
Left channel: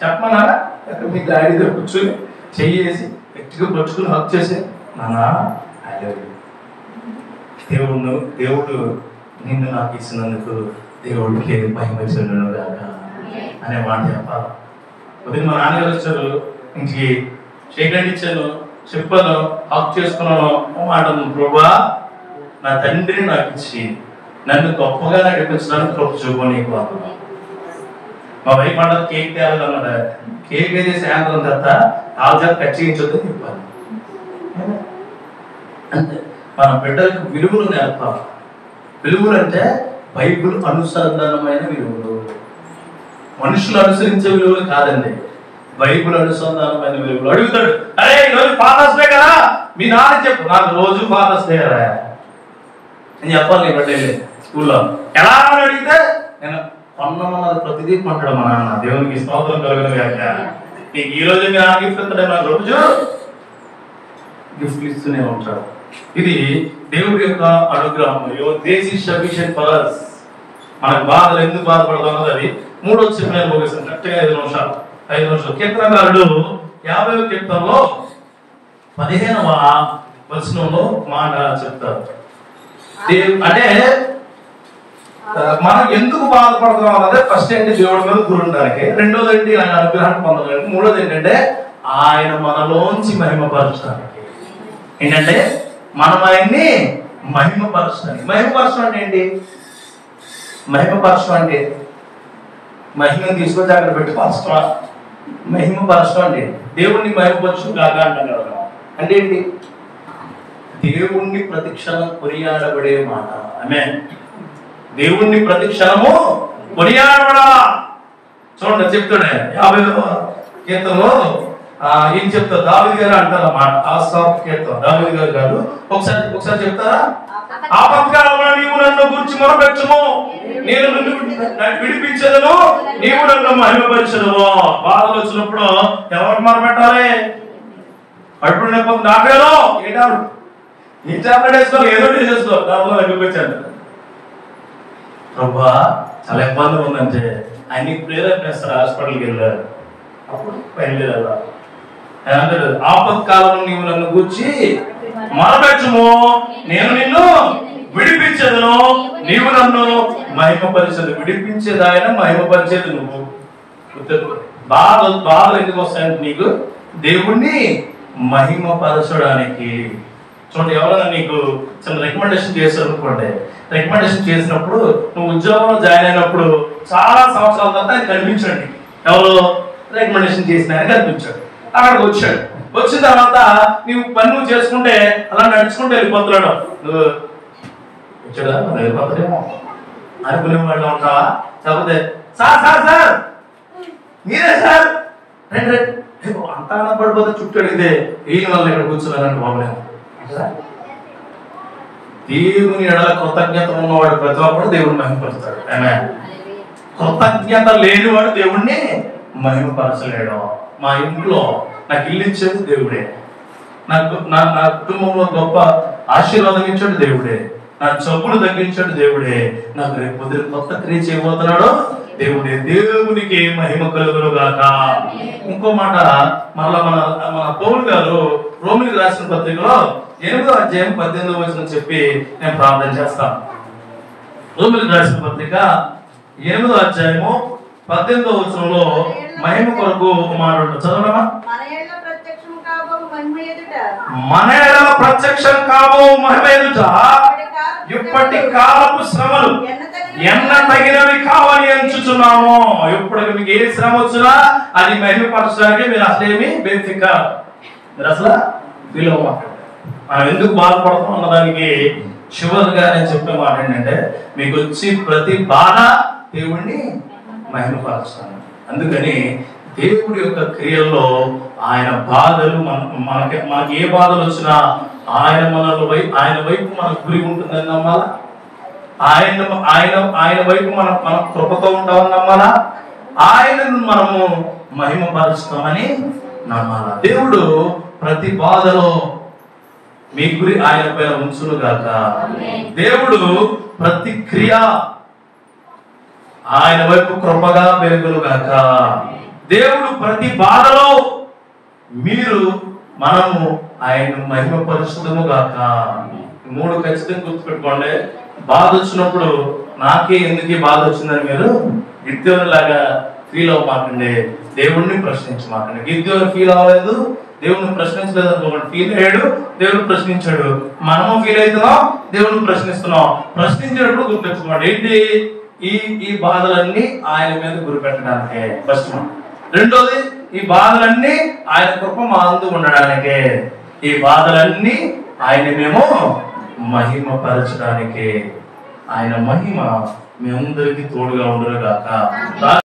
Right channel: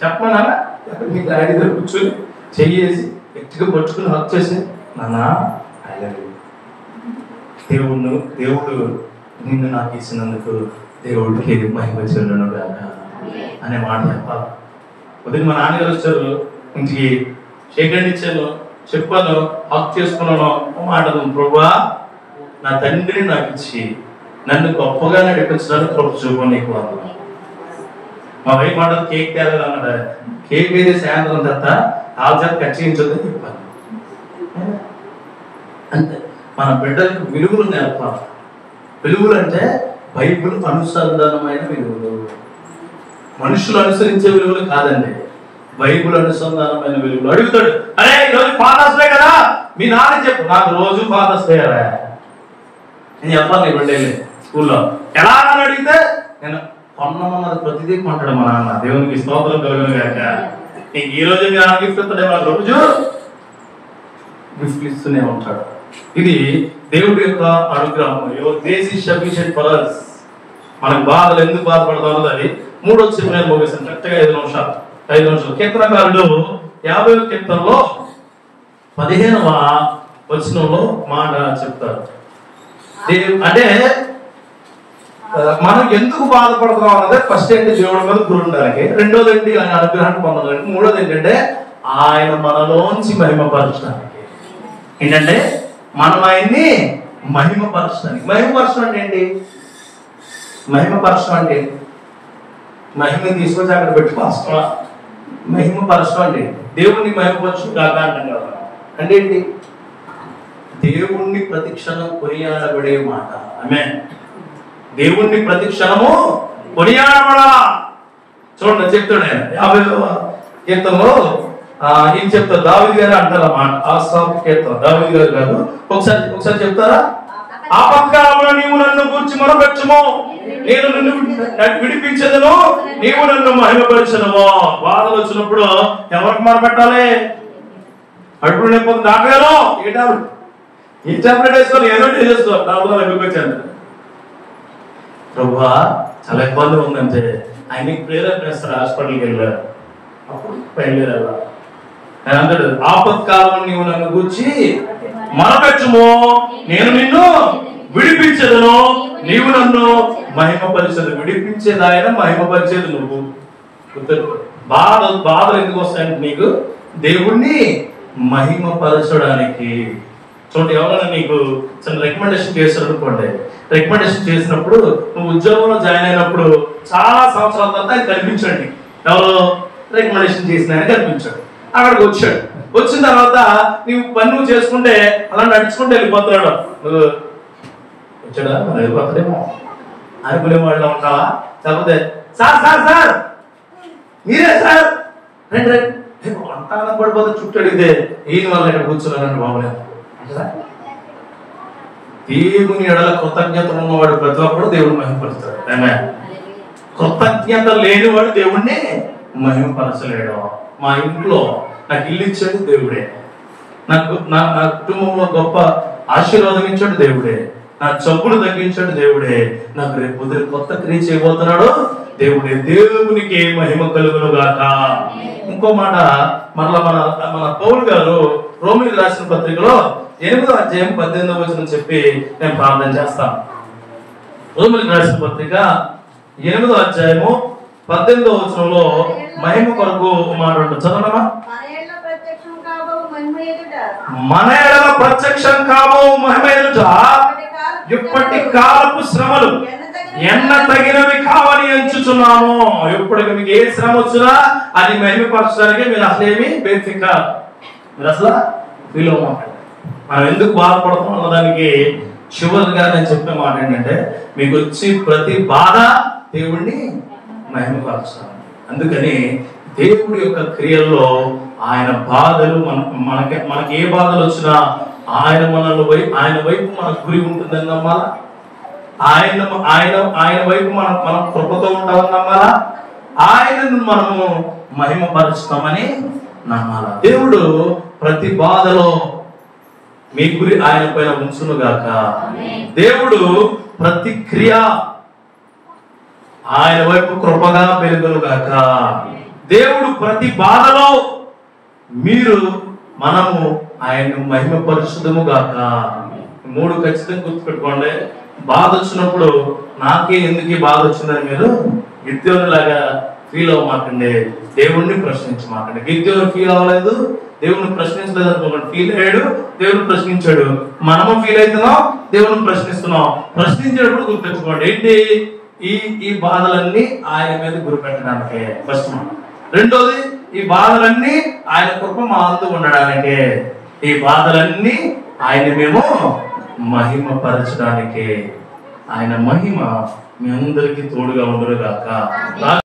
చెప్పమన్నారా? మీ డాడీ దగ్గర కూర్చొని చెయ్యేసి గట్టిగా పట్టుకుని హక్ చేసి నాన్న ఐ లవ్ యూ, దేవుడు నిన్ను నాకు ఇచ్చినందుకు దేవుడికి మహిమ చెందును గాక అనే మాట చెప్పాలి. ఉదయం మా నాన్నగారు వచ్చారు ఇంటికి, షేక్ హ్యాండ్ ఇచ్చాను, చెప్పాను, హక్ చేసుకున్నాను, మాటను ప్రభువా నా తండ్రిని నాకు ఇచ్చి నన్ను గొప్పగా నడిపించడానికి కృప చూపు నీకు. మా వైఫ్ మాట కేక్ తేవాలన్నాడు, కేక్ అయితే సాయంత్రం తర్వాత ఆల్జార్ కట్ చేయించొద్దని చెప్పాను. అంతే మన బిడ్డలకు విలువలు నేర్పాలి. విలువలు అంటే బైబిల్ అనుసంధానమైన విలువలు, మనుషులు అనుసరించే విలువలు కాదండి, బైబిల్ అనుసంధానమైన విలువలు. అడుగుతాడు, అరే ఈరోజు ఫాదర్స్ డే కదా మీ నాన్న చెప్పు, నాకు రోజు ఫాదర్స్ డే కదా అని చెప్పాలి. ఇవ్వండి స్కూల్లో ఎలా అని అడిగితే నేను కొన్నమన్నది ప్రతిదీ కొంటాడు మా నాన్న, దేవునికి స్తోత్రం కలుగును గాక. నీకు ఈ రోజు మీ నాన్న గిఫ్ట్ ఇస్తాడే, మన రోజు గిఫ్ట్లు ఇస్తూనే ఉంటాడు. ఇది దేవుడి యొక్క అనుగ్రహం. This is sufficient for us. మనకు బాధలు ఎందుకు బాధపడతామో అది మూడో చెప్పు నేను ముగిస్తాను కరెక్ట్గా 5 నిమిషాలు. కీర్తనకారుడు 50వ కీర్తనలో 15వ వచనంలో మాట చెప్తారు. అంటే మనం ఎందుకు బాధపడుతున్నాం అన్నది ఫస్ట్ ఏంటి దేవుడి మీద గురి ఉండడానికి, రెండోది ఏంటి ఆయన అనుగ్రహాన్ని పొందడానికి, మూడోది ఏంటంటే ఆయన మనలోంచి మహిమపరచడానికి. ఏంటంటే మనం ఆయన్ని మహిమపరచడానికి. మహిమపరచడం అంటే ఏంటి? మహిమపరచడం అంటే మహిమను తీసుకొచ్చి అక్కడ పెట్టి పరచడం. మహిమపరచడం అంటే దేవుణ్ణి మహిమపరచు కాక అంటాం కదా. అంటే ఏంటి? దేవుణ్ణి ప్రతిక్షణం కొనియాడబడే మాట. ఆమేన్. దేవుణ్ణి ప్రతిక్షణము కొనియాడబడాలా. చూడండి చెప్తాడు ఆయన 50వ కీర్తనలో ఏం చెప్తారు? దావీదు గారు అంటారు అన్నమాట. కీర్తన దావీదు గారు ఒకసారి చెప్తారా? ఆపత్కాలంలో నీవు నన్ను గురించి మొరపెట్టుము, నేను నిన్ను విడిపించదను, నీవు నన్ను మహిమపరచును. బాధలు వచ్చినప్పుడు ఎవరికి మొరపెట్టాలి? అడుగు లేకపోతే నాకేలో ఏంటారు ఈ చాప్లెట్ వేసుకోవాలి, ఏదో చేసుకోవాలి. దాంట్లో వెళ్ళిపోయాను ప్రభువా చాలా ఇబ్బంది ఉందంటే ఆయనకి ప్రేరేపణిస్తారు. హాస్పిటల్కి వెళ్ళారు, అప్పుడు బయలుదేరారు. ఆపత్కాలంలో నీవు నన్ను గూర్చి మొరపెట్టుము, నేను నిన్ను విడిపించదును, నీవు నన్ను మహిమపరిచేది. విడిపించేది ఆయన, మహిమపరిచేది నువ్వు. బాధలు ఎందుకు వస్తాయంటే నీకు దేవుణ్ణి మహిమపరచడానికి. చూడండి, ఎవరైనా నీకు చిన్న రికమెండేషన్ చేశారు అనుకోండి, రికమెండేషన్ చేసినప్పుడు నువ్వు ఉద్యోగంలో జాయిన్ అయినప్పుడు చాలా సంవత్సరాల తర్వాత అది కనిపించండి. ఎవరు రికమెండేషన్ చేసిన ఆయన కనిపించాడు, అక్కడికి వచ్చాడు. వచ్చిన తర్వాత నీవు పని నువ్వు చేసుకుంటే అలా నడుచుకుంటే వెళ్ళిపోతున్నాడు. నువ్వు వచ్చాడా వెళ్ళిపోతాడేమో అనుకునే వాళ్ళు ఉంటావా? కాకపోతే సార్ సార్ సార్ మీరే సార్ రండి అంతా పడిపోతే చుట్టూ అడిగితే ఈయన వాళ్ళు ఇక్కడ కూర్చోలేనండి బాబు. దేవుని ఎడల కృతజ్ఞత ఉన్నవాడు ప్రతి ఒక్కడు దేవుడిని మహిమపరుస్తాడు. ఆమేన్. కృతజ్ఞత లేనివాడు దేవుణ్ణి మహిమపరచలేడు. మా ఇంట్లో నాకు ఇల్లు ఇచ్చేది దేవుడే, నాకు నా కుటుంబంలో గొప్ప ఆశీర్వాదం ఇచ్చాడు దేవుడే, నా జబ్బులు తగ్గించాడు దేవుడే, నాకు రేపు కొత్త క్రియ చేయబోతున్నాడు దేవుడే. దేవునికి మహిమ కలుగును గాక. ఇంకో మాట మరలా మన పౌలు గారు రోమిలికి రాసిన పత్రికలో 8వ అధ్యాయం 18వ వచనం చెప్పి నేను ప్రార్థన చేస్తాను. రోమిలికి రాసిన పత్రిక 8వ అధ్యాయము 18వ వచనంలో మహిమ కొరకు మాట చదవమా? మన ఎడల ప్రత్యక్షం కాబో మహిమ ఎదుట ఇప్పటి కాలపు శ్రమలు ఎన్న తగినవి కావని ఎంచుచున్నాము. ఇప్పటికి మీకు ఏ శ్రమ వచ్చినా అది మహిమపరచడానికి మీరు అసలేమి బేసిక్ కాదు. మీరు అసలు వీళ్ళు మనం ఎందుకు బాధపడతాం అన్నదానికి చివరిగా నేను చెప్పే మాట ఏంటంటే, మీకు వచ్చి ప్రతి బాధ దేవుణ్ణి మహిమపరచాలి. అందుకని దేవుడి యొక్క క్రియల్లో ఆయన బాధలు మనకి ఏ బాధలు వచ్చినా ఆయన ఆయన వైపు మన గురి ఉంటుందని నమ్మాలా. ఆయన వైపు మనం కృపతో ఉంటామని నమ్మాలా. ఆయనను మనము మహిమపరుస్తామని నమ్మాలా. దేవుడు ప్రతి బాధలో మీ గురి ఆయన పైన ఉంచును గాక. దేవుడు ప్రతి క్రియ ఆయన వైపు కృపగా పెరుగును గాక. దేవుడు ప్రతి బాధలో మనము ఆయన్ను మహిమపరచుదుము గాక. 3 ఖచ్చితంగా గుర్తుపెట్టుకోండి. బాధ వచ్చినప్పుడు నాకే ఎందుకు బాధ వచ్చిందని మీరు గిద్యోను లాగా ఫీల్ అవ్వమాకండి, దేవుణ్ణి ప్రశ్నించమాకండి. గిద్యోను ఫీల్ అవ్వలేదు, దేవుణ్ణి ప్రశ్నించలేదు అనుకోండి. ఫీల్ అయ్యాడు, దేవుని ప్రశ్నించాడు. మనము ఫీల్ అవుతున్నాం, దేవుని ప్రశ్నిస్తున్నాం. ప్రశ్నించేటప్పుడు గుర్తించుకోండి ఏంటి, ఈ బాధలన్నీ ఆయన మీద గురిపెట్టడానికే ఫస్ట్. రెండోది, ఈ బాధలన్నీ ఆయన కృప మా అందు ఉండడానికే. ఈ బాధలన్నీ ఆయన మేము మహిమపరచడానికే. ఆయన మహిమ మీ అందరికీ తోడుగా ఉండరుగాక.